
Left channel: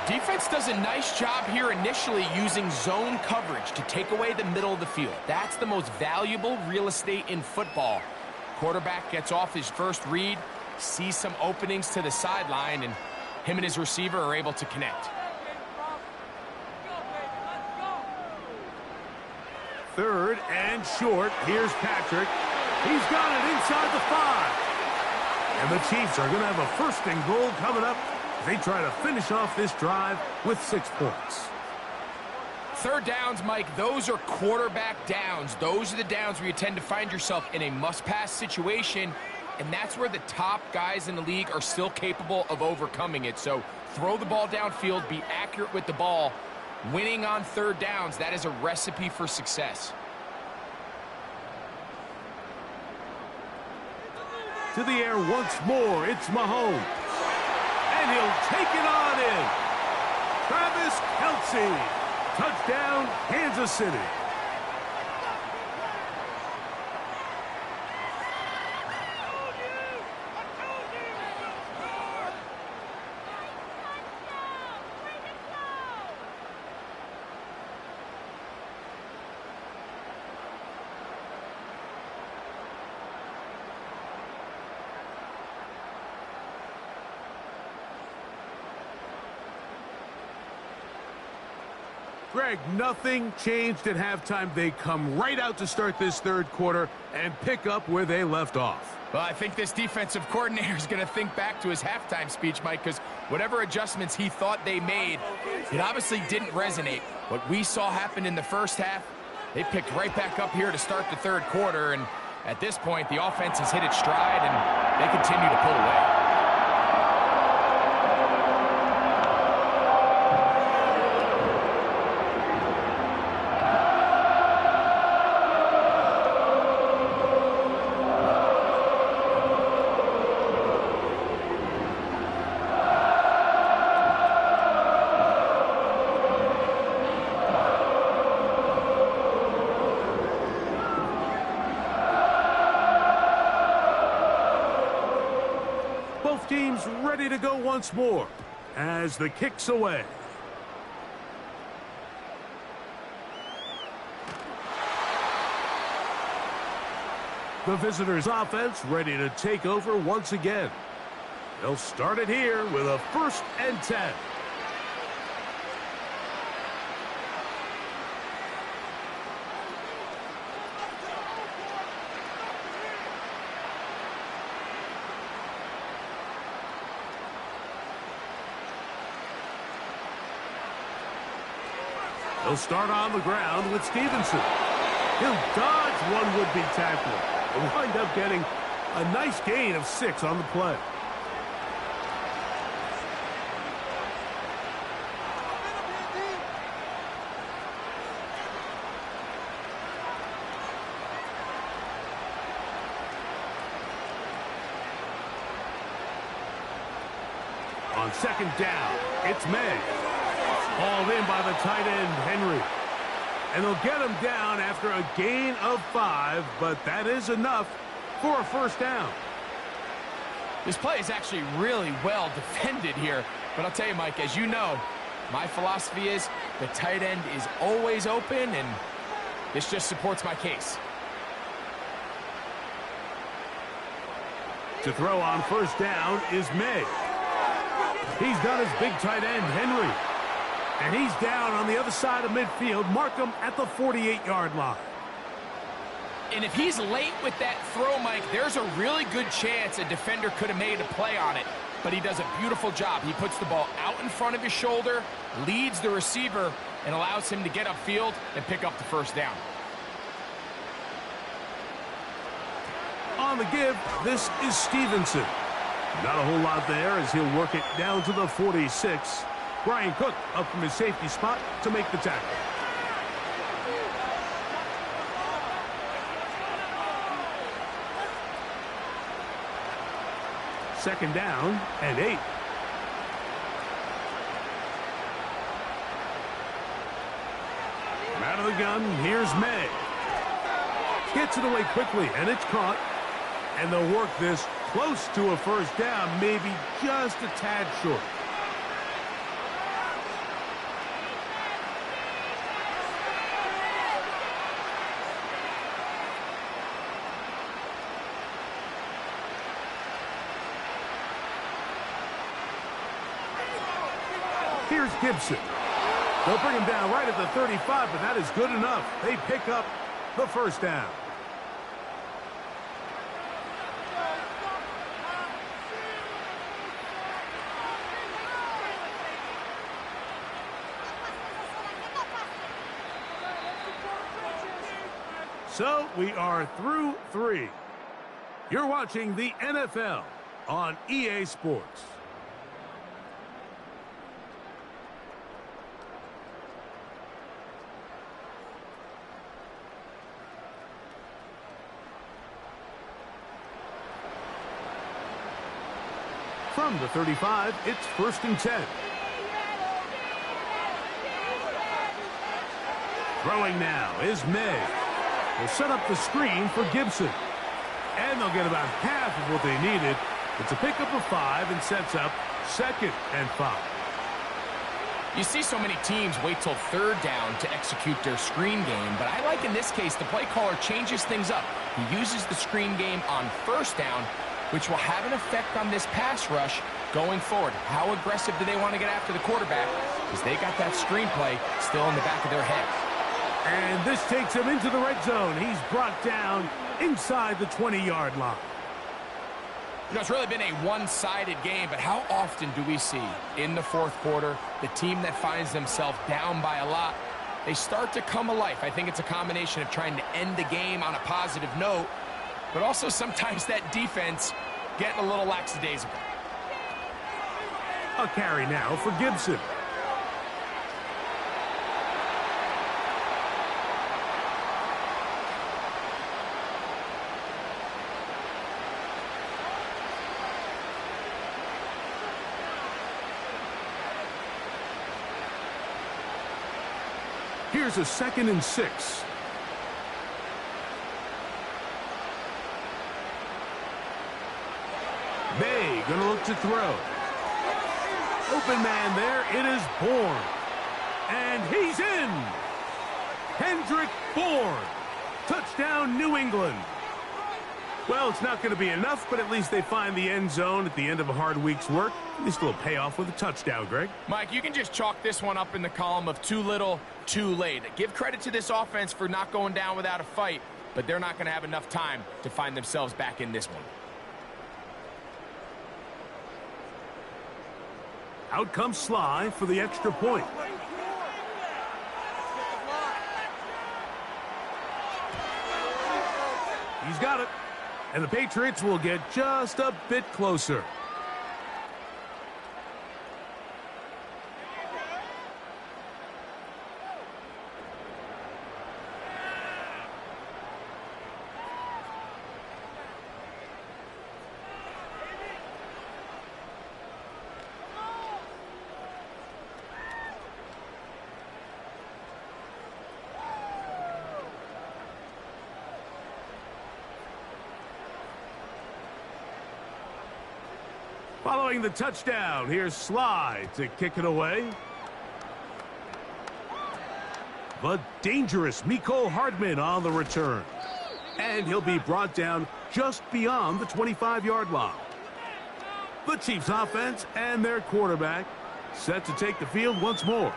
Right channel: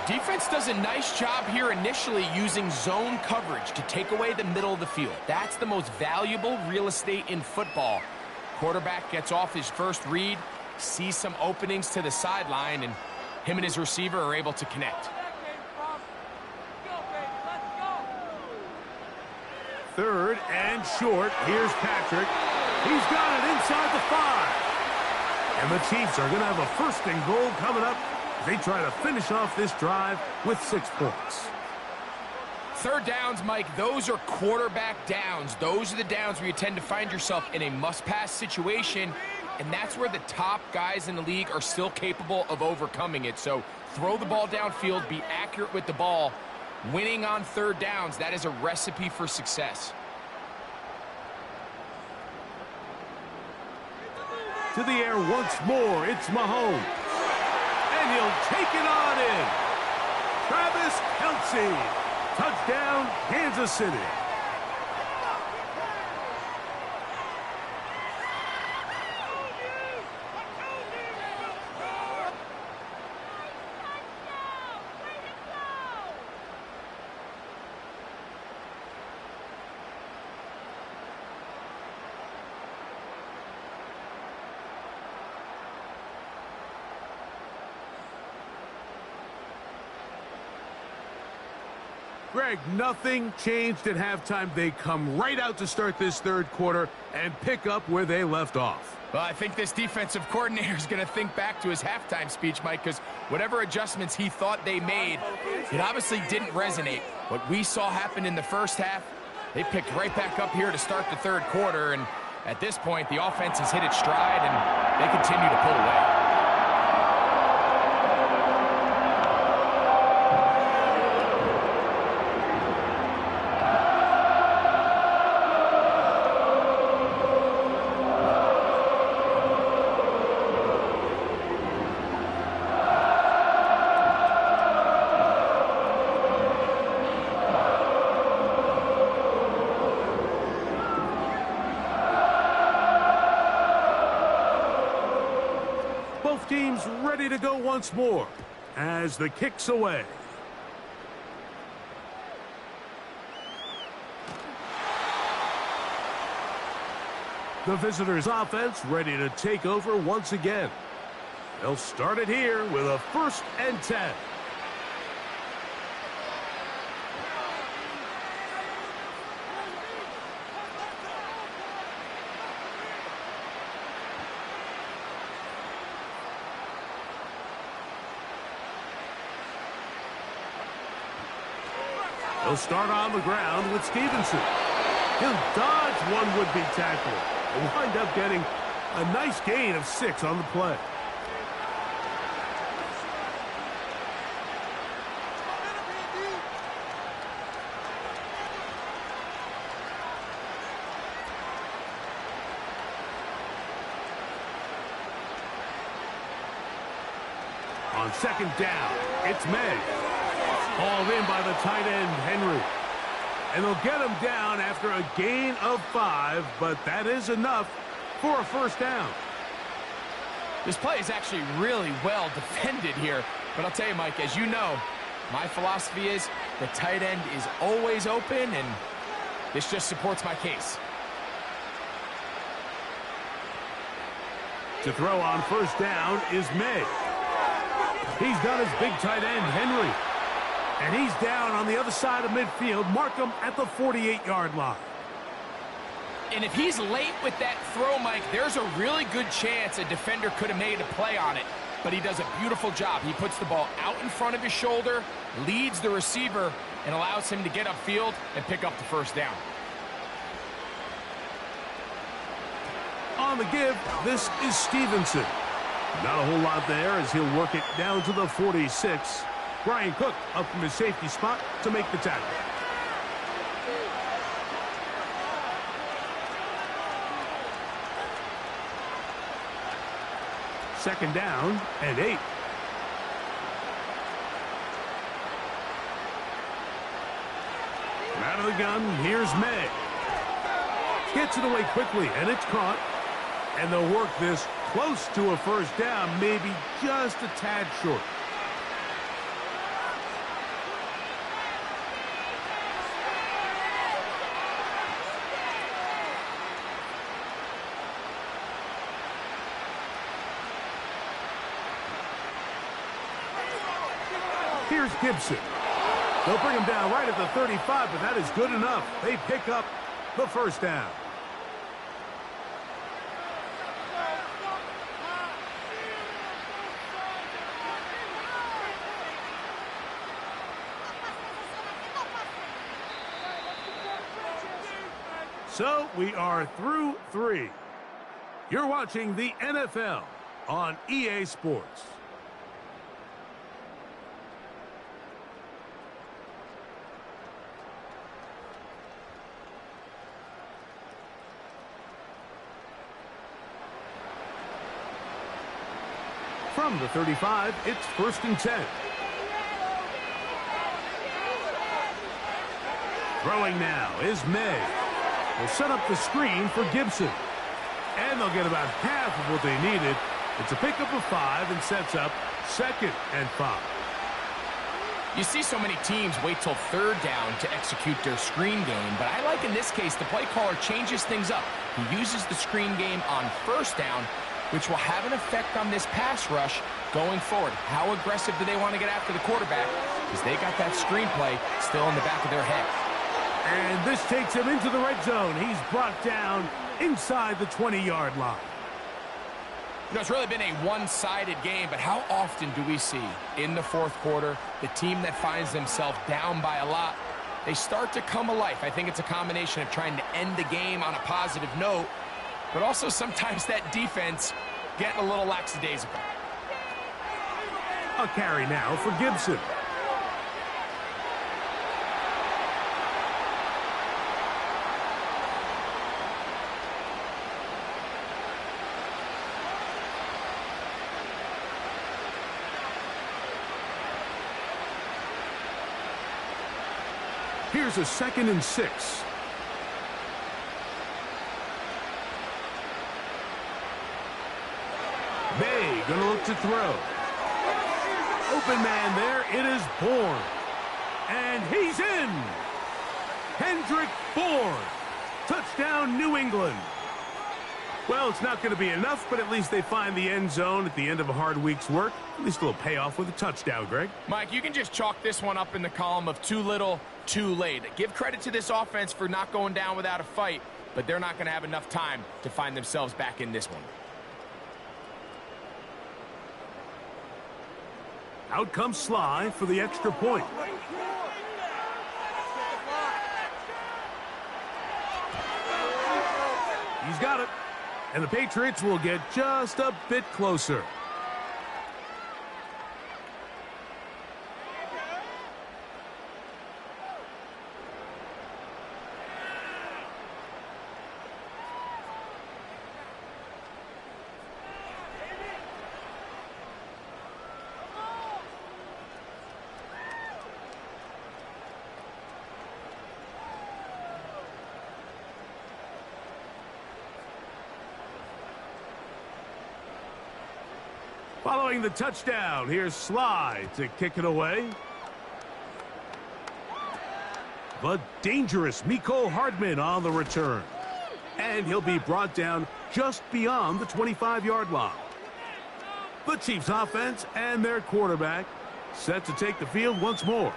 Defense does a nice job here initially using zone coverage to take away the middle of the field. That's the most valuable real estate in football. Quarterback gets off his first read, sees some openings to the sideline, and him and his receiver are able to connect. 3rd and short. Here's Patrick. He's got it inside the 5. And the Chiefs are going to have a 1st and goal coming up as they try to finish off this drive with 6 points. 3rd downs, Mike, those are quarterback downs. Those are the downs where you tend to find yourself in a must-pass situation, and that's where the top guys in the league are still capable of overcoming it. So throw the ball downfield, be accurate with the ball. Winning on 3rd downs, that is a recipe for success. To the air once more, it's Mahomes. And he'll take it on in. Travis Kelce. Touchdown, Kansas City. Greg, nothing changed at halftime. They come right out to start this 3rd quarter and pick up where they left off. Well, I think this defensive coordinator is going to think back to his halftime speech, Mike, because whatever adjustments he thought they made, it obviously didn't resonate. What we saw happen in the first half, they picked right back up here to start the 3rd quarter, and at this point, the offense has hit its stride, and they continue to pull away. Teams ready to go once more as the kick's away. The visitors' offense ready to take over once again. They'll start it here with a 1st and 10. He'll start on the ground with Stevenson. He'll dodge one would-be tackler and wind up getting a nice gain of 6 on the play. On 2nd down, it's May. Hauled in by the tight end, Henry. And they'll get him down after a gain of 5, but that is enough for a 1st down. This play is actually really well defended here. But I'll tell you, Mike, as you know, my philosophy is the tight end is always open, and this just supports my case. To throw on 1st down is May. He's got his big tight end, Henry. And he's down on the other side of midfield. Mark him at the 48-yard line. And if he's late with that throw, Mike, there's a really good chance a defender could have made a play on it. But he does a beautiful job. He puts the ball out in front of his shoulder, leads the receiver, and allows him to get upfield and pick up the 1st down. On the give, this is Stevenson. Not a whole lot there as he'll work it down to the 46. Brian Cook up from his safety spot to make the tackle. Second down and 8. Out of the gun, here's May. Gets it away quickly, and it's caught. And they'll work this close to a first down, maybe just a tad short. Here's Gibson. They'll bring him down right at the 35, but that is good enough. They pick up the first down. So we are through 3. You're watching the NFL on EA Sports. From the 35, it's 1st and 10. Throwing now is May. Will set up the screen for Gibson. And they'll get about half of what they needed. It's a pickup of 5 and sets up 2nd and 5. You see so many teams wait till 3rd down to execute their screen game, but I like in this case the play caller changes things up. He uses the screen game on 1st down, which will have an effect on this pass rush going forward. How aggressive do they want to get after the quarterback? Because they got that screenplay still in the back of their head. And this takes him into the red zone. He's brought down inside the 20-yard line. You know, it's really been a one-sided game, but how often do we see in the 4th quarter the team that finds themselves down by a lot, they start to come alive? I think it's a combination of trying to end the game on a positive note, but also sometimes that defense getting a little lackadaisical. A carry now for Gibson. Here's a 2nd and 6. May gonna look to throw. Open man there, it is Bourne. And he's in! Kendrick Bourne. Touchdown, New England. Well, it's not going to be enough, but at least they find the end zone at the end of a hard week's work. At least a little payoff with a touchdown, Greg. Mike, you can just chalk this one up in the column of too little, too late. Give credit to this offense for not going down without a fight, but they're not going to have enough time to find themselves back in this one. Out comes Sly for the extra point. He's got it. And the Patriots will get just a bit closer. Following the touchdown, here's Sly to kick it away. The dangerous Mecole Hardman on the return. And he'll be brought down just beyond the 25-yard line. The Chiefs offense and their quarterback set to take the field once more.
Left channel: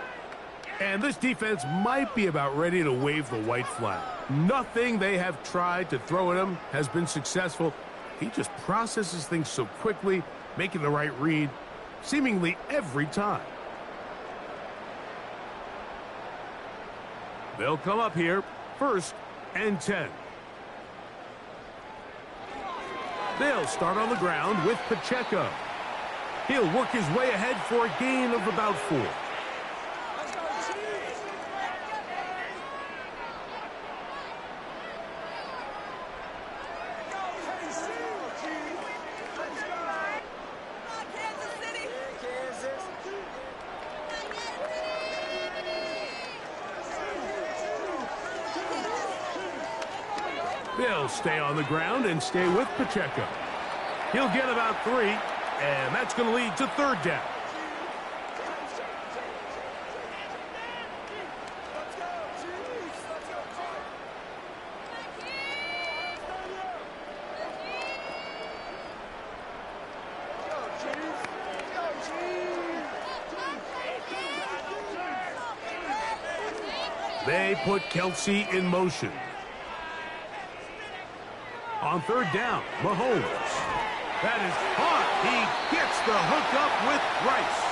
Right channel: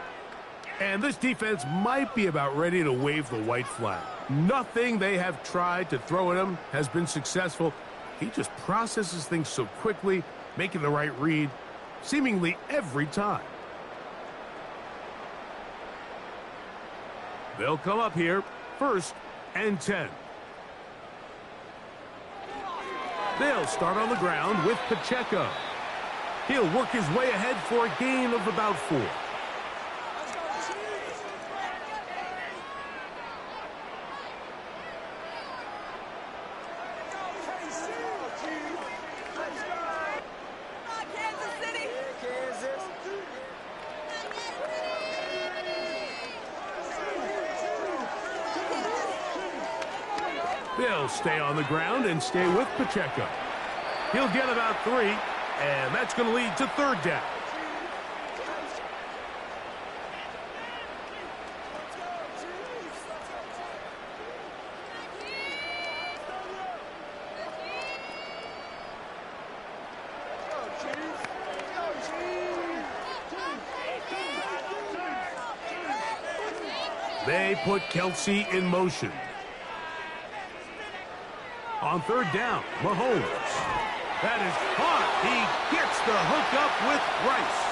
And this defense might be about ready to wave the white flag. Nothing they have tried to throw at him has been successful. He just processes things so quickly, making the right read seemingly every time. They'll come up here, 1st and 10. They'll start on the ground with Pacheco. He'll work his way ahead for a gain of about 4. They'll stay on the ground and stay with Pacheco. He'll get about 3, and that's going to lead to 3rd down. They put Kelsey in motion. On 3rd down, Mahomes. That is caught. He gets the hook up with Rice.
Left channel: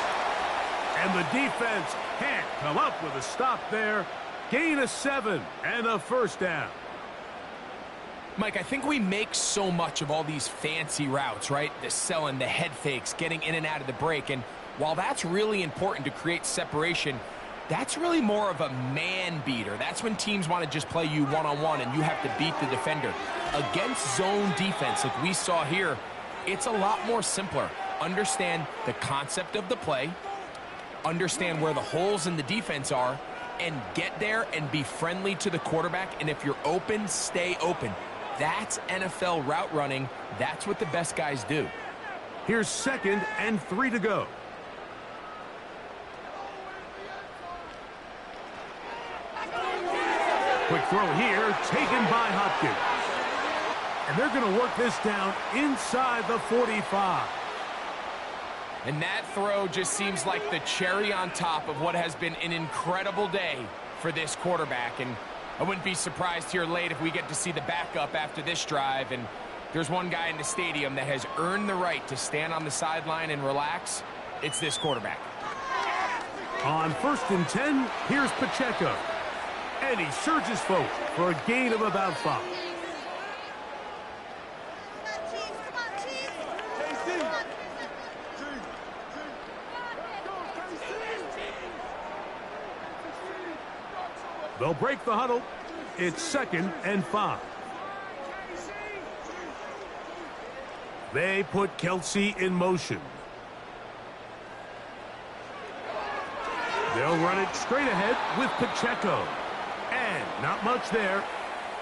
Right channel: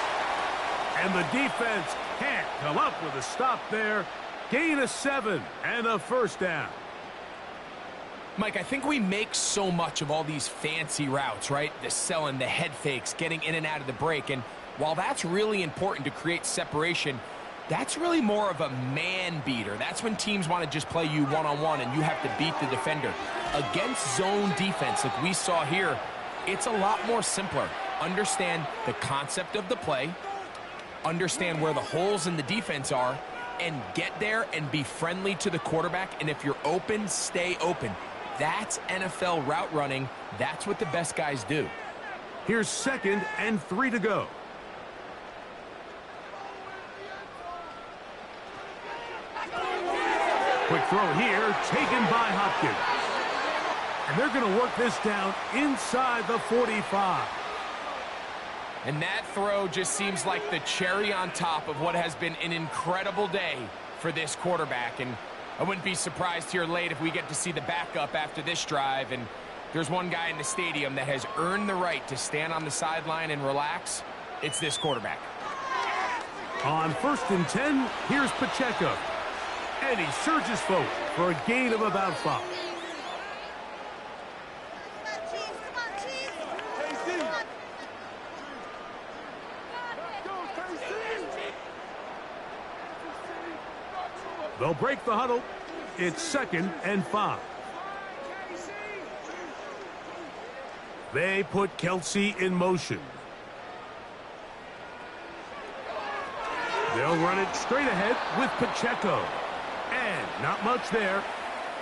And the defense can't come up with a stop there. Gain of 7 and a 1st down. Mike, I think we make so much of all these fancy routes, right? The selling, the head fakes, getting in and out of the break. And while that's really important to create separation, that's really more of a man beater. That's when teams want to just play you one-on-one and you have to beat the defender. Against zone defense, like we saw here, it's a lot more simpler. Understand the concept of the play, understand where the holes in the defense are, and get there and be friendly to the quarterback. And if you're open, stay open. That's NFL route running. That's what the best guys do. Here's 2nd and 3 to go. Quick throw here, taken by Hopkins. And they're going to work this down inside the 45. And that throw just seems like the cherry on top of what has been an incredible day for this quarterback. And I wouldn't be surprised here late if we get to see the backup after this drive. And there's one guy in the stadium that has earned the right to stand on the sideline and relax. It's this quarterback. On 1st and 10, here's Pacheco. And he surges forward for a gain of about 5. They'll break the huddle. It's 2nd and 5. They put Kelsey in motion. They'll run it straight ahead with Pacheco. And not much there.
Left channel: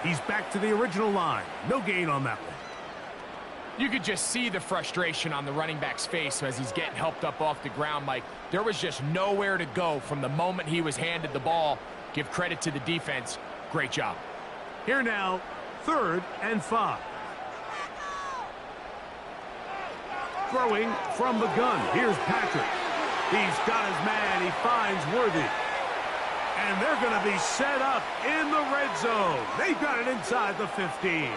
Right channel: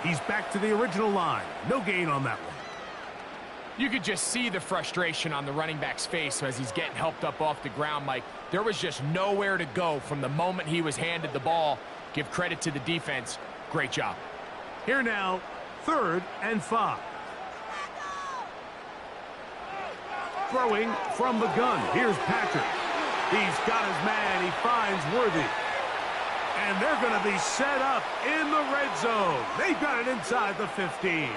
He's back to the original line. No gain on that one. You could just see the frustration on the running back's face as he's getting helped up off the ground, Mike. There was just nowhere to go from the moment he was handed the ball. Give credit to the defense. Great job. Here now, 3rd and 5. Throwing from the gun. Here's Patrick. He's got his man. He finds Worthy. And they're going to be set up in the red zone. They've got it inside the 15.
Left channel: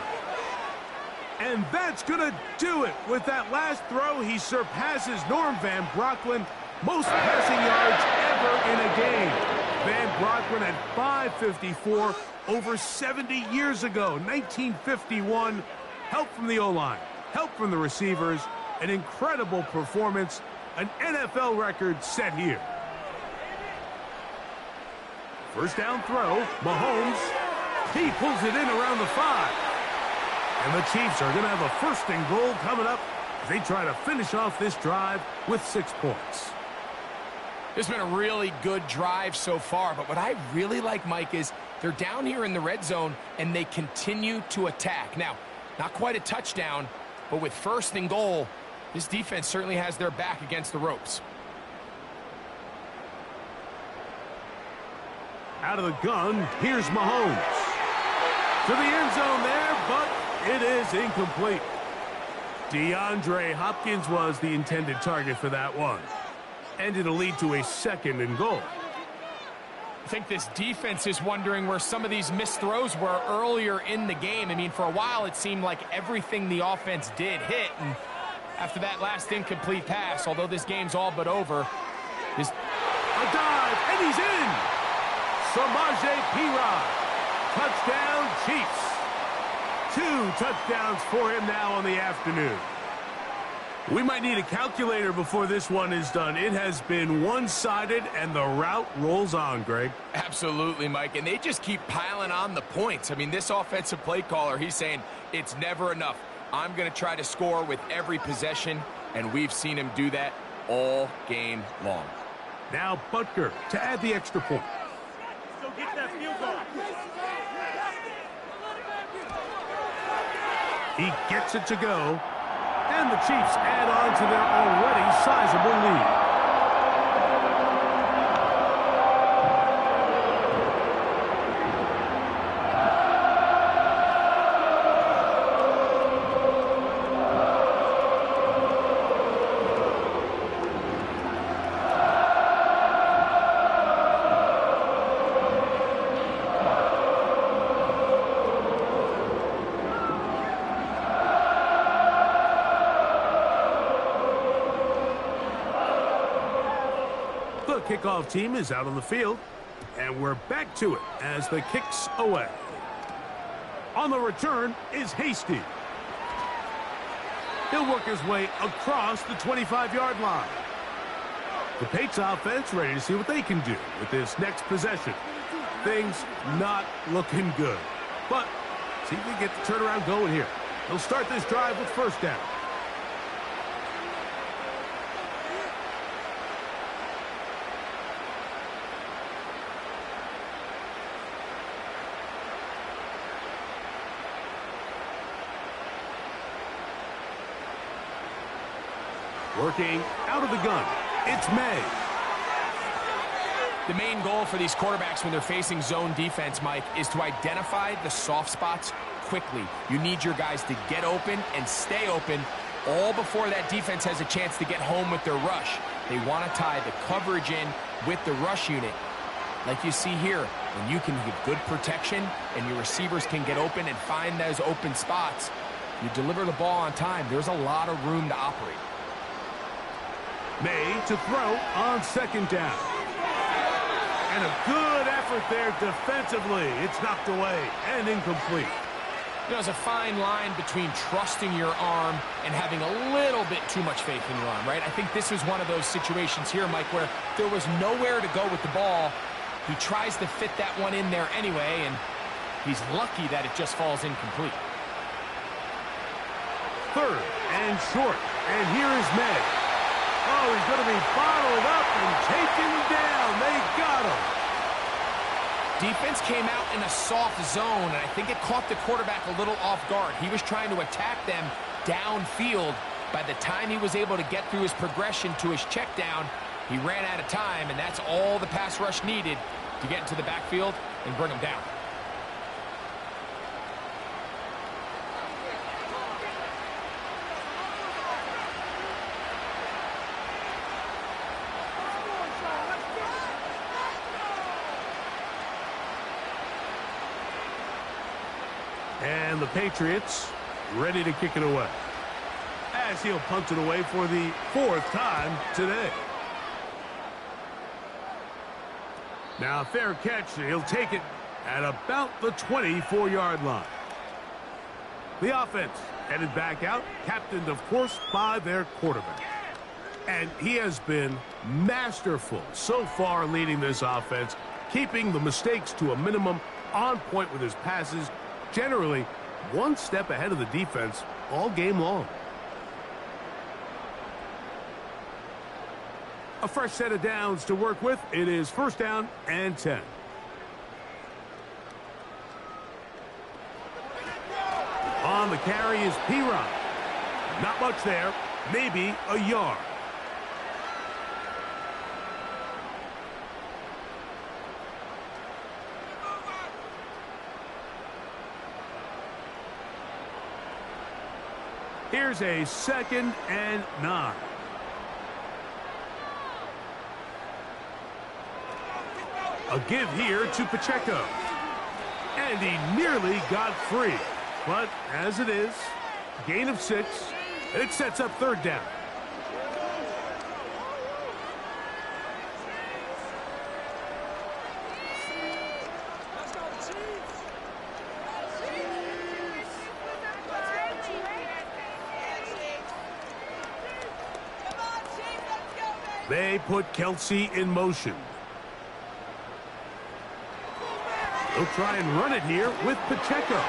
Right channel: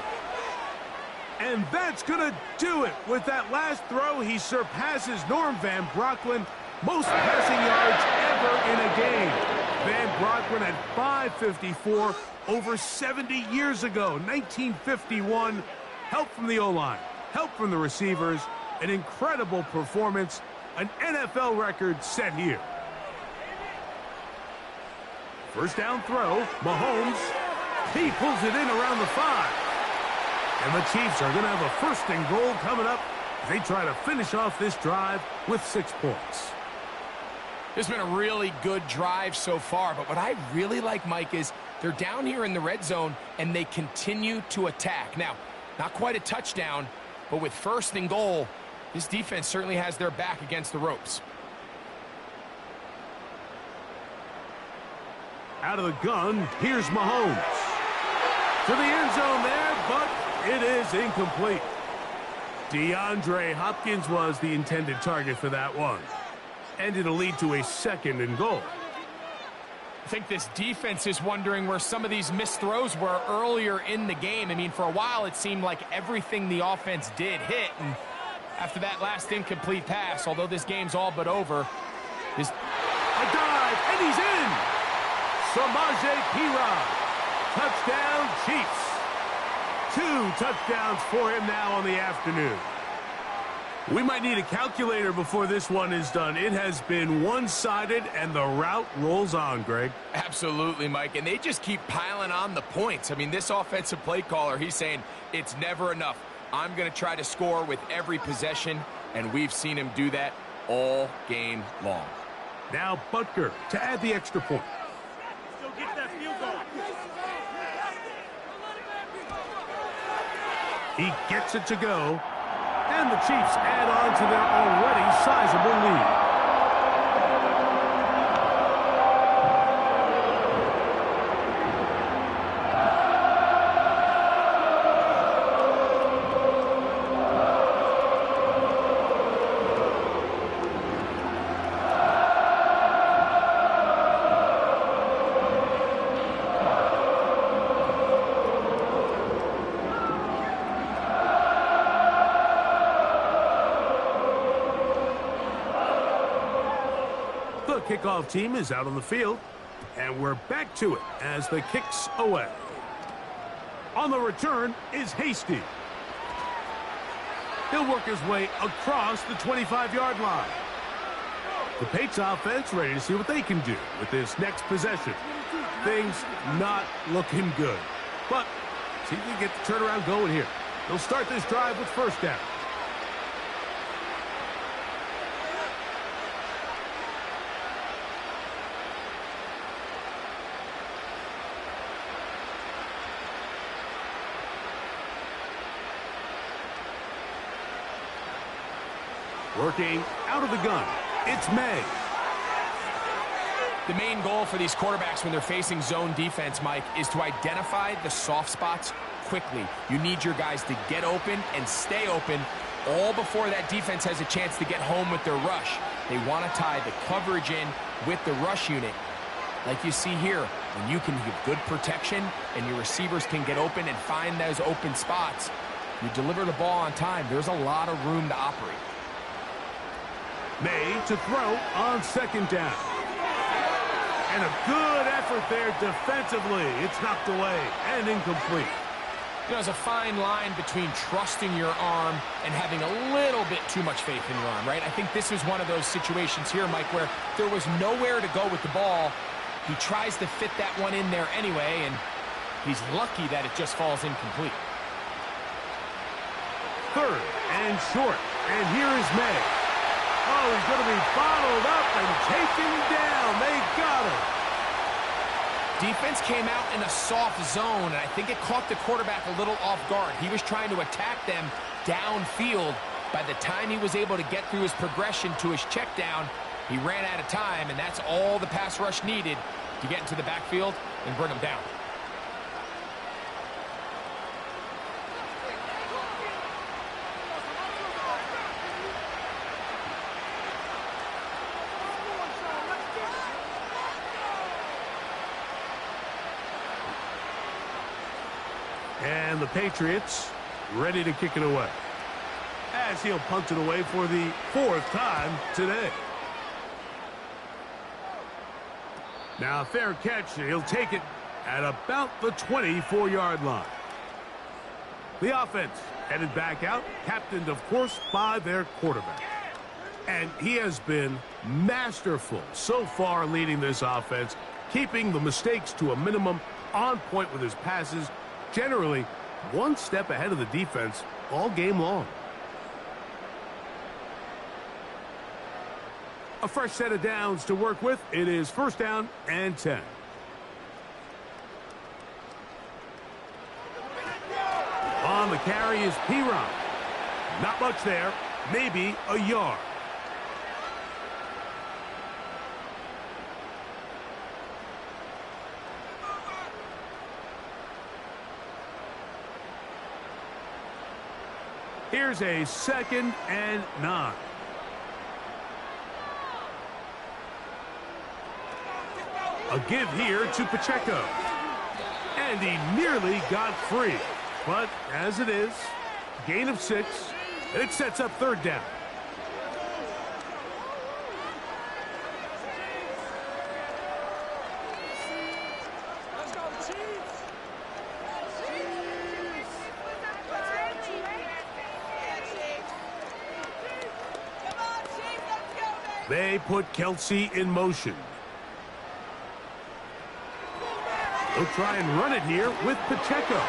And that's going to do it. With that last throw, he surpasses Norm Van Brocklin. Most passing yards ever in a game. Van Brocklin had 554 over 70 years ago, 1951. Help from the O-line, help from the receivers, an incredible performance, an NFL record set here. 1st down throw, Mahomes. He pulls it in around the 5. And the Chiefs are going to have a 1st and goal coming up as they try to finish off this drive with 6 points. It's been a really good drive so far, but what I really like, Mike, is they're down here in the red zone and they continue to attack. Now, not quite a touchdown, but with 1st and goal, this defense certainly has their back against the ropes. Out of the gun, here's Mahomes. To the end zone there, but it is incomplete. DeAndre Hopkins was the intended target for that one. And it'll lead to a 2nd and goal. I think this defense is wondering where some of these missed throws were earlier in the game. I mean, for a while, it seemed like everything the offense did hit. And after that last incomplete pass, although this game's all but over, this... A dive, and he's in! Samaje Perine. Touchdown, Chiefs. 2 touchdowns for him now on the afternoon. We might need a calculator before this one is done. It has been one-sided, and the route rolls on, Greg. Absolutely, Mike, and they just keep piling on the points. I mean, this offensive play caller, he's saying it's never enough. I'm going to try to score with every possession, and we've seen him do that all game long. Now Butker to add the extra point. Go get that field goal. He gets it to go. And the Chiefs add on to their already sizable lead. The kickoff team is out on the field, and we're back to it as the kick's away. On the return is Hasty. He'll work his way across the 25-yard line. The Patriots offense ready to see what they can do with this next possession. Things not looking good, but see if we get the turnaround going here. They'll start this drive with first down. Working out of the gun, it's May. The main goal for these quarterbacks when they're facing zone defense, Mike, is to identify the soft spots quickly. You need your guys to get open and stay open all before that defense has a chance to get home with their rush. They want to tie the coverage in with the rush unit. Like you see here, when you can give good protection and your receivers can get open and find those open spots, you deliver the ball on time. There's a lot of room to operate. May to throw on second down. And a good effort there defensively. It's knocked away and incomplete. You know, there's a fine line between trusting your arm and having a little bit too much faith in your arm, right? I think this is one of those situations here, Mike, where there was nowhere to go with the ball. He tries to fit that one in there anyway, and he's lucky that it just falls incomplete. Third and short. And here is May. Oh, he's going to be bottled up and taken down. They got him. Defense came out in a soft zone, and I think it caught the quarterback a little off guard. He was trying to attack them downfield. By the time he was able to get through his progression to his check down, he ran out of time, and that's all the pass rush needed to get into the backfield and bring him down. And the Patriots ready to kick it away, as he'll punt it away for the fourth time today. Now a fair catch, and he'll take it at about the 24-yard line. The offense headed back out, captained, of course, by their quarterback. And he has been masterful so far leading this offense, keeping the mistakes to a minimum, on point with his passes, generally one step ahead of the defense all game long. A fresh set of downs to work with. It is first down and 10. On the carry is P-Ron. Not much there, maybe a yard. Here's a 2nd and 9. A give here to Pacheco. And he nearly got free. But as it is, gain of 6. It sets up third down. They put Kelsey in motion. They'll try and run it here with Pacheco.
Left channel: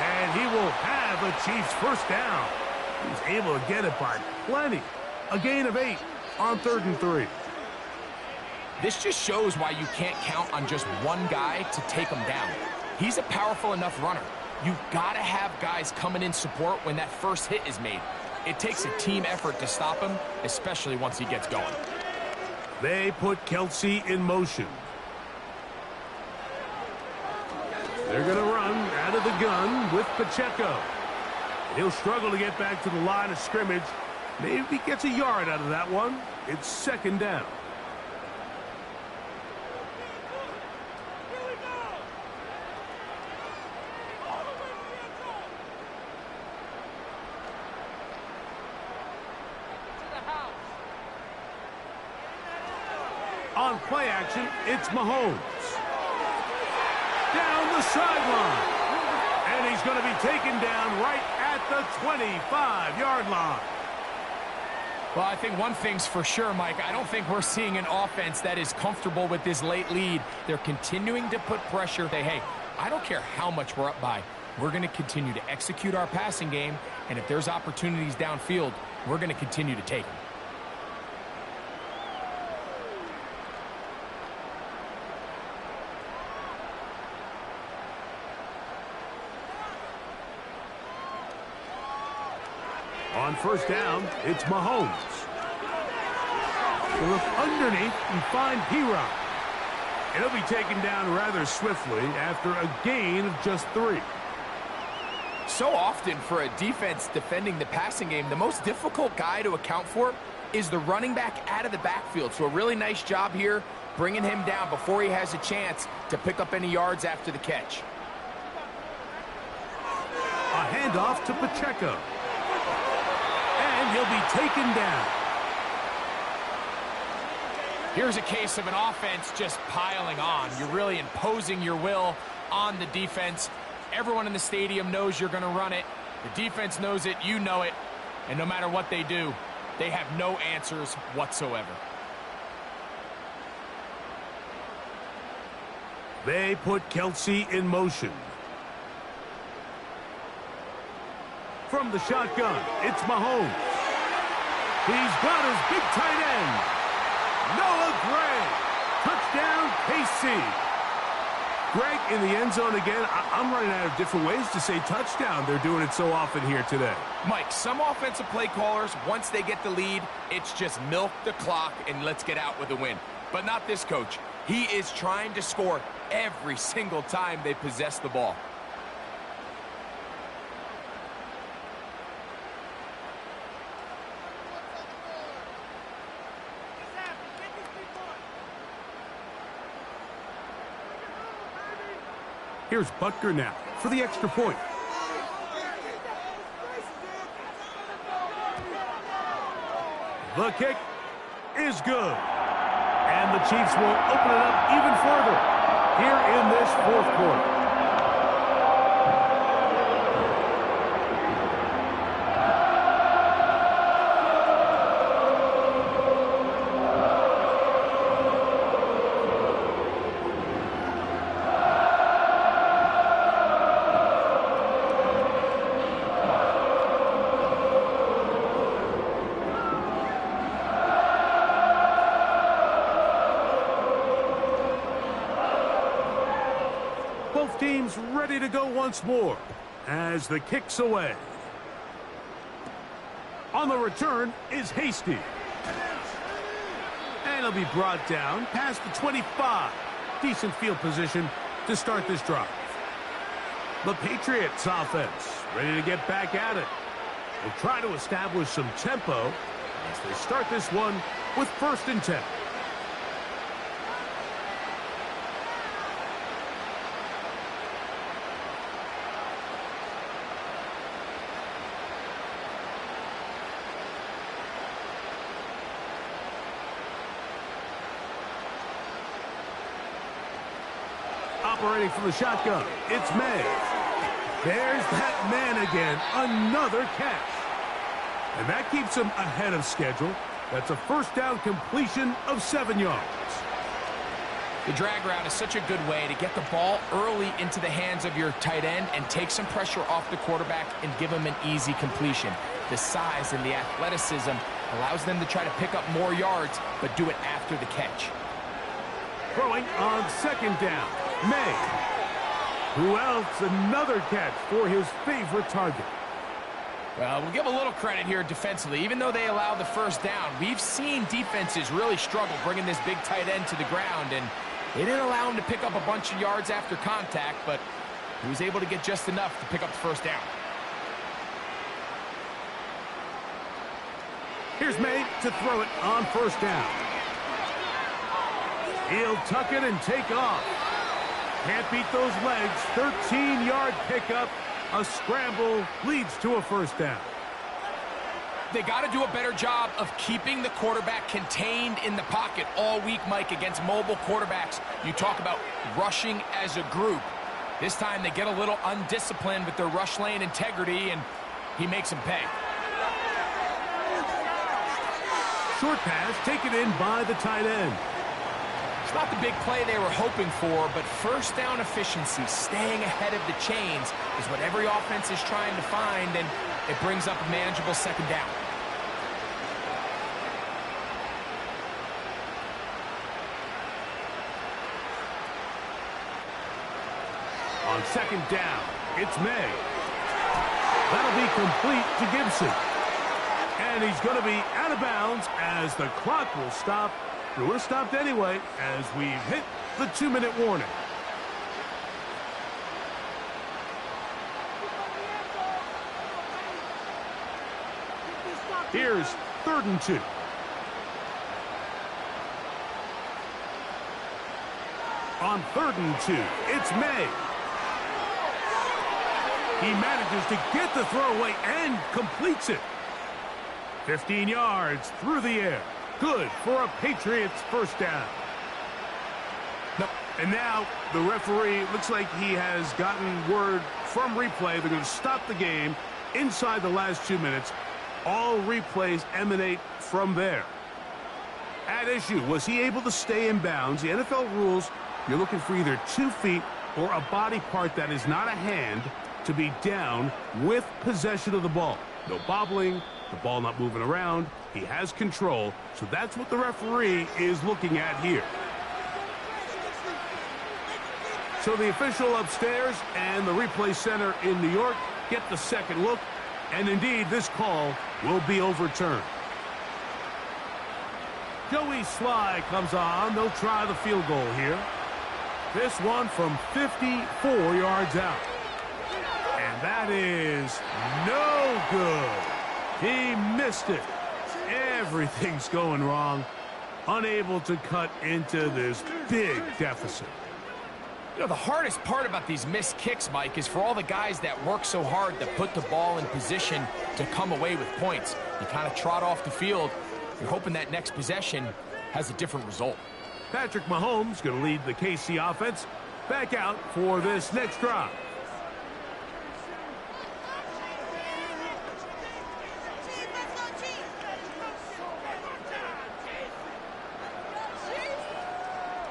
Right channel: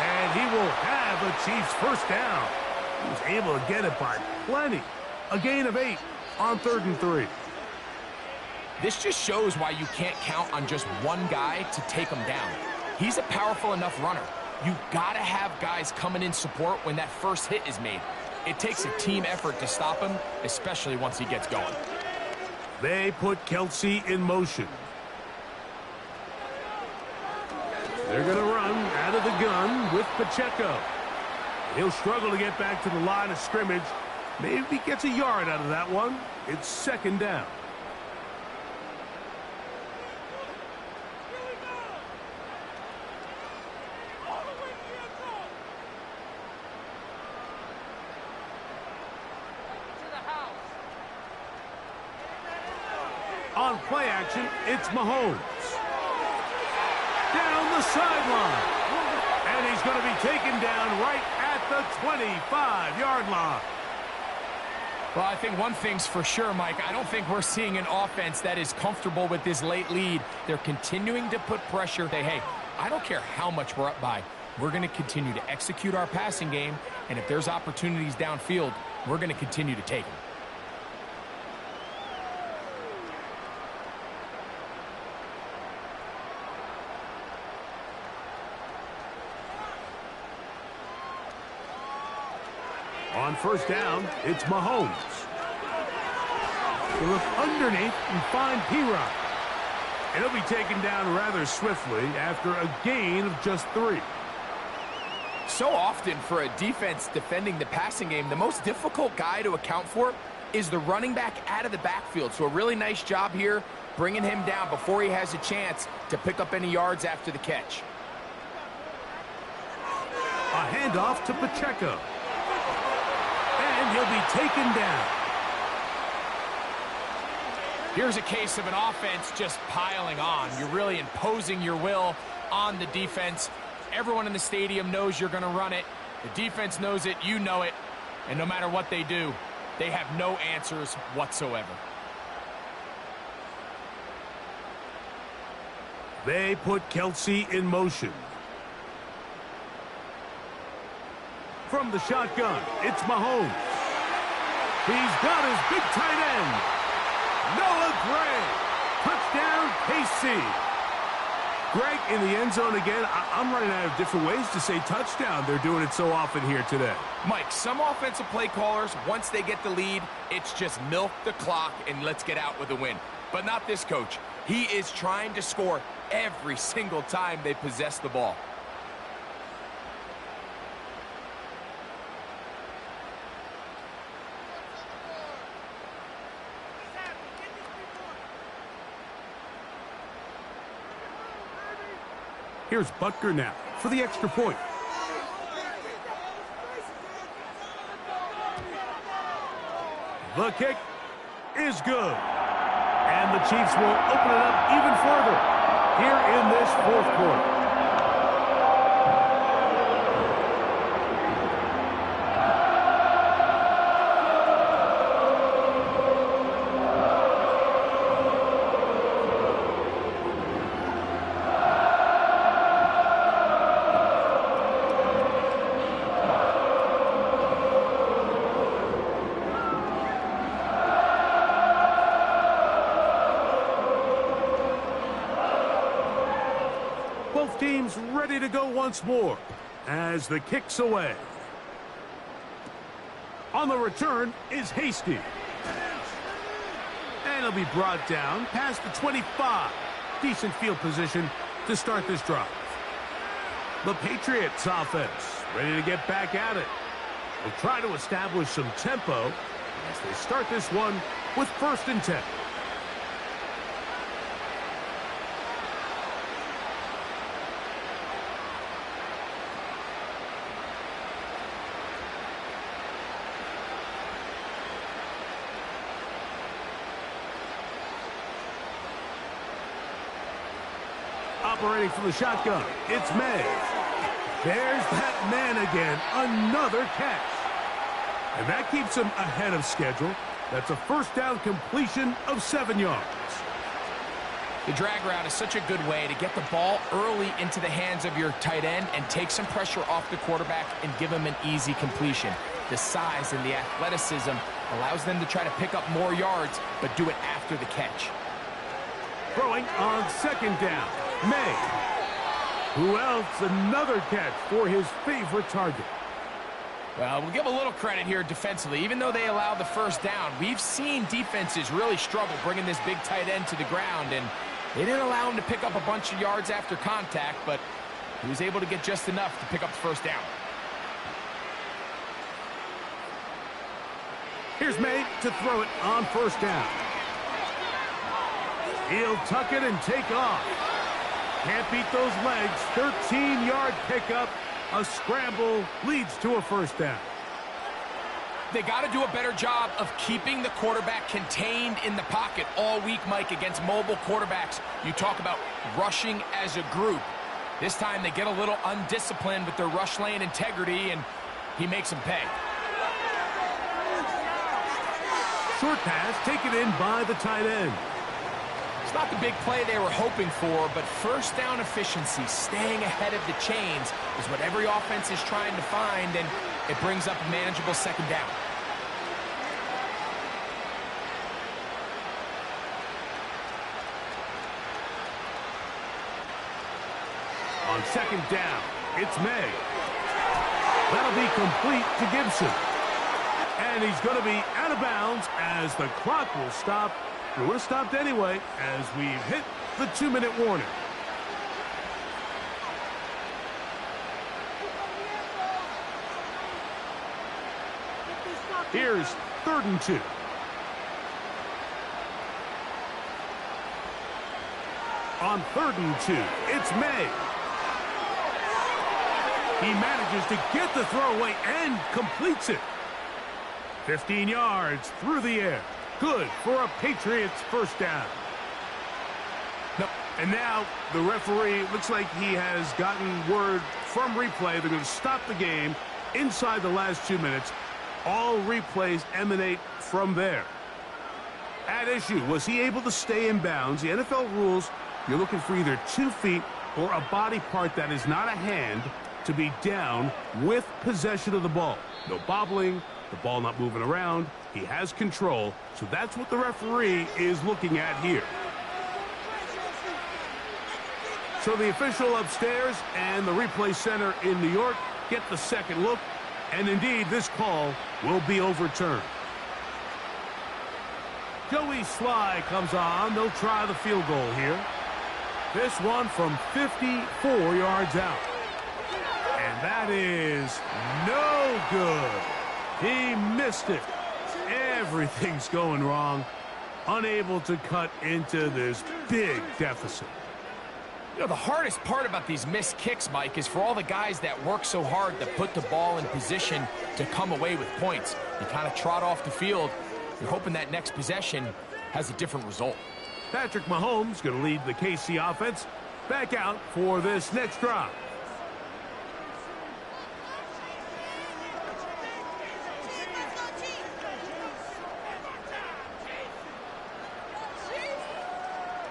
And he will have a Chiefs first down. He was able to get it by plenty. A gain of 8 on 3rd and 3. This just shows why you can't count on just one guy to take him down. He's a powerful enough runner. you've got to have guys coming in support when that first hit is made. It takes a team effort to stop him, especially once he gets going. They put Kelsey in motion. They're going to run out of the gun with Pacheco. He'll struggle to get back to the line of scrimmage. Maybe he gets a yard out of that one. It's second down. On play action, it's Mahomes. Down the sideline. And he's going to be taken down right at the 25-yard line. Well, I think one thing's for sure, Mike. I don't think we're seeing an offense that is comfortable with this late lead. They're continuing to put pressure. Hey, I don't care how much we're up by. We're going to continue to execute our passing game, and if there's opportunities downfield, we're going to continue to take them. On first down, it's Mahomes. He'll look underneath and find P-Rock. And he'll be taken down rather swiftly after a gain of just 3. So often for a defense defending the passing game, the most difficult guy to account for is the running back out of the backfield. So a really nice job here bringing him down before he has a chance to pick up any yards after the catch. A handoff to Pacheco. And he'll be taken down. Here's a case of an offense just piling on. You're really imposing your will on the defense. Everyone in the stadium knows you're going to run it. The defense knows it, you know it. And no matter what they do, they have no answers whatsoever. They put Kelsey in motion. From the shotgun, it's Mahomes. He's got his big tight end. Noah Gray. Touchdown, KC. Greg in the end zone again. I'm running out of different ways to say touchdown. They're doing it so often here today. Mike, some offensive play callers, once they get the lead, it's just milk the clock and let's get out with a win. But not this coach. He is trying to score every single time they possess the ball. Here's Butker now for the extra point. The kick is good. And the Chiefs will open it up even further here in this fourth quarter. Both teams ready to go once more as the kick's away. On the return is Hasty. And he'll be brought down past the 25. Decent field position to start this drive. The Patriots offense ready to get back at it. They'll try to establish some tempo as they start this one with 1st and 10. Operating from the shotgun, it's May. There's that man again, another catch. And that keeps him ahead of schedule. That's a 1st down completion of 7 yards. The drag route is such a good way to get the ball early into the hands of your tight end and take some pressure off the quarterback and give him an easy completion. The size and the athleticism allows them to try to pick up more yards, but do it after the catch. Throwing on 2nd down, May. Who else? Another catch for his favorite target. Well, we'll give a little credit here defensively. Even though they allowed the first down, we've seen defenses really struggle bringing this big tight end to the ground, and they didn't allow him to pick up a bunch of yards after contact, but he was able to get just enough to pick up the first down. Here's May to throw it on first down. He'll tuck it and take off. Can't beat those legs. 13-yard pickup. A scramble leads to a first down. They got to do a better job of keeping the quarterback contained in the pocket all week, Mike, against mobile quarterbacks. You talk about rushing as a group. This time they get a little undisciplined with their rush lane integrity, and he makes them pay. Short pass taken in by the tight end. It's not the big play they were hoping for, but first down efficiency, staying ahead of the chains, is what every offense is trying to find, and it brings up a manageable second down. On second down, it's May. That'll be complete to Gibson. And he's going to be out of bounds as the clock will stop. It would have stopped anyway as we've hit the 2-minute warning. Here's 3rd and 2. On 3rd and 2, it's May. He manages to get the throwaway and completes it. 15 yards through the air. Good for a Patriots first down. No, and now the referee looks like he has gotten word from replay. They're going to stop the game inside the last 2 minutes. All replays emanate from there. At issue, was he able to stay in bounds? The NFL rules, you're looking for either 2 feet or a body part that is not a hand to be down with possession of the ball. No bobbling, the ball not moving around. He has control, so that's what the referee is looking at here. So the official upstairs and the replay center in New York get the second look, and indeed this call will be overturned. Joey Sly comes on. They'll try the field goal here. This one from 54 yards out. And that is no good. He missed it. Everything's going wrong. Unable to cut into this big deficit. You know, the hardest part about these missed kicks, Mike, is for all the guys that work so hard to put the ball in position to come away with points. You kind of trot off the field. You're hoping that next possession has a different result. Patrick Mahomes going to lead the KC offense back out for this next drive.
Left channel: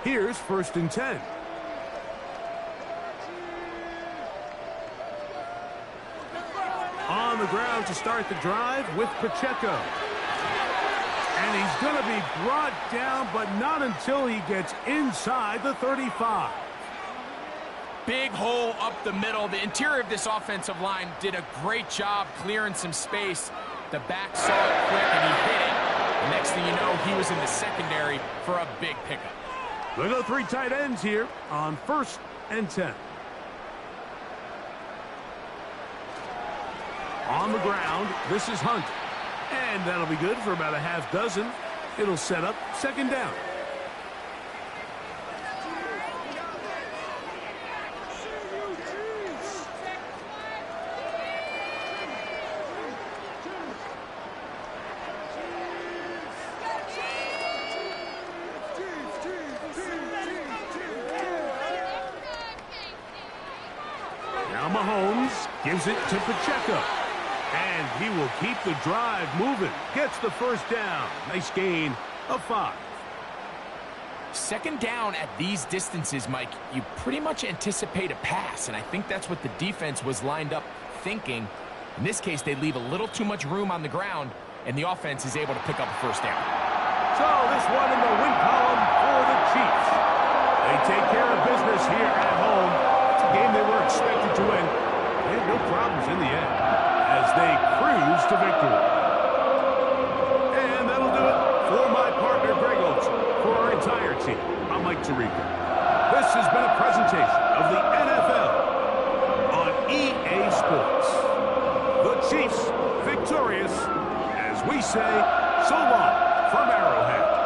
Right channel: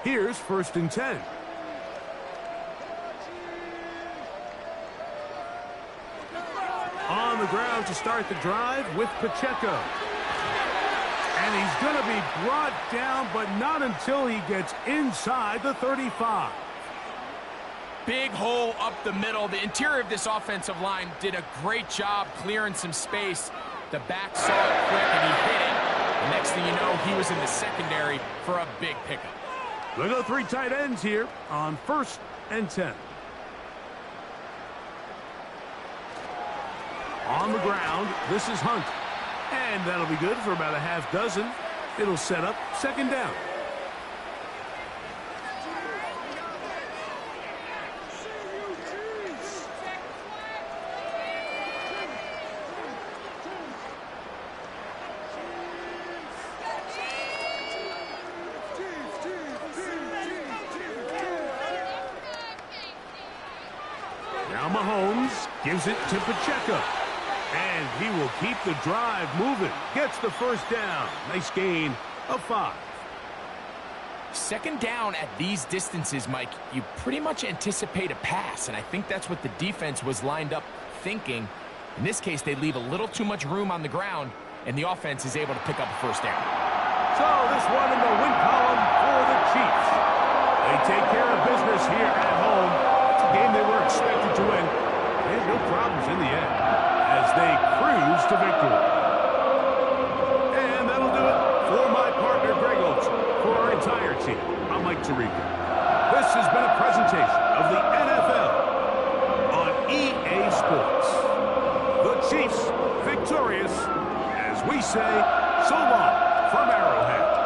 Here's 1st and 10. On the ground to start the drive with Pacheco. And he's going to be brought down, but not until he gets inside the 35. Big hole up the middle. The interior of this offensive line did a great job clearing some space. The back saw it quick, and he hit it. The next thing you know, he was in the secondary for a big pickup. They'll go 3 tight ends here on 1st and 10. On the ground, this is Hunt. And that'll be good for about a half dozen. It'll set up 2nd down. Now Mahomes gives it to Pacheco. And he will keep the drive moving. Gets the first down. Nice gain of 5. 2nd down at these distances, Mike, you pretty much anticipate a pass, and I think that's what the defense was lined up thinking. In this case, they leave a little too much room on the ground, and the offense is able to pick up a first down. So this one in the win column for the Chiefs. They take care of business here at home. It's a game they were presentation of the NFL on EA Sports. The Chiefs victorious, as we say, so long from Arrowhead.